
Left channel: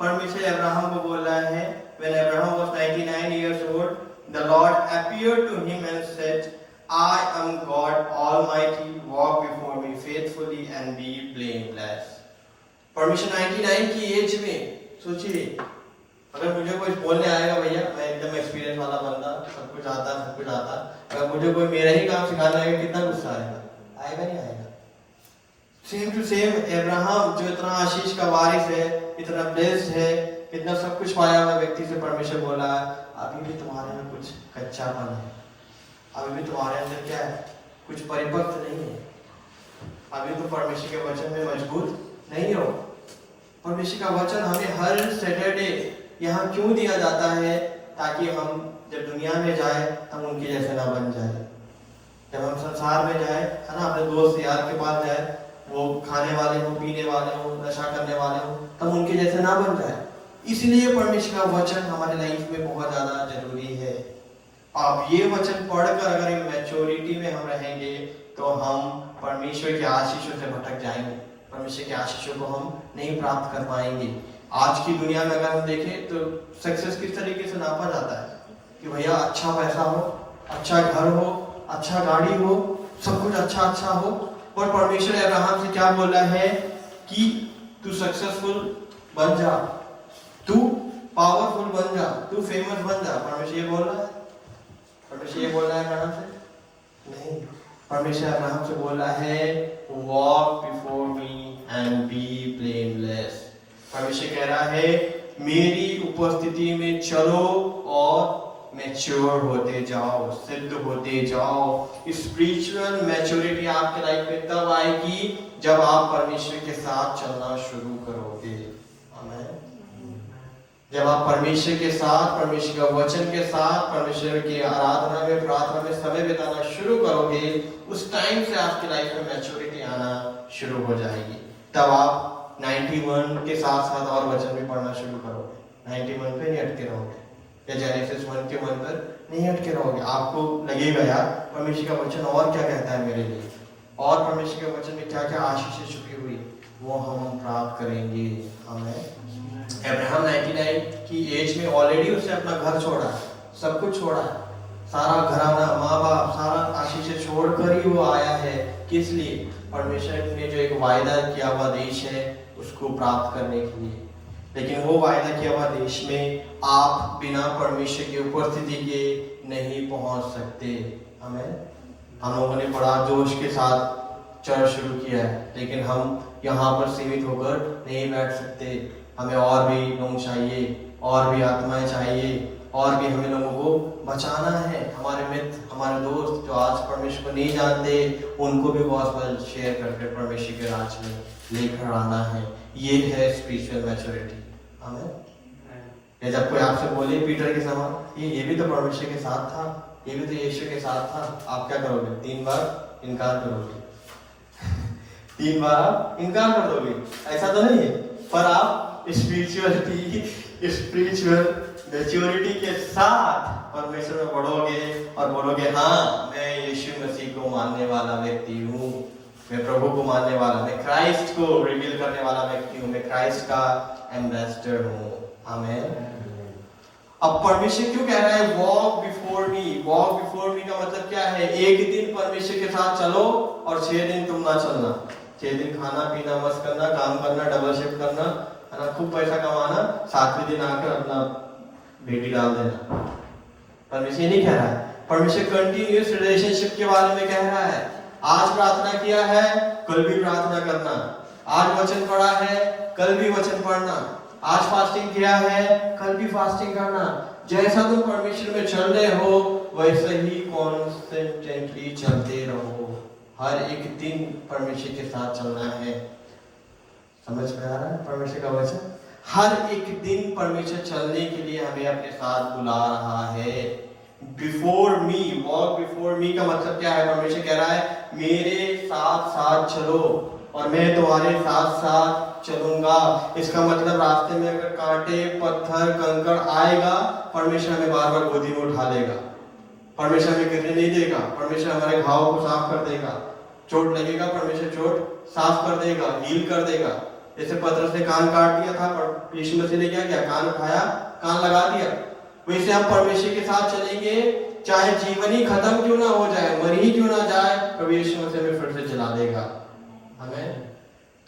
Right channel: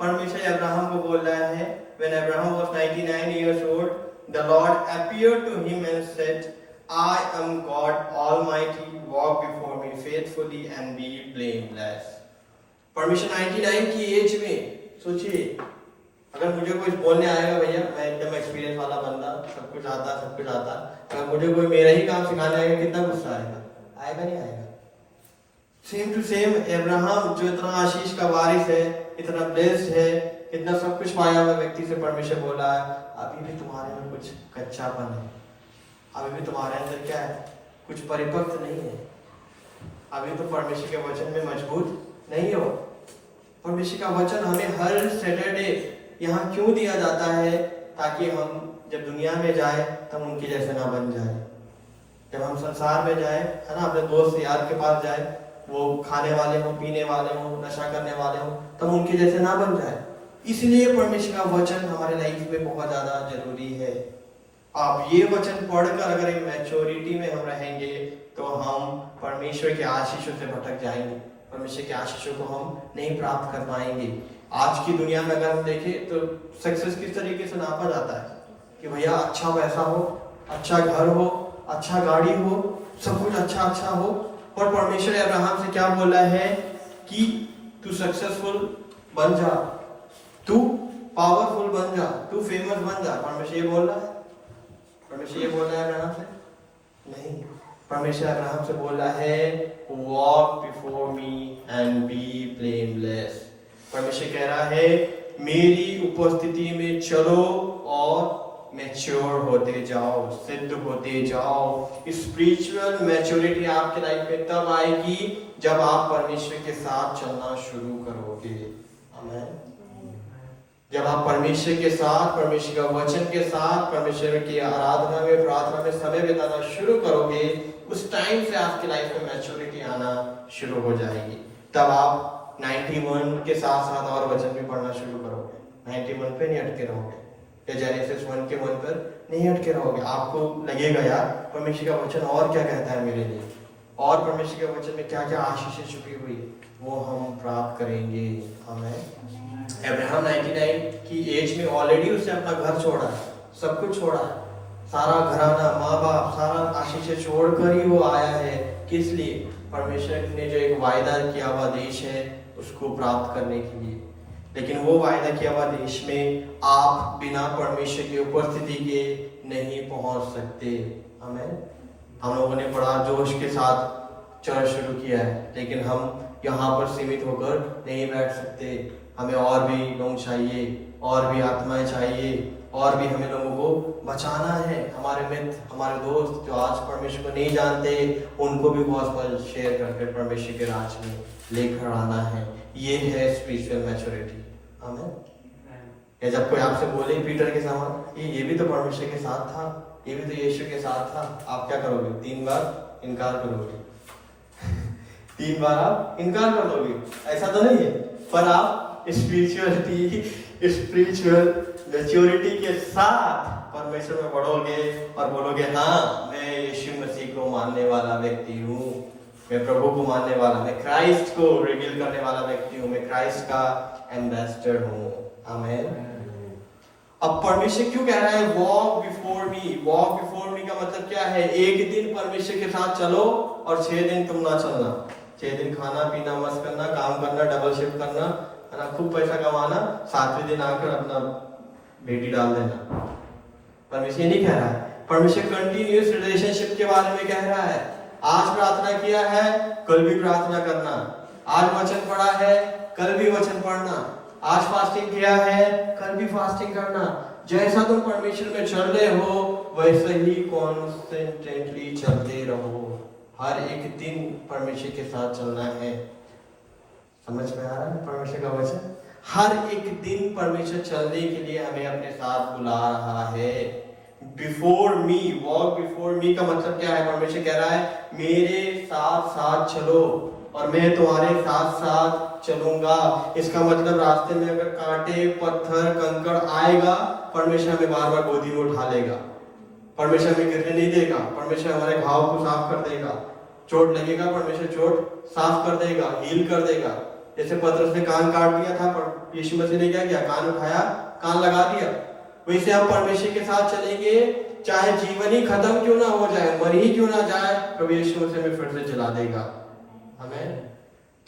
परमेश्वर अब्राहम को बोल रहा है, when Abraham was 99 years old, the Lord appeared to him and said, I am God Almighty, walk before me faithfully and be blameless. परमेश्वर 99 की एज में सोचिए, अगर मुझे कोई बोलने आएगा भैया मैं एकदम एक्सपीरियंस वाला बंदा, सब कुछ आता, अगर मुझे कोई मेरा ही काम सिखाने आएगा कितना गुस्सा आएगा? आएगा नहीं आएगा? सेम टू सेम अब्राहम जो इतना आशीष का वारिस है, इतना ब्लेस्ड है, इतना सब कुछ पाया हुआ व्यक्ति से परमेश्वर बोला है अभी भी तुम्हारे में कुछ कच्चापन है, अभी भी तुम्हारे अंदर क्या है, कुछ परिपक्व नहीं है, अभी तो परमेश्वर के वचन में मजबूत नहीं हो। परमेश्वर का वचन हमें हर सैटरडे यहाँ क्यों दिया जाता है? ताकि हम जब दुनिया में जाए तब उनके जैसे ना बन जाए। जब हम संसार में जाए, है ना, अपने दोस्त यार के पास जाए, वो खाने वाले हो, पीने वाले हो, नशा करने वाले हो, तब उनके जैसे ना बन जाए। इसलिए परमेश्वर का वचन हमारे लाइफ में बहुत ज्यादा जरूरी है। अब ये वचन पढ़कर अगर मैच्योरिटी में हम रहेंगे तो हम परमेश्वर के आशीषों से भटक जाएंगे, परमेश्वर के आशीषों को हम नहीं प्राप्त कर पाएंगे। आज की दुनिया में अगर हम देखें तो सक्सेस किस तरीके से नापा जाता है कि भैया अच्छा पैसा हो, अच्छा घर हो, अच्छा गाड़ी हो, सब कुछ अच्छा हो। और परमेश्वर अब्राहम से क्या बोला है कि तू सक्सेसफुल बन जा, तू पावरफुल बन जा, तू फेमस बन जा। परमेश्वर ये बोल रहा है? परमेश्वर ये बोल रहा है अब्राहम से? नहीं, परमेश्वर अब्राहम से बोला है walk before me and be blameless. परमेश्वर कह रहा है मेरी उपस्थिति में चलो और मैच्योर होते जाओ, सिद्ध होते जाओ। स्पिरिचुअल मैच्योरिटी आपके लाइफ में तब आएगी जब आप परमेश्वर के साथ चलना शुरू करोगे। आमीन। जब आप परमेश्वर के साथ, परमेश्वर का वचन के साथ, परमेश्वर की आराधना में, प्रार्थना में समय बिताना शुरू करोगे, उस टाइम से आपकी लाइफ में मैच्योरिटी आना शुरू हो जाएगी। तब आप 91 के साथ साथ और वचन भी पढ़ना शुरू करोगे। 91 पे नहीं अटके रहोगे, या जेनेसिस 1 के 1 पर नहीं अटके रहोगे। आपको लगेगा यार परमेश्वर का वचन और क्या कहता है मेरे लिए, और परमेश्वर के वचन में क्या क्या आशीषें छुपी हुई, वो हम प्राप्त करेंगे। हमें अब्राहम 99 की एज में ऑलरेडी उसने अपना घर छोड़ा है, सब कुछ छोड़ा है, सारा घराना, माँ बाप, सारा आशीषें छोड़कर ही वो आया है। किस लिए? परमेश्वर ने जो एक वायदा किया हुआ देश है उसको प्राप्त करने के लिए। लेकिन वो वायदा किया हुआ देश में आप बिना परमेश्वर की उपस्थिति के नहीं पहुंच सकते। हमें हम लोगों ने बड़ा जोश के साथ चर्च शुरू किया है, लेकिन हम यहाँ पर सीमित होकर नहीं बैठ सकते। हमें और भी लोग चाहिए, और भी आत्माएं चाहिए, और भी हमें लोगों को बचाना है। हमारे मित्र, हमारे दोस्त जो आज परमेश्वर को नहीं जानते, उनको भी गॉस्पेल शेयर करके परमेश्वर के राज में लेकर आना है। ये है स्पिरिचुअल मैच्योरिटी। हमें जब कोई आपसे बोले पीटर के समान ये भी तो परमेश्वर के साथ था, ये भी तो यीशु के साथ था, आप क्या करोगे? 3 बार इनकार करोगे 3 बार आप इनकार कर दोगे। ऐसा तो नहीं है, पर आप स्पिरिचुअल मैच्योरिटी के साथ परमेश्वर में बढ़ोगे और बोलोगे हाँ मैं यीशु मसीह को मानने वाला व्यक्ति हूँ, मैं प्रभु को मानने वाला, मैं क्राइस्ट को रिवील करने वाला व्यक्ति हूँ, मैं क्राइस्ट का एम्बेसडर हूँ। आमीन। अब परमेश्वर क्यों कह रहा है वॉक बिफोर मी? वॉक बिफोर मी का मतलब क्या है? एक दिन परमेश्वर के साथ चलो और 6 दिन तुम ना चलना। 6 दिन खाना पीना मस्त करना, काम करना, डबल शिफ्ट करना, है ना, खूब पैसा कमाना, 7वें दिन आकर अपना बेटी डाल देना। परमेश्वर ये नहीं कह रहा है। परमेश्वर कंटिन्यूअस रिलेशनशिप के बारे में कह रहा है। आज प्रार्थना किया है, कल भी प्रार्थना करना। आज वचन पढ़ा है, कल भी वचन पढ़ना। आज फास्टिंग किया है, कल भी फास्टिंग करना। जैसा तुम परमेश्वर में चल रहे हो वैसे ही कॉन्स्टेंटली चलते रहो। हर एक दिन परमेश्वर के साथ चलना है। समझ में आ रहा है परमेश्वर का वचन? हर एक दिन परमेश्वर चलने के लिए हमें अपने साथ बुला रहा है। बिफोर मी, वॉक बिफोर मी का मतलब क्या है? परमेश्वर कह रहा है मेरे साथ साथ चलो और मैं तुम्हारे साथ साथ चलूंगा। इसका मतलब रास्ते में अगर कांटे, पत्थर, कंकड़ आएगा, परमेश्वर हमें बार बार गोदी में उठा लेगा। परमेश्वर हमें गिरने नहीं देगा। परमेश्वर हमारे घाव को साफ कर देगा। चोट लगेगा, परमेश्वर चोट साफ कर देगा, हील कर देगा। जैसे पतरस ने कान काट दिया था, पर यीशु मसीह ने क्या किया? कान उठाया, कान लगा दिया। वैसे हम परमेश्वर के साथ चलेंगे, चाहे जीवन ही खत्म क्यों ना हो जाए, मर ही क्यों ना जाए, प्रभु यीशु मसीह हमें फिर से जला देगा। हमें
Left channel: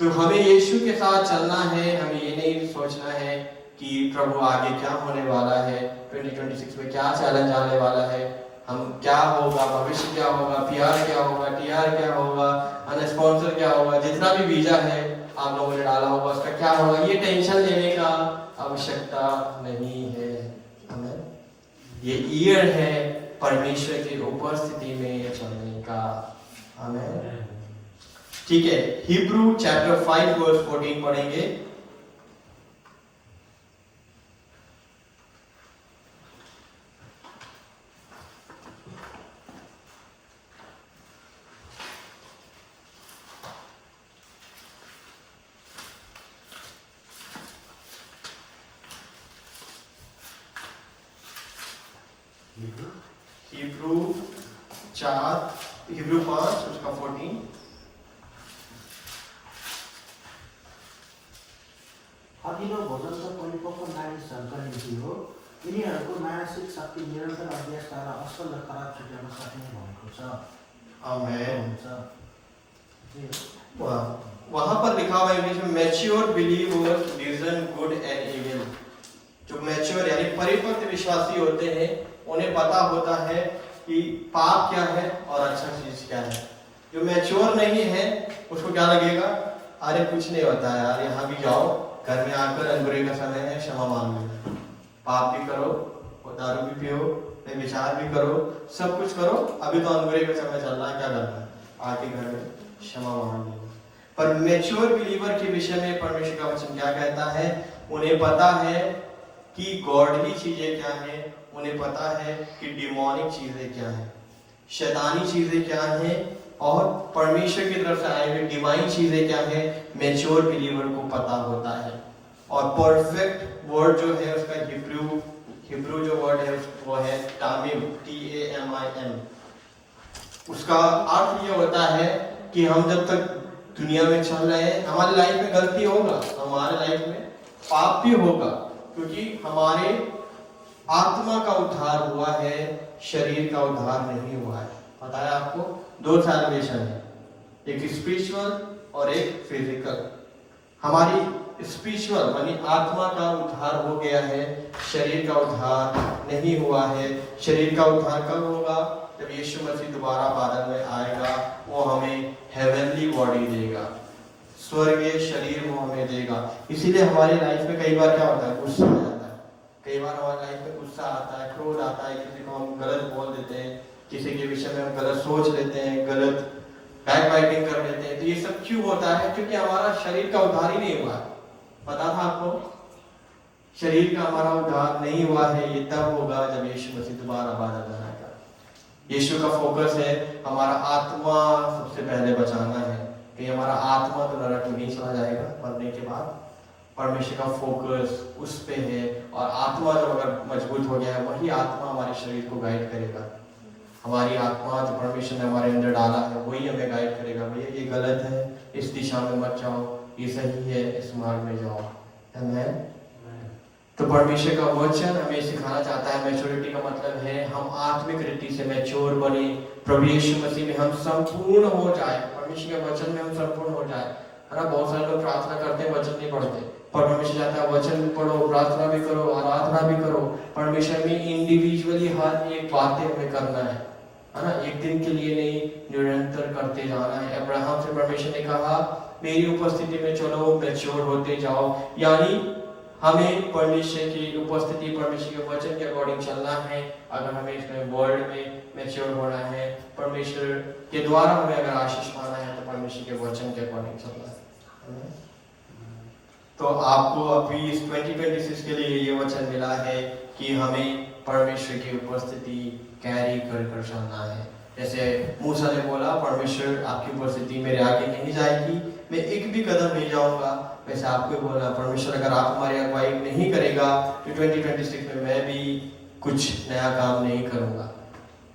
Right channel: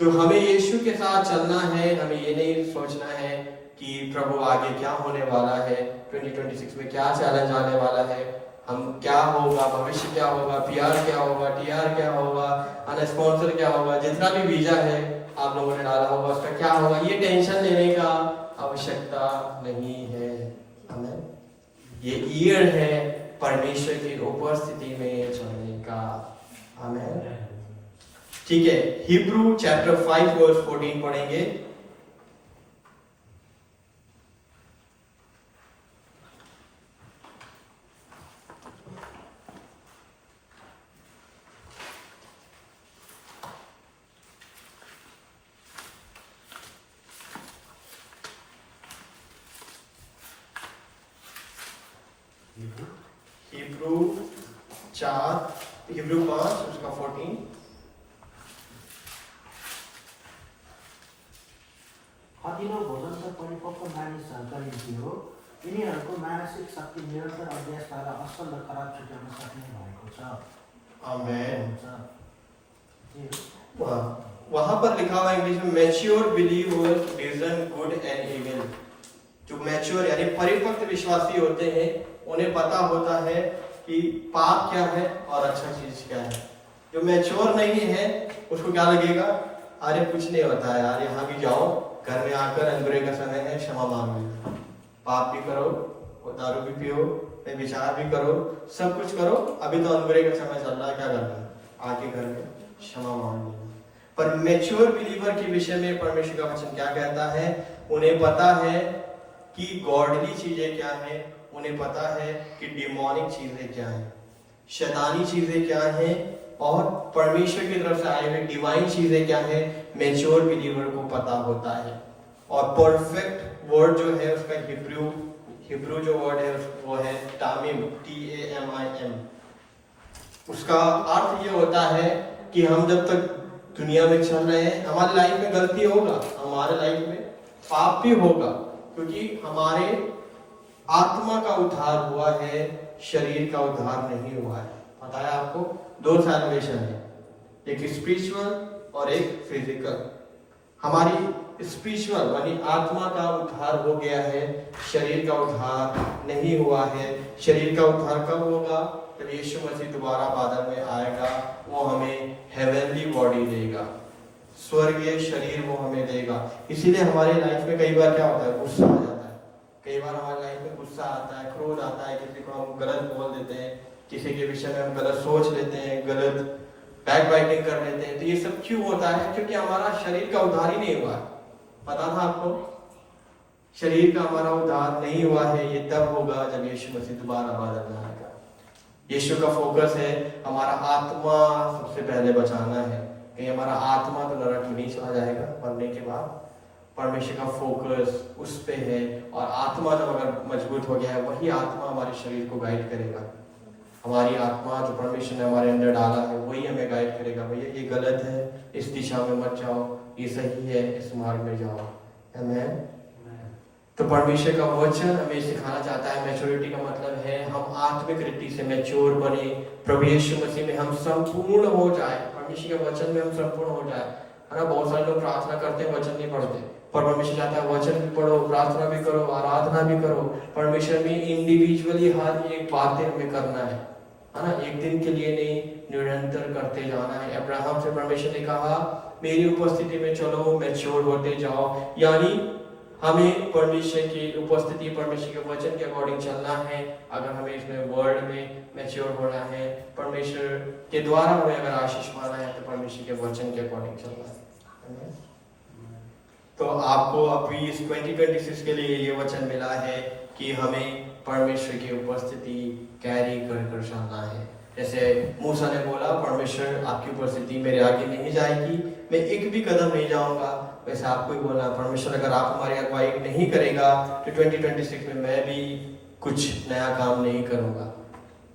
तो हमें यीशु के साथ चलना है। हमें ये नहीं सोचना है कि प्रभु आगे क्या होने वाला है, 2026 में क्या चैलेंज आने वाला है, हम क्या होगा, भविष्य क्या होगा, पीआर क्या होगा, टीआर क्या होगा, स्पॉन्सर क्या होगा, जितना भी वीजा है आप लोगों ने डाला होगा उसका क्या होगा, ये टेंशन लेने का आवश्यकता नहीं है। हमें ये ईयर है परमेश्वर की उपस्थिति में चलने का। हमें ठीक है, हिब्रू चैप्टर 5 वर्स 14 पढ़ेंगे। हिब्रू 5 उसका 14। हदिलो भोजन त परिपक्व मानिसहरूका निम्ति हो, यिनीहरूको मानसिक शक्ति निरन्तर अभ्यासद्वारा असल र खराब छुट्याउन सक्ने भएको छ। आमेन। हुन्छ। वहां पर लिखा हुआ इंग्लिश में mature believers discern good and evil. जो मैच्योर यानी परिपक्व विश्वासी होते हैं उन्हें पता होता है कि पाप क्या है और अच्छा चीज क्या है। जो मैच्योर नहीं है उसको क्या लगेगा? अरे कुछ नहीं होता है यार, यहाँ भी जाओ, घर में आकर अंगूरे का समय है, क्षमा मांग लेना। पाप भी करो, दारू भी पियो, विचार भी करो, सब कुछ करो, अभी तो अंगूरे का समय चल रहा है, क्या करना है? आके घर में क्षमा मांग लेना। पर मैच्योर बिलीवर के विषय में परमेश्वर का वचन क्या कहता है? उन्हें पता है कि गॉडली चीजें क्या है, उन्हें पता है कि डिमोनिक चीजें क्या है, शैतानी चीजें क्या है, और परमेश्वर की तरफ से आए हुए डिवाइन चीजें क्या है। मैच्योर बिलीवर को पता होता है। और परफेक्ट वर्ड जो है उसका हिब्रू जो वर्ड है वो है तामिम, TAMIM। उसका अर्थ ये होता है कि हम जब तक दुनिया में चल रहे हैं, हमारी लाइफ में गलती होगा, हमारे लाइफ में पाप भी होगा, क्योंकि हमारे आत्मा का उद्धार हुआ है, शरीर का उद्धार नहीं हुआ है। पता है आपको? 2 सैल्वेशन है, एक स्पिरिचुअल और एक फिजिकल। हमारी स्पिरिचुअल यानी आत्मा का उद्धार हो गया है, शरीर का उद्धार नहीं हुआ है। शरीर का उद्धार कब होगा? जब यीशु मसीह दोबारा बादल में आएगा, वो हमें हेवनली बॉडी देगा, स्वर्गीय शरीर वो हमें देगा। इसीलिए हमारी लाइफ में कई बार क्या होता है? गुस्सा आ जाता है। कई बार हमारी लाइफ में गुस्सा आता है, क्रोध आता है, किसी को हम गलत बोल देते हैं, किसी के विषय में हम गलत सोच लेते हैं, गलत बैक बाइटिंग कर लेते हैं। तो ये सब क्यों होता है? क्योंकि हमारा शरीर का उद्धार ही नहीं हुआ है। पता था आपको? शरीर का हमारा उद्धार नहीं हुआ है। ये तब होगा जब यीशु मसीह दोबारा बादल में आएगा। यीशु का फोकस है हमारा आत्मा सबसे पहले बचाना है, कि हमारा आत्मा तो नरक में नहीं चला जाएगा मरने के बाद। परमेश्वर का फोकस उस पे है, और आत्मा जब अगर मजबूत हो गया है, वही आत्मा हमारे शरीर को गाइड करेगा। हमारी आत्मा जो परमेश्वर ने हमारे अंदर डाला है वही हमें गाइड करेगा। भैया ये गलत है, इस दिशा में मत जाओ, ये सही है, इस मार्ग में जाओ। आमेन। तो परमेश्वर का वचन हमें सिखाना चाहता है, मैच्योरिटी का मतलब है हम आत्मिक रीति से मैच्योर बने, प्रभु यीशु मसीह में हम संपूर्ण हो जाए, परमेश्वर के वचन में हम संपूर्ण हो जाए। है ना, बहुत सारे लोग प्रार्थना करते हैं, वचन नहीं पढ़ते, पर परमेश्वर चाहता है वचन भी पढ़ो, प्रार्थना भी करो, आराधना भी करो। परमेश्वर में इंडिविजुअली हर एक बातें हमें करना है ना, एक दिन के लिए नहीं, निरंतर करते जाना है। अब्राहम से परमेश्वर ने कहा मेरी उपस्थिति में चलो, मैच्योर होते जाओ, यानी हमें परमेश्वर की उपस्थिति, परमेश्वर के वचन के अकॉर्डिंग चलना है। अगर हमें इसमें वर्ल्ड में मैच्योर होना है, परमेश्वर के द्वारा हमें अगर आशीष पाना है, तो परमेश्वर के वचन के अकॉर्डिंग चलना है। तो आपको अभी इस 2026 के लिए ये वचन मिला है कि हमें परमेश्वर की उपस्थिति कैरी कर चलना है। जैसे मूसा ने बोला, परमेश्वर आपकी उपस्थिति मेरे आगे नहीं जाएगी, मैं एक भी कदम नहीं जाऊंगा, वैसे आपको ही बोलना, परमेश्वर अगर आप हमारी अगुवाई नहीं करेगा तो 2026 में मैं भी कुछ नया काम नहीं करूंगा,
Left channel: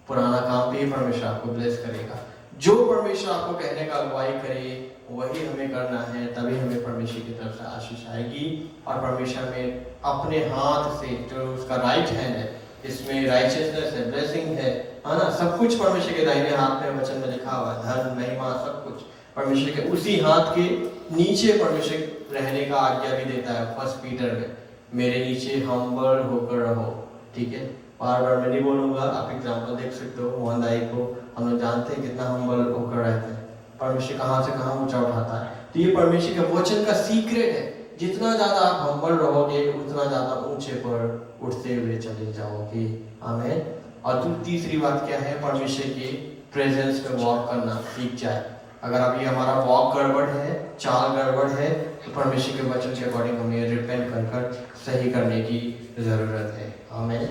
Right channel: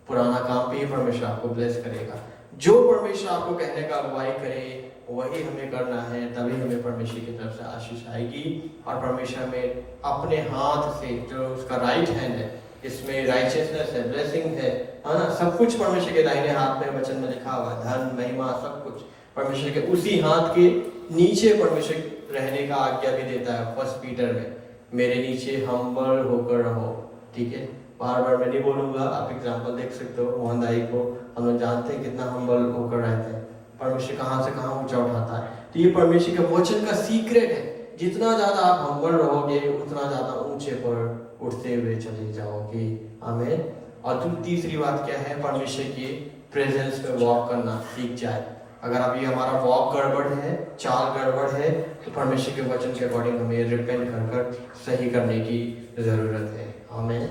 पुराना काम भी परमेश्वर आपको ब्लेस करेगा। जो परमेश्वर आपको कहने का अगुवाई करे वही हमें करना है, तभी हमें परमेश्वर की तरफ से आशीष आएगी। और परमेश्वर में अपने हाथ से जो उसका राइट हैंड है, इसमें राइचियसनेस है, ब्लेसिंग है ना, सब कुछ परमेश्वर के दाहिने हाथ में वचन में लिखा हुआ है, धन महिमा सब कुछ परमेश्वर के उसी हाथ के नीचे परमेश्वर रहने का आज्ञा भी देता है। 1 पीटर में, मेरे नीचे हम्बल होकर रहो। ठीक है, बार बार मैं नहीं बोलूंगा, आप एग्जाम्पल देख सकते हो। मोहन दाई को हम लोग जानते हैं कितना हम्बल होकर रहते हैं, परमेश्वर कहाँ से कहाँ ऊंचा उठाता है। तो ये परमेश्वर के वचन का सीक्रेट है, जितना ज्यादा आप हम्बल रहोगे उतना ज्यादा ऊंचे पर उठते हुए चले जाओगे। आमीन। और तीसरी बात क्या है, परमेश्वर के प्रेजेंस में वॉक करना सीख जाए। अगर अभी हमारा वॉक गड़बड़ है, चाल गड़बड़ है, तो परमेश्वर के वचन के अकॉर्डिंग हमें रिपेंट कर सही करने की जरूरत है। आमीन।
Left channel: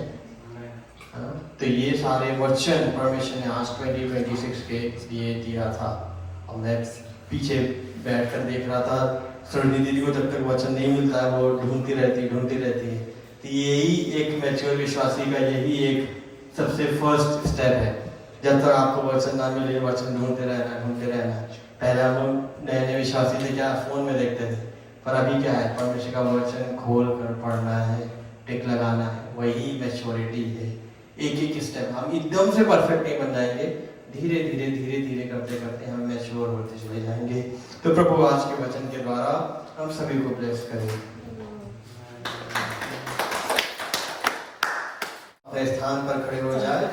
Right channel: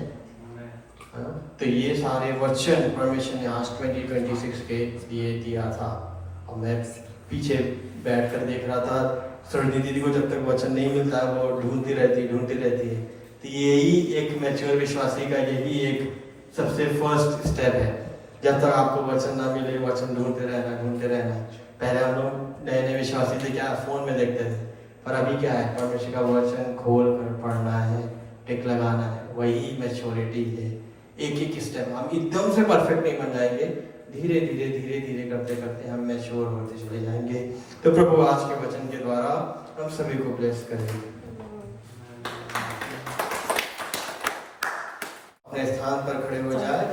तो ये सारे वचन परमेश्वर ने आज 2026 के लिए दिया था। और मैं पीछे बैठकर देख रहा था, सरणी दीदी को जब तक वचन नहीं मिलता है वो ढूंढती रहती है। तो यही एक मैच्योर विश्वासी का यही एक सबसे फर्स्ट स्टेप है। जब तक आपको वचन ना मिले, वचन ढूंढते रहना। पहले हम लोग नए विश्वासी थे, क्या फोन में देखते थे, पर अभी क्या है, परमेश्वर का वचन खोल कर पढ़ना है, टिक लगाना है, वही मैच्योरिटी है। एक स्टेप, हम एकदम से परफेक्ट नहीं बन जाएंगे, धीरे धीरे करते हम मैच्योर होते चले जाएंगे। तो प्रभु आज के वचन के द्वारा हम सभी को ब्लेस करें। अपने स्थान पर खड़े हो जाए।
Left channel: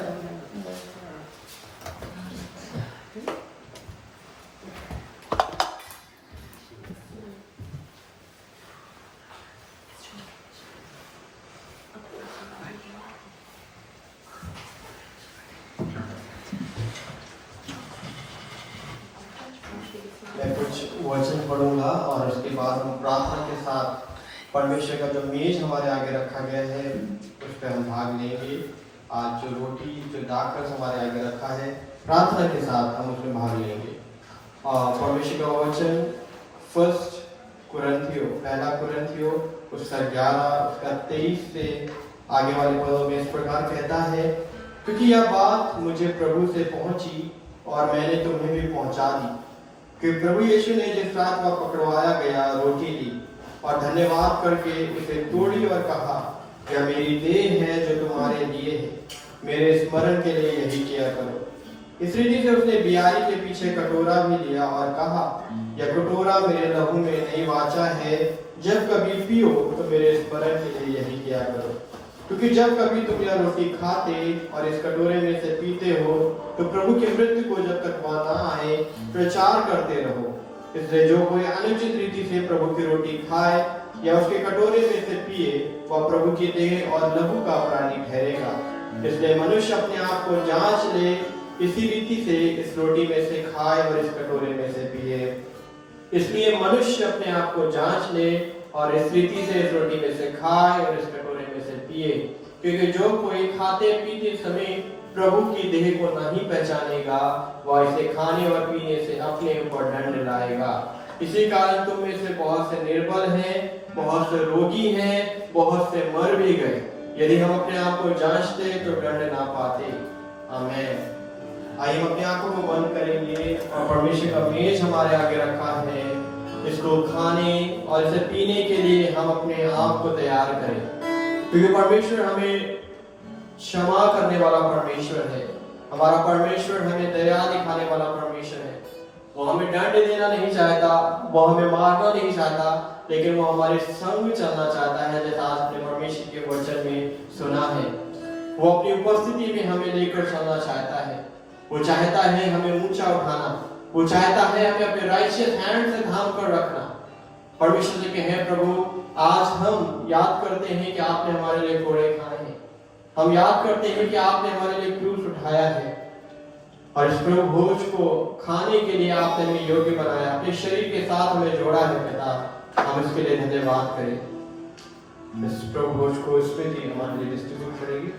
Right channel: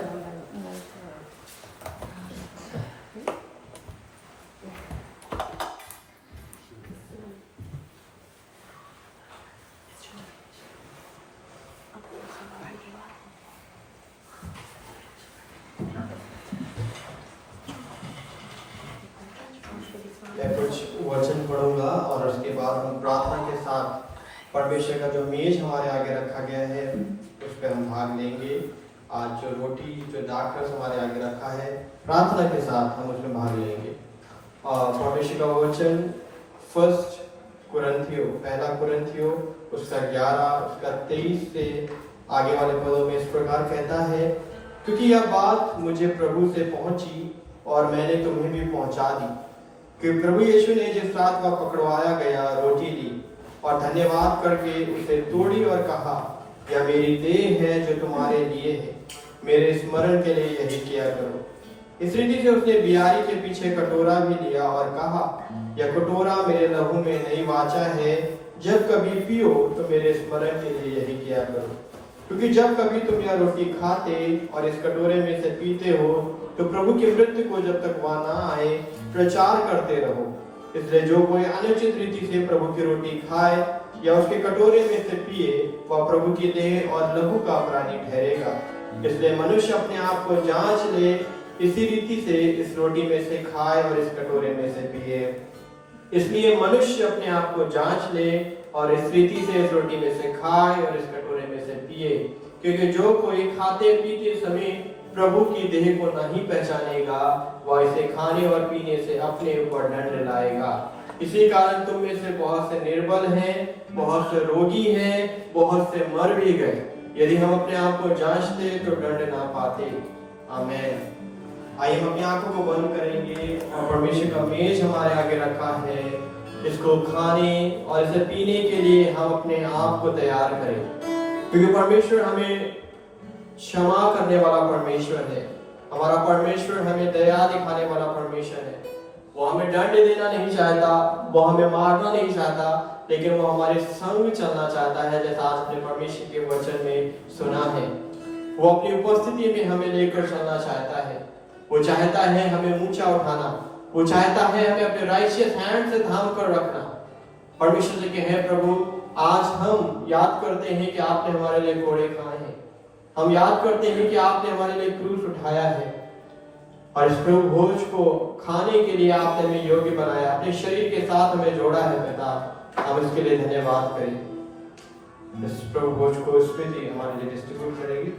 मैं कुछ वचन पढ़ूंगा और उसके बाद हम प्रार्थना के साथ परमेश्वर का जो मेज हमारे आगे रखा गया है उस पर हम भाग लेंगे। आज जो रोटी जो दाखरस हमारे आगे रखा है, प्रार्थना के साथ हम उसमें भाग लेंगे। और परमेश्वर का वचन 1 कुरिन्थियों उसका 11 उसका 23 से आगे वाले पदों में इस प्रकार कहता है, क्योंकि यह बात मुझे प्रभु से पहुंची और मैंने तुम्हें भी पहुंचा दी कि प्रभु यीशु ने जिस रात का पकड़वाया गया रोटी ली और धन्यवाद करके उसे तोड़ी और कहा, यह मेरी देह है जो तुम्हारे लिए है, मेरे स्मरण के लिए यही किया करो। इस रीति से उसने बियारी के पीछे कटोरा भी लिया और कहा, यह कटोरा मेरे लहू में नई वाचा है, जब कभी पियो तो मेरे स्मरण के लिए यही किया करो। क्योंकि जब कभी तुम यह रोटी खाते और इस कटोरे में से पीते हो तो प्रभु की मृत्यु को जब तक वह न आए प्रचार करते रहो। इसलिए जो कोई अनुचित रीति से प्रभु की रोटी खाए या उसके कटोरे में से पिए, वह प्रभु की देह और लहू का अपराधी ठहरेगा। इसलिए मनुष्य अपने आप को जांच ले, इसी रीति से इस रोटी में से खाए और इस कटोरे में से पिए। इसलिए मनुष्य अपने आप को जांच ले और इस रीति से इस रोटी में से खाए और इस कटोरे में से पिए, क्योंकि जो कोई खाते पीते समय प्रभु की देह को नहीं पहचानेगा, वह इसे खाने और पीने से अपने ऊपर दंड लाएगा। इसी कारण तुम में से बहुत से निर्बल हैं, बहुत से रोगी हैं, बहुत से मर भी गए। यदि हम अपने आप को जांचते तो दंड ना पाते। आमीन। आइए हम अपनी आंखों को बंद करेंगे और परमेश्वर का मेज हमारे आगे रखा है, इसको खाने और इसे पीने के लिए हम अपने आप को तैयार करें, क्योंकि परमेश्वर हमें क्षमा करने वाला परमेश्वर है। हमारा परमेश्वर हमें दया दिखाने वाला परमेश्वर है। वो हमें दंड देना नहीं चाहता, वो हमें मारना नहीं चाहता, लेकिन वो हमारे संग चलना चाहता है, जैसा आज अपने परमेश्वर के वचन में सुना है। वो अपनी उपस्थिति में हमें लेकर चलना चाहता है। वो चाहता है हमें ऊंचा उठाना, वो चाहता है हमें अपने राइचियस हैंड से थाम कर रखना। परमेश्वर से कहे, प्रभु आज हम याद करते हैं कि आपने हमारे लिए कोड़े खाए हैं, हम याद करते हैं कि आपने हमारे लिए क्रूस उठाया है, और इस प्रभु भोज को खाने के लिए आपने हमें योग्य बनाया, अपने शरीर के साथ हमें जोड़ा है। पिता, हम इसके लिए धन्यवाद करें। इस प्रभु भोज को स्मृति हमारे लिए डिस्ट्रीब्यूट करेंगे।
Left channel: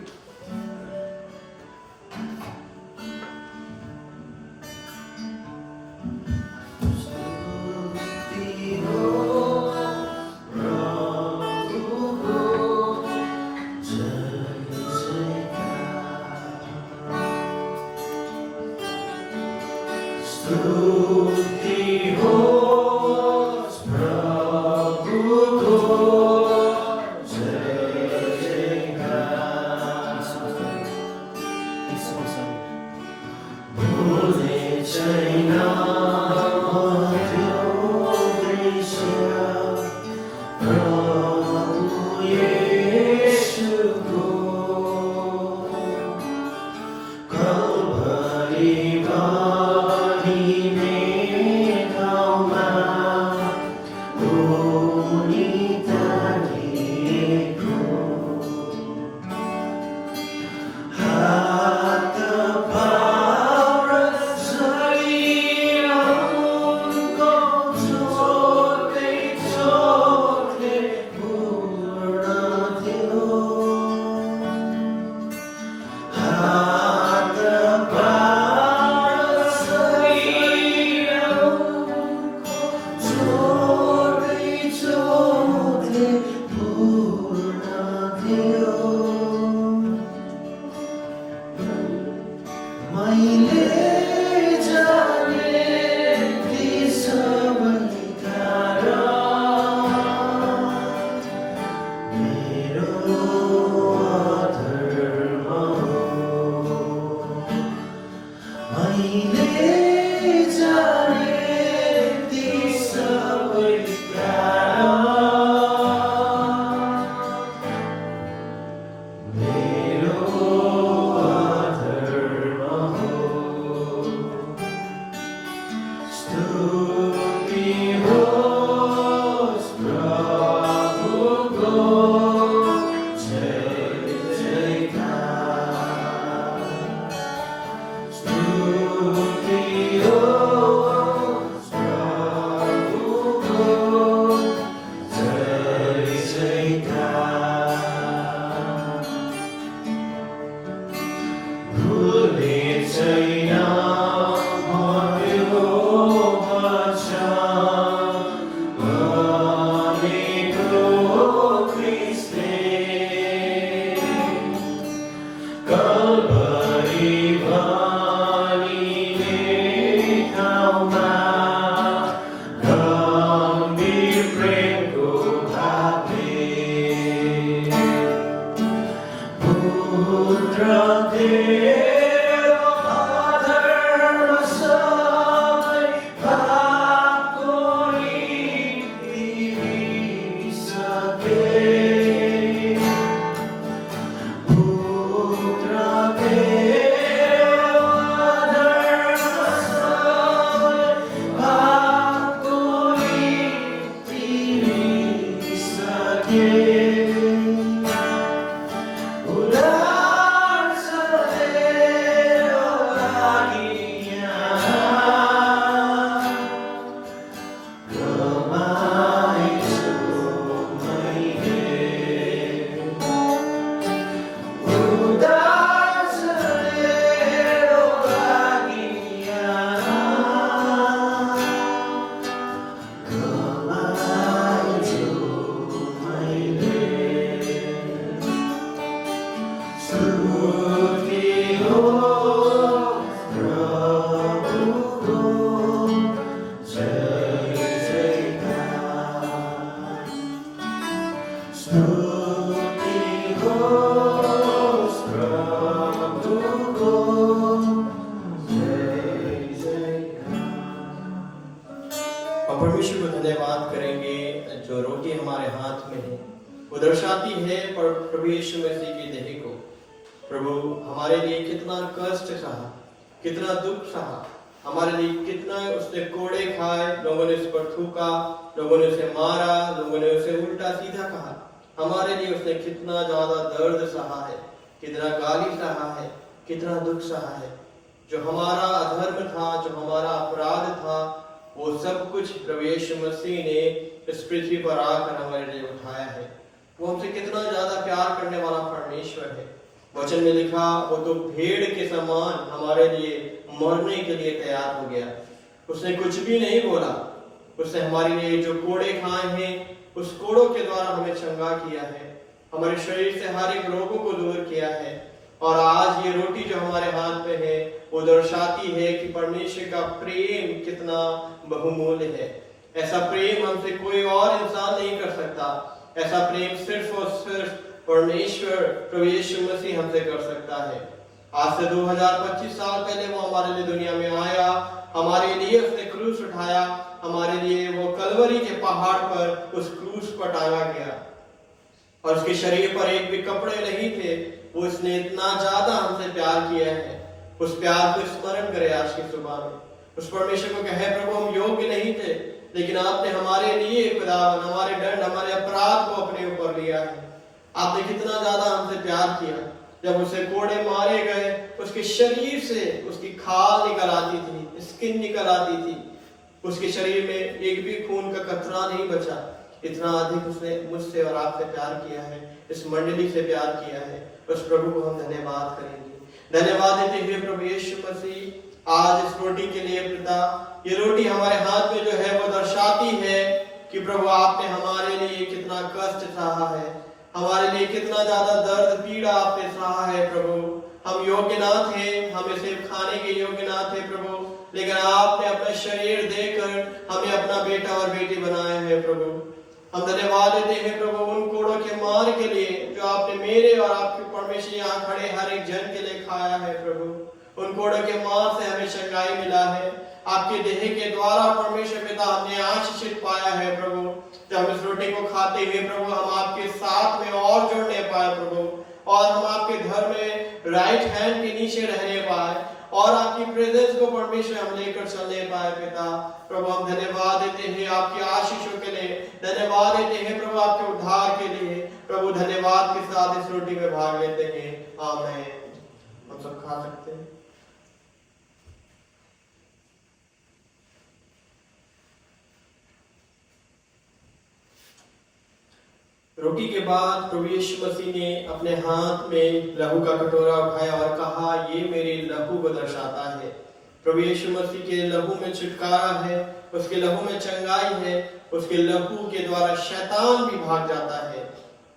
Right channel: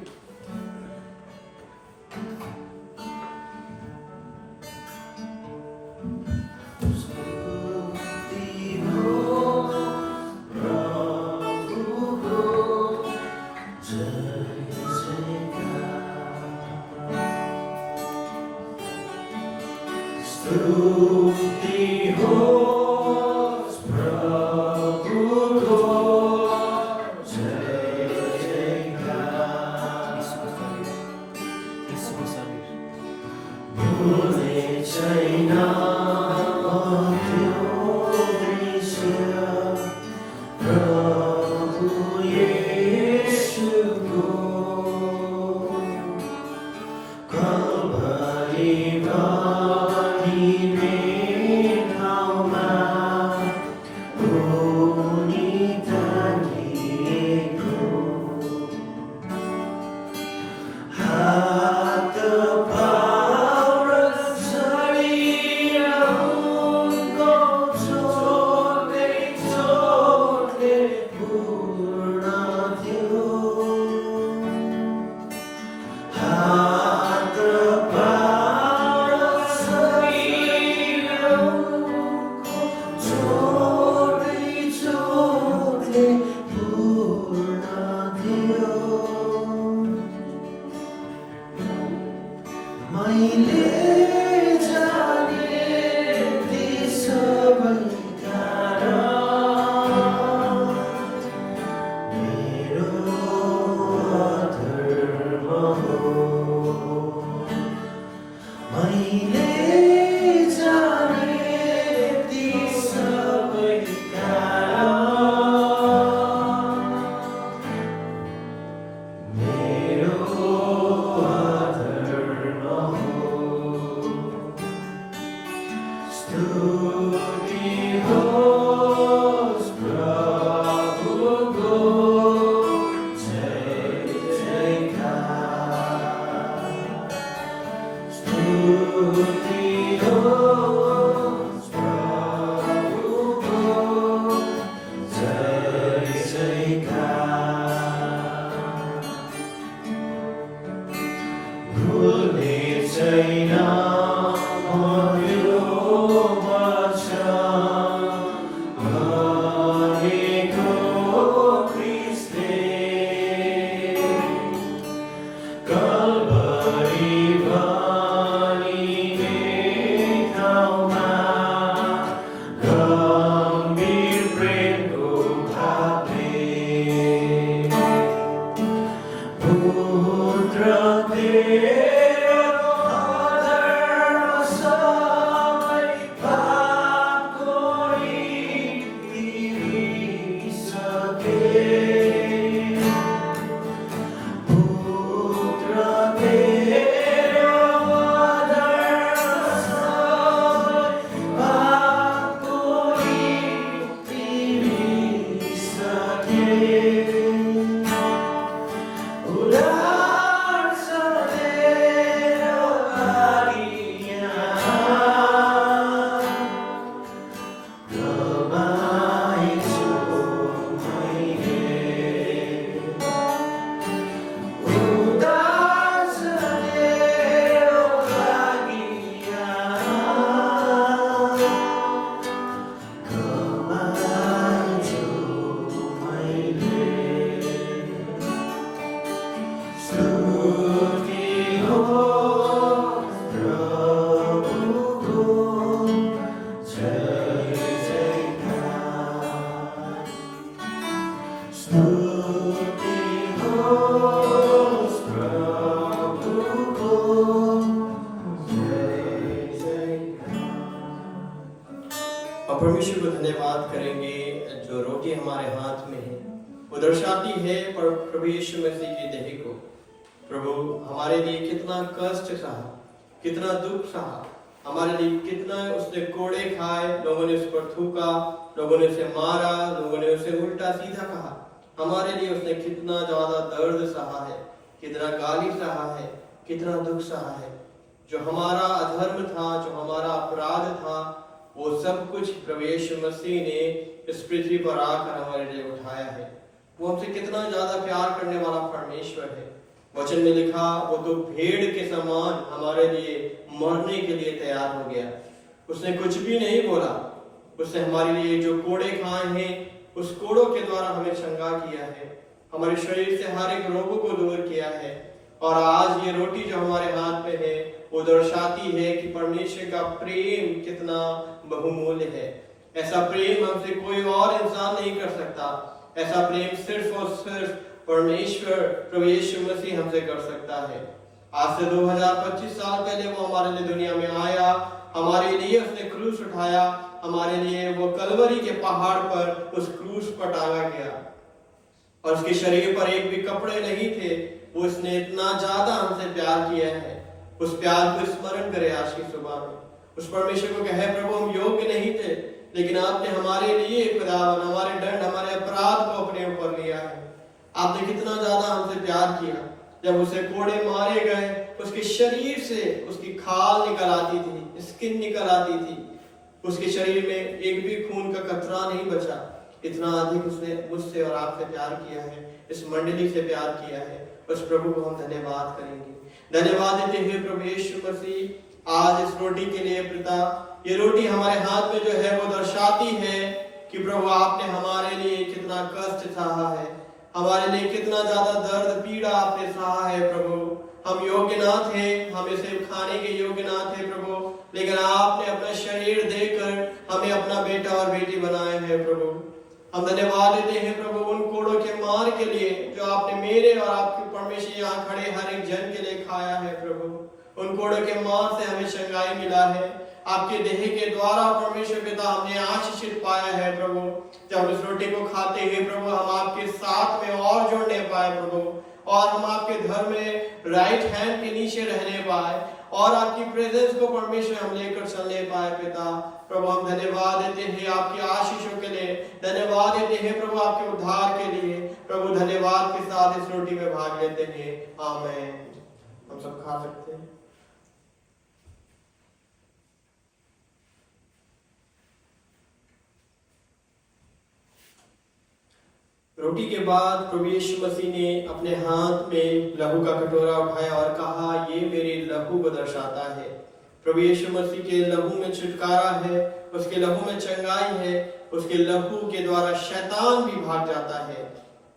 स्तुति होस् प्रभुको, जय जयकार। भुल्ने छैन त्यो दृश्य प्रभु येशूको, कल्भरीमा स्तुति हम परमेश्वर को धन्यवाद करेंगे जो रोटी हमारे हाथ में है वो दर्शाती है पर प्रभु यीशु मसीह की देह को। प्रभु हमारे लिए कितना कष्ट सहा, कितना दुख सहा, हमारे लिए कितना उसने कोड़े खाए, लोगों ने उस पर थूका, लोगों ने उसे मारा, लोगों ने उसे उल्टा सीधा कहा। हमारे लिए उसने कितना ज्यादा दर्द सहा है, कितना गाली सहा है, कितना दुख सहा है। जो हमारा अधर्म था, जो हमारा अपराध था, वो सब कुछ प्रभु यीशु मसीह ने इस पृथ्वी पर आकर हमारे लिए उठाया है। वो हमसे कितना ज्यादा प्यार करने वाला परमेश्वर है। वचन में लिखा वो तो भेड़ के समान हमारे लिए मरने के लिए तैयार हो गया। उसने कुछ भी नहीं बोला, उसने हमारे लिए जो कोड़े खाए हैं उस कोड़ों के द्वारा हमें चंगा किया है, हमारे शरीर से हर एक रोगों को दूर किया है। और आज ये रोटी जो हमारे हाथ में है वो दर्शाती है कि परमेश्वर का प्रेम कितना बहुमूल्य है। ऐसा प्रेम हमसे कोई और इंसान नहीं कर सकता। ऐसा प्रेम सिर्फ और सिर्फ परमेश्वर प्रभु यीशु मसीह हमसे कर सकता है। आज से 2025 साल पहले वो हमारे लिए दुनिया में आया, हमारे लिए उसने क्रूस उठाया, हमारे लिए वो कलवरी के पहाड़ पर उस क्रूस पर टांगा गया और उसके शरीर पर एक भी कपड़े नहीं थे। वो उसने इतना ज्यादा हमसे प्यार किया है। उस प्यार को स्मरण करे आज की सुबह में। उस परमेश्वर को कहे प्रभु हम योग्य नहीं थे, लेकिन आपने हमारे लिए खुदावन हमारे दंड, हमारे अपराध को अपने ऊपर लिया है। आपने कितना ज्यादा हमसे प्यार किया। जब उसे कोड़े मारे गए, उसके शरीर से उसकी खाल निकल आती थी, स्किन निकल आती थी, उसके शरीर में एक भी खून का कतरा नहीं बचा। इतना अधिक उसने मुझसे और आपसे प्यार किया है, इस मंडली से प्यार किया है। उस प्रभु को हम धन्यवाद करेंगे। धन्यवाद देते हुए प्रभु यीशु मसीह आज इस रोटी के लिए पिता, ये रोटी हमारे हाथ में जो है वो दर्शाती है कि प्रभु आपने हमारे लिए कितना कष्ट सहा है, हमारे लिए कितना ज्यादा दर्द पीड़ा आपने सहा है। प्रभु हम योग्य ना थे, हम इसे खाने के योग्य ना थे प्रभु, लेकिन आपने अपना शरीर देकर हमें अपना बेटा और बेटी बनाए हैं। प्रभु हम धन्यवाद देते हैं प्रभु उन कोड़ों के मार के लिए जो आपने मेरे और आपके परमेश्वर यहाँ खड़े हर एक जन के लिए खाया है। प्रभु उन कोड़ों के मार से हमें चंगाई मिला है। आपके देह के द्वारा परमेश्वर पिता हमने आशीषित पाया है। प्रभु जब हम इस रोटी को खाते हुए प्रभु हम आपके साथ में और जुड़ने पाए प्रभु, और हम आपके धर्म में राइट हैंड के नीचे रहने पाए और आपकी प्रेजेंस को परमेश्वर हम लेकर चलने पाए। पिता प्रभु हम धन्यवाद देते हैं आपकी आशीषों के लिए, धन्यवाद देते हैं प्रभु आपके उद्धार के लिए। प्रभु धन्यवाद के साथ इस रोटी में भाग लेते हैं। आमीन। हम सब खा सकते हैं। रोटी के बाद प्रभु यीशु मसीह ने अपने हाथ में लहू का कटोरा उठाया और कहा ये मेरे लहू को दर्शाता है। प्रभु यीशु मसीह के लहू में छुटकारा है, उसके लहू में चंगाई है, उसके लहू के द्वारा शैतान भी भाग जाता है।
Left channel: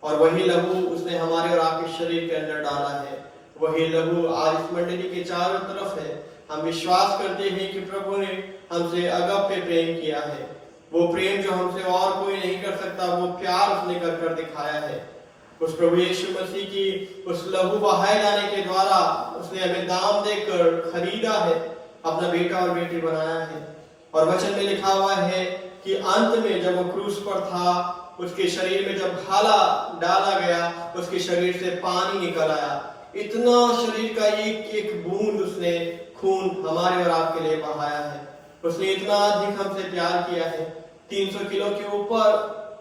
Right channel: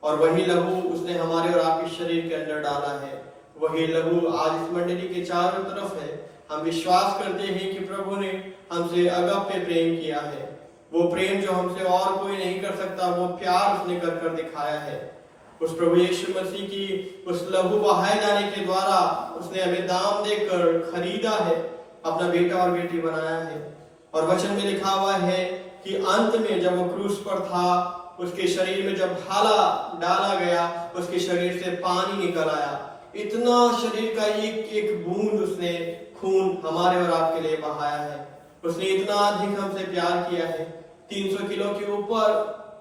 और वही लहू उसने हमारे और आपके शरीर के अंदर डाला है। वही लहू आज इस मंडली के चारों तरफ है। हम विश्वास करते हैं कि प्रभु ने हमसे अगप्य प्रेम किया है। वो प्रेम जो हमसे और कोई नहीं कर सकता, वो प्यार उसने कर कर दिखाया है। उस प्रभु यीशु मसीह की उस लहू बहाए जाने के द्वारा उसने हमें दाम देकर खरीदा है, अपना बेटा और बेटी बनाया है। और वचन में लिखा हुआ है कि अंत में जब वो क्रूस पर था, उसके शरीर में जब भाला डाला गया, उसके शरीर से पानी निकल आया। इतना शरीर का एक एक बूंद उसने खून हमारे और आपके लिए बहाया है। उसने इतना अधिक हमसे प्यार किया है। 300 किलो के ऊपर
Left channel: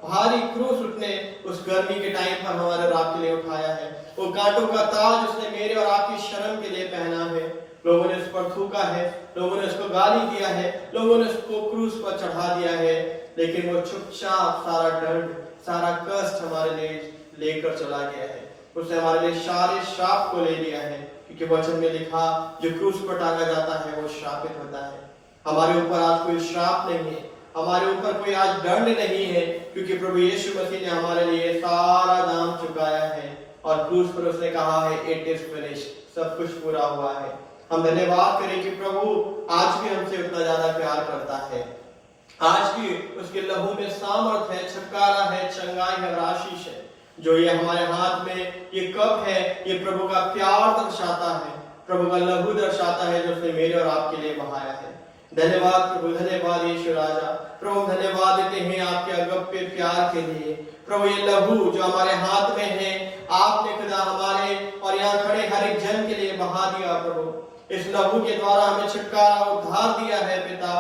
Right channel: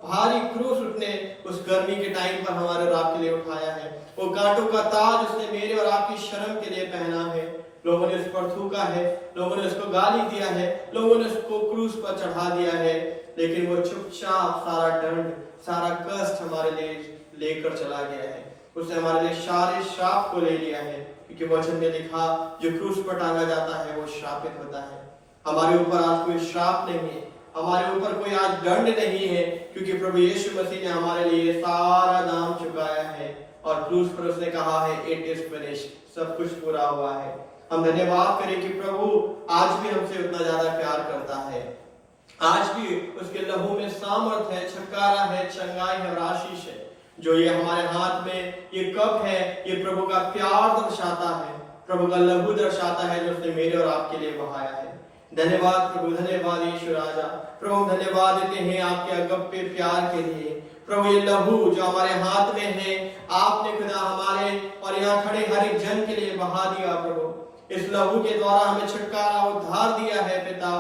भारी क्रूस उसने उस गर्मी के टाइम पर हमारे और आपके लिए उठाया है। वो कांटों का ताज उसने मेरे और आपकी शर्म के लिए पहना है। लोगों ने उस पर थूका है, लोगों ने उसको गाली दिया है, लोगों ने उसको क्रूस पर चढ़ा दिया है, लेकिन वो चुपचाप सारा दंड, सारा कष्ट हमारे लिए लेकर चला गया है। उसने हमारे लिए सारे श्राप को ले लिया है, क्योंकि वचन में लिखा जो क्रूस पर टांगा जाता है वो श्रापित होता है। हमारे ऊपर आज कोई श्राप नहीं है, हमारे ऊपर कोई आज दंड नहीं है, क्योंकि प्रभु यीशु मसीह ने हमारे लिए सारा दाम चुकाया है। और क्रूस पर उसने कहा है इट इज फिनिश्ड, सब कुछ पूरा हुआ है। हम धन्यवाद करें कि प्रभु आज भी हमसे उतना ज्यादा प्यार करता है। आज भी उसके लहू में सामर्थ है, छुटकारा है, चंगाई है और आशीष है। जो ये हमारे हाथ में ये कप है, ये प्रभु का प्यार दर्शाता है, प्रभु का लहू दर्शाता है जो उसने मेरे और आपके लिए बहाया है। धन्यवाद प्रभु, धन्यवाद यीशु राजा। प्रभु धन्यवाद देते हैं आपके अगप्पे प्यार के लिए। प्रभु ये लहू जो हमारे हाथ में है, आपने खुदा हमारे और यहाँ खड़े हर एक जन के लिए बहा दिया प्रभु। इस लहू के द्वारा हमें छुटकारा उद्धार दिया है पिता,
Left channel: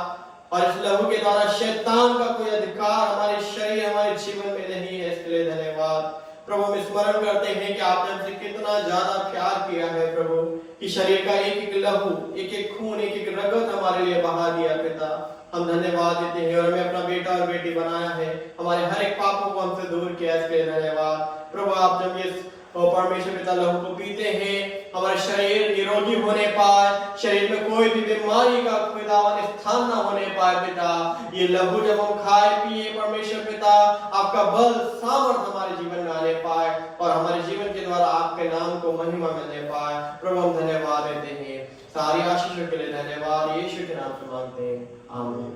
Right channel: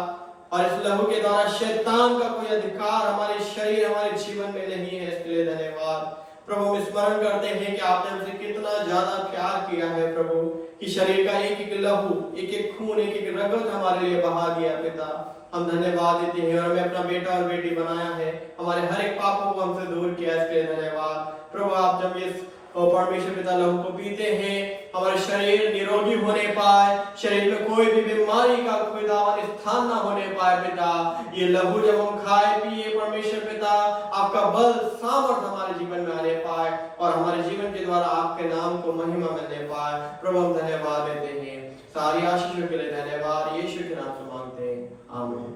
और इस लहू के द्वारा शैतान का कोई अधिकार हमारे शरीर हमारे जीवन में नहीं है। इसके लिए धन्यवाद प्रभु। हम स्मरण करते हैं कि आपने हमसे कितना ज्यादा प्यार किया है प्रभु, कि शरीर का एक एक लहू, एक एक खून, एक एक रगत हमारे लिए बहा दिया पिता। हम धन्यवाद देते हैं, और हमें अपना बेटा और बेटी बनाया है, हमारे हर एक पापों को हमसे दूर किया। इसके लिए धन्यवाद प्रभु। आप जब ये परमेश्वर पिता लहू को पीते हैं, हमारे शरीर निरोगी होने पाए, शरीर में कोई भी बीमारी का खुदावन स्थान न होने पाए पिता। ये लहू जब हम खाए पिए परमेश्वर पिता, आपका बल सामर्थ हमारे जीवन में आने पाए, और हमारे जीवन के द्वारा आपके नाम को महिमा मिलने पाए। प्रभु हम धन्यवाद देते हैं, सारी आशीषों के लिए धन्यवाद, यीशु के नाम से मांगते हैं, आमीन।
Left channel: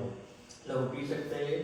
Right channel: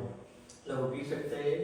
लहू पी सकते हैं।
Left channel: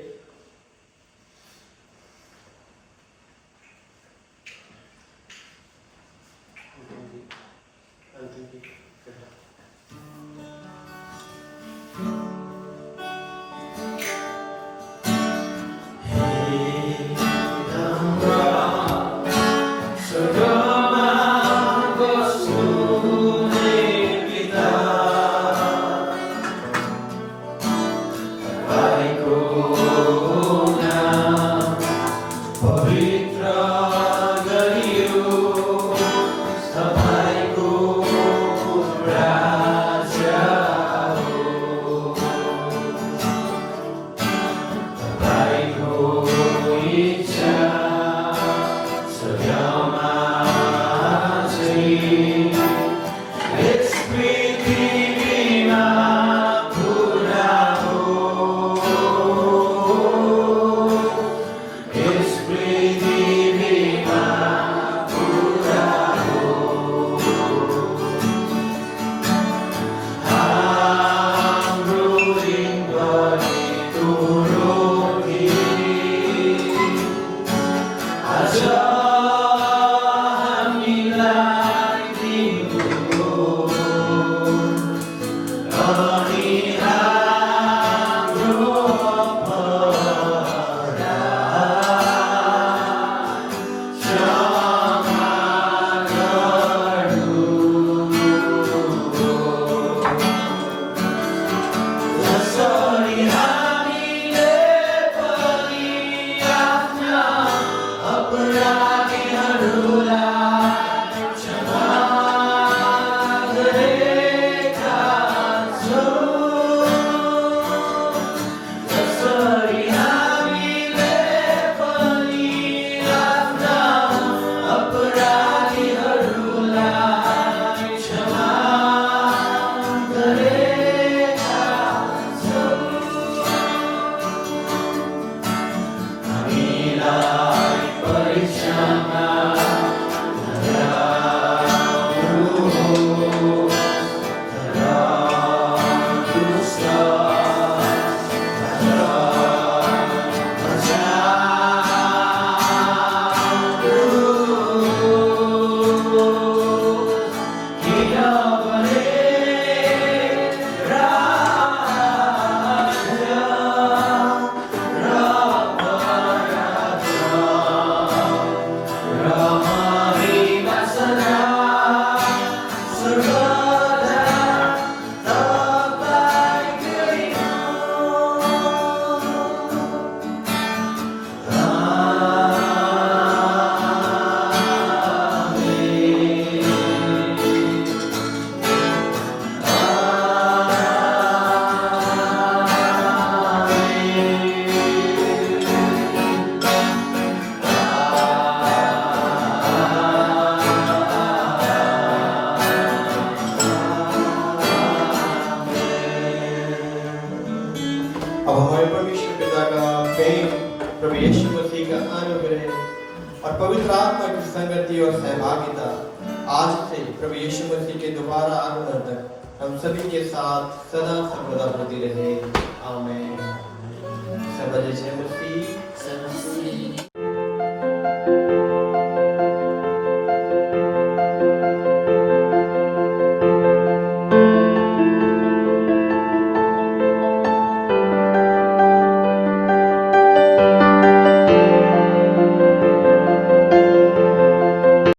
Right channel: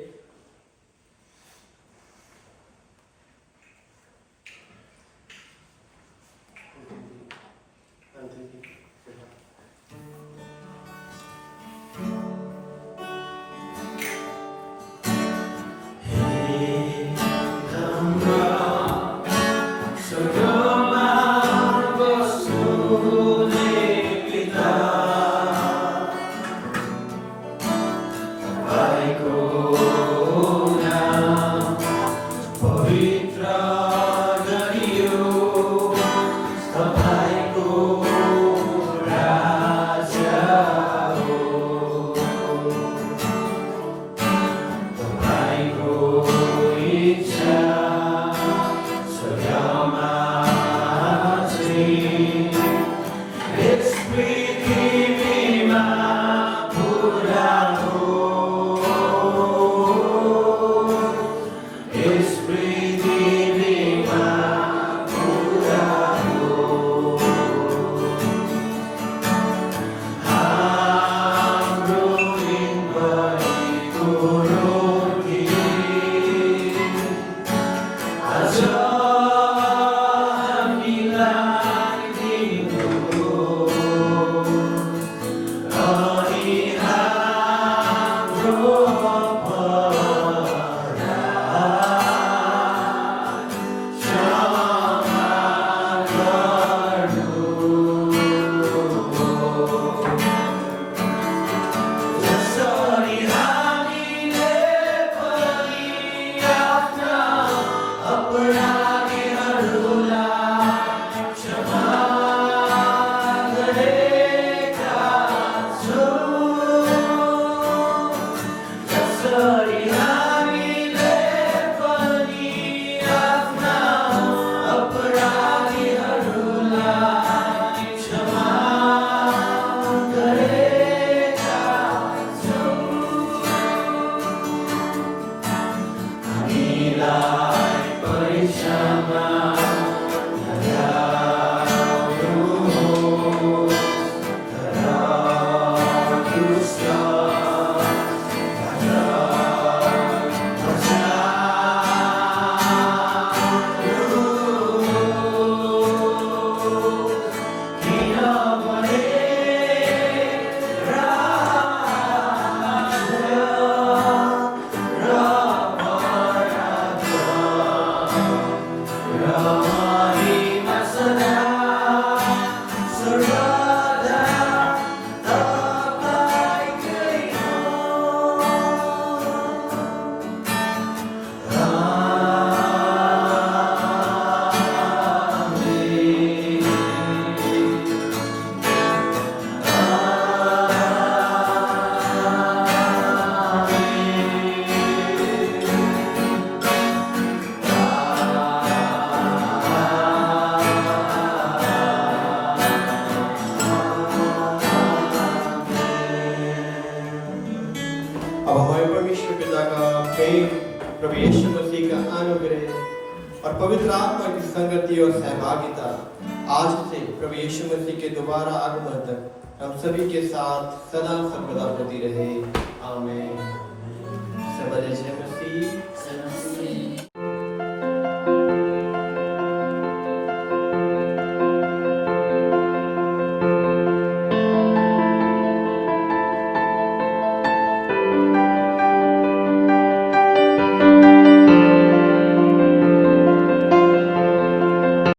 प्रभु यीशु मसीह का अनुग्रह और पवित्र आत्मा की संगति और सहभागिता आज से प्रभु यीशु मसीह के दोबारा आगमन तक हम सभी के साथ सदा सर्वदा होती रहे। आमीन। सब जय मसीह।